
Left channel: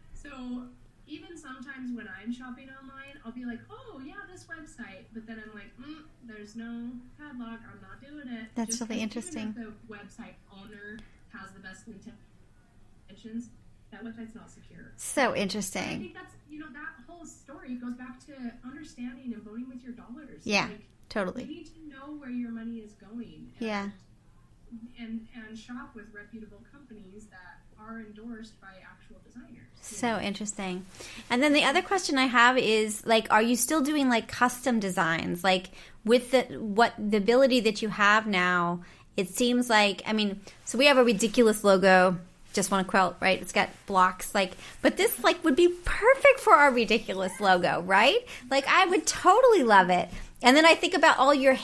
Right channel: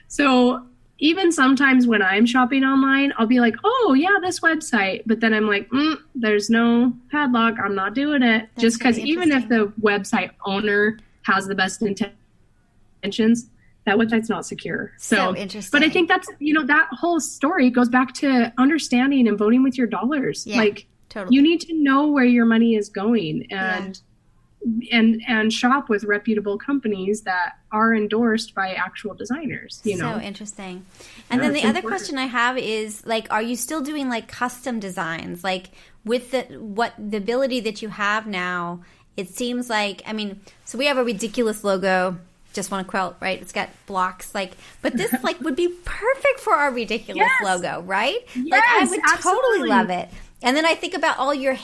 So even sometimes when I'm shopping online, I'll be like, oh, yeah, this website. But then I'm like, there's no padlock. I'm not doing it. That's just because even if the website owner has the best intentions, that website's not secure. So interesting. But I think that's, that whole story goes back to understanding and voting with your dollars. Yeah, totally. You need to know where your money is going and shop with reputable companies that are endorsed by actual designers. So interesting. And then the other question I have is, are you still doing custom designs? With the ability that you have now, it seems like, so we have a ridiculous logo, JustWannaQuilt, right? It's got blocks, but this would be perfect for our ridiculous logo, right? Yes, I would totally love it. And then I think about all your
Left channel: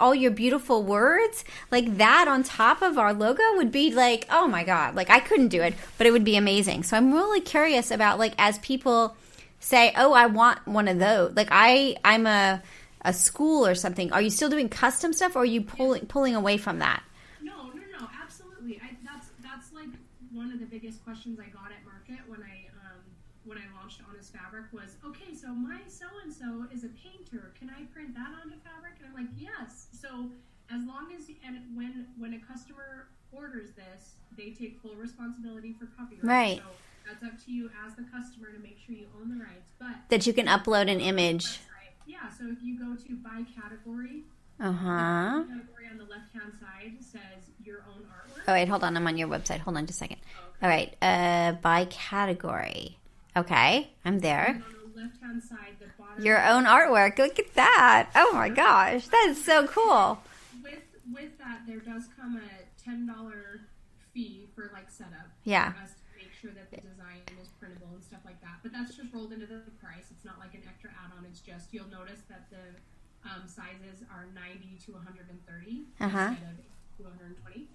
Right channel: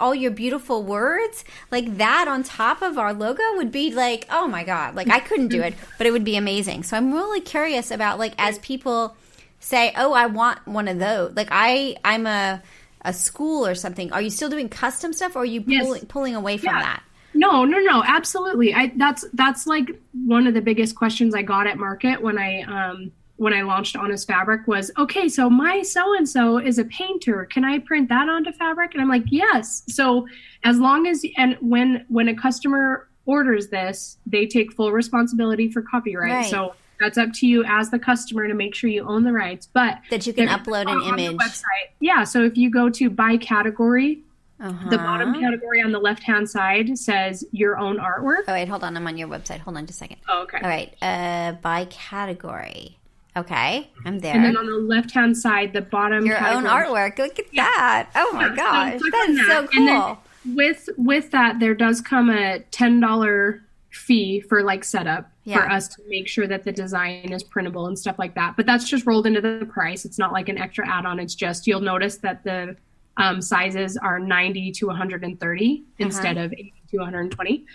all your beautiful words, that on top of our logo would be oh my God, I couldn't do it, but it would be amazing. So I'm really curious about as people say, oh, I want one of those. I'm a school or something. Are you still doing custom stuff, or are you pulling away from that? No, absolutely. That's one of the biggest questions I got at market when I launched Honest Fabric was, okay, so my so-and-so is a painter. Can I print that onto fabric? And I'm like, yes. So as long as, and when a customer orders this, they take full responsibility for copyright. Right. So that's up to you as the customer to make sure you own the rights. But that you can upload an image. Yeah. So if you go to by category, the bottom category on the left-hand side says your own artwork. Oh, wait, hold on. I'm on your website. Hold on just a second. Oh, okay. All right. By category. Okay, I'm there. And then on the left-hand side, the bottom your own artwork. Look at that. Oh, my gosh. That is so cool. With that, there does come a $10 fee for setup for us to make sure that the design is printable and stuff like that. But that's just rolled into the price. It's not like an extra add-on. It's just, you'll notice that the sizes are 90 to 130 instead of 80 to 120.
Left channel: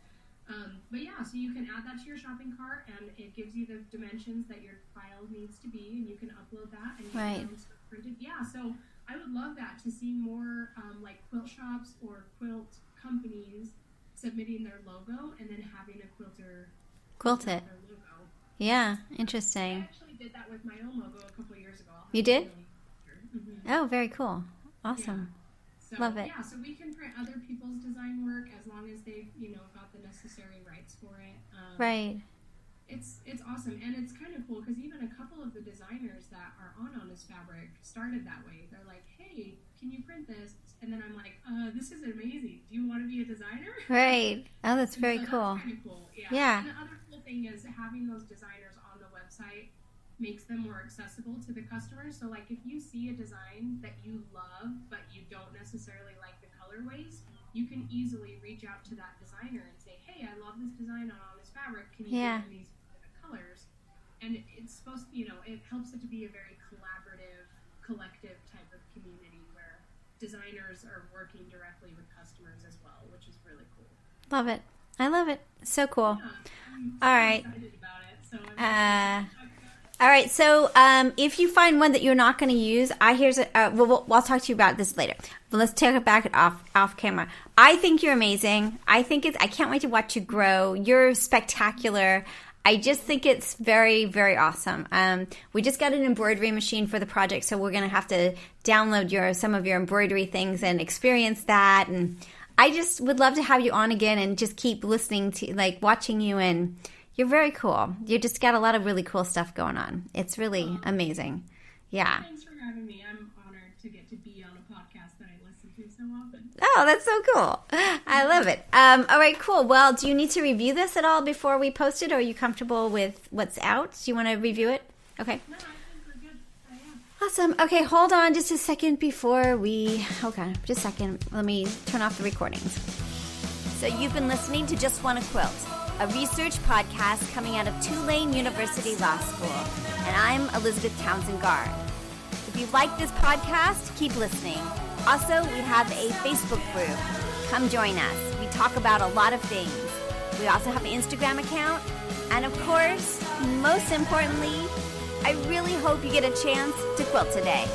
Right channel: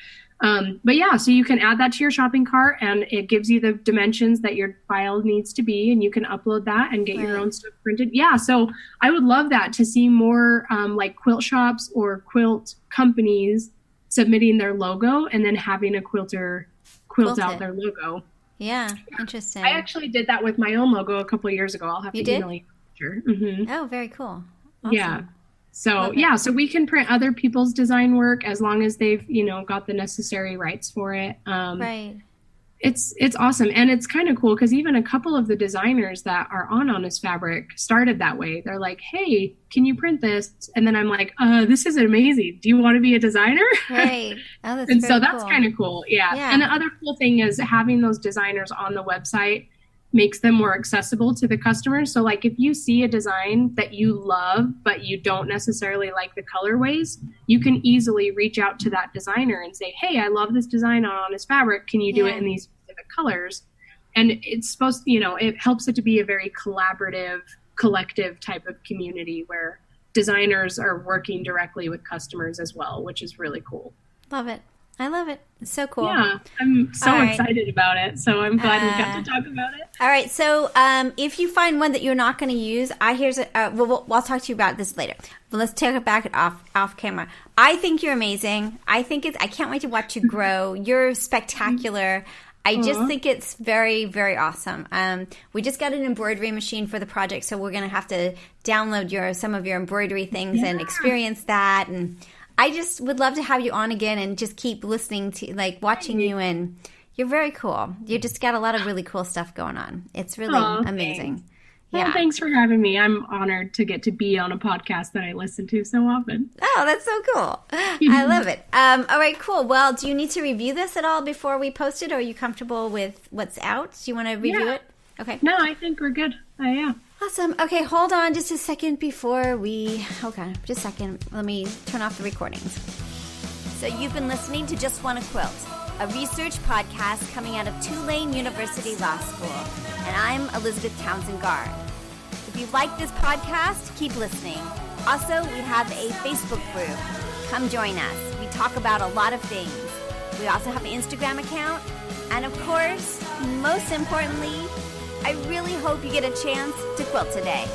But yeah, so you can add that to your shopping cart, and it gives you the dimensions that your file needs to be, and you can upload that and get your own stuff printed. Yeah, so I would love that, to see more quilt shops or quilt companies submitting their logo and then having a quilter quilt out their logo. Yeah, interesting. I actually did that with my own logo a couple of years ago. I'll have to email you a picture. Mm-hmm. Oh, very cool. Awesome. Yeah. So so we can print other people's design work as long as they've, got the necessary rights for it. Right. It's awesome. And it's kind of cool because even a couple of the designers that are on Honest Fabric started that way. They're like, hey, can you print this? And then I'm like, this is amazing. Do you want to be a designer? Right. Oh, that's and very so that's cool. kind of cool. Yeah. And the other cool thing is having those designers on the website makes them more accessible to the customers. So if you see a design that you love, but you don't necessarily like the colorways, you can easily reach out to that designer and say, hey, I love this design on Honest Fabric. Can you do it in these specific colors? And it's supposed to, it helps it to be a very collaborative, collective type of community where designers are working directly with customers as well, which is really cool. Love it. I love it. It's so cool. Yeah, I'm so excited about it. So I'm glad we got to talk about it. All right. So if you find one that you're not going to use, I'll talk to you about this later. But let's take it back off camera. I think you're amazing. I can't wait to watch you grow. You're spectacular. I just think it's very, very awesome. We just got an embroidery machine for the project, so we're going to have to download some of your embroidery things and experience that. And I just would love to have you on again and just keep listening to, like, watching you, and you're very cool. You just got a lot of really cool stuff going on. It's really amazing. Thanks. Well, thanks for having me. I'm honored to get to be on a podcast that I listen to so often. Oh, that's so cool. I love it. All right, cool. Well, do you need to review this at all before we post it, or are you comfortable with what's out? Do you want to review it? Okay. No, I think we're good. Yeah. Awesome. Okay, hold on just a second before we... Okay, just a second. Let me turn off the recordings. So you've been listening to Just Wanna Quilt, a research podcast coming out of Tulane University Law School. And I'm Elizabeth Townsend Gard. If you like this podcast, keep listening. Also, we have a Facebook group. Come join us. We talk about a lot of things. We also have an Instagram account. And of course, most importantly, I really hope you get a chance to quilt today.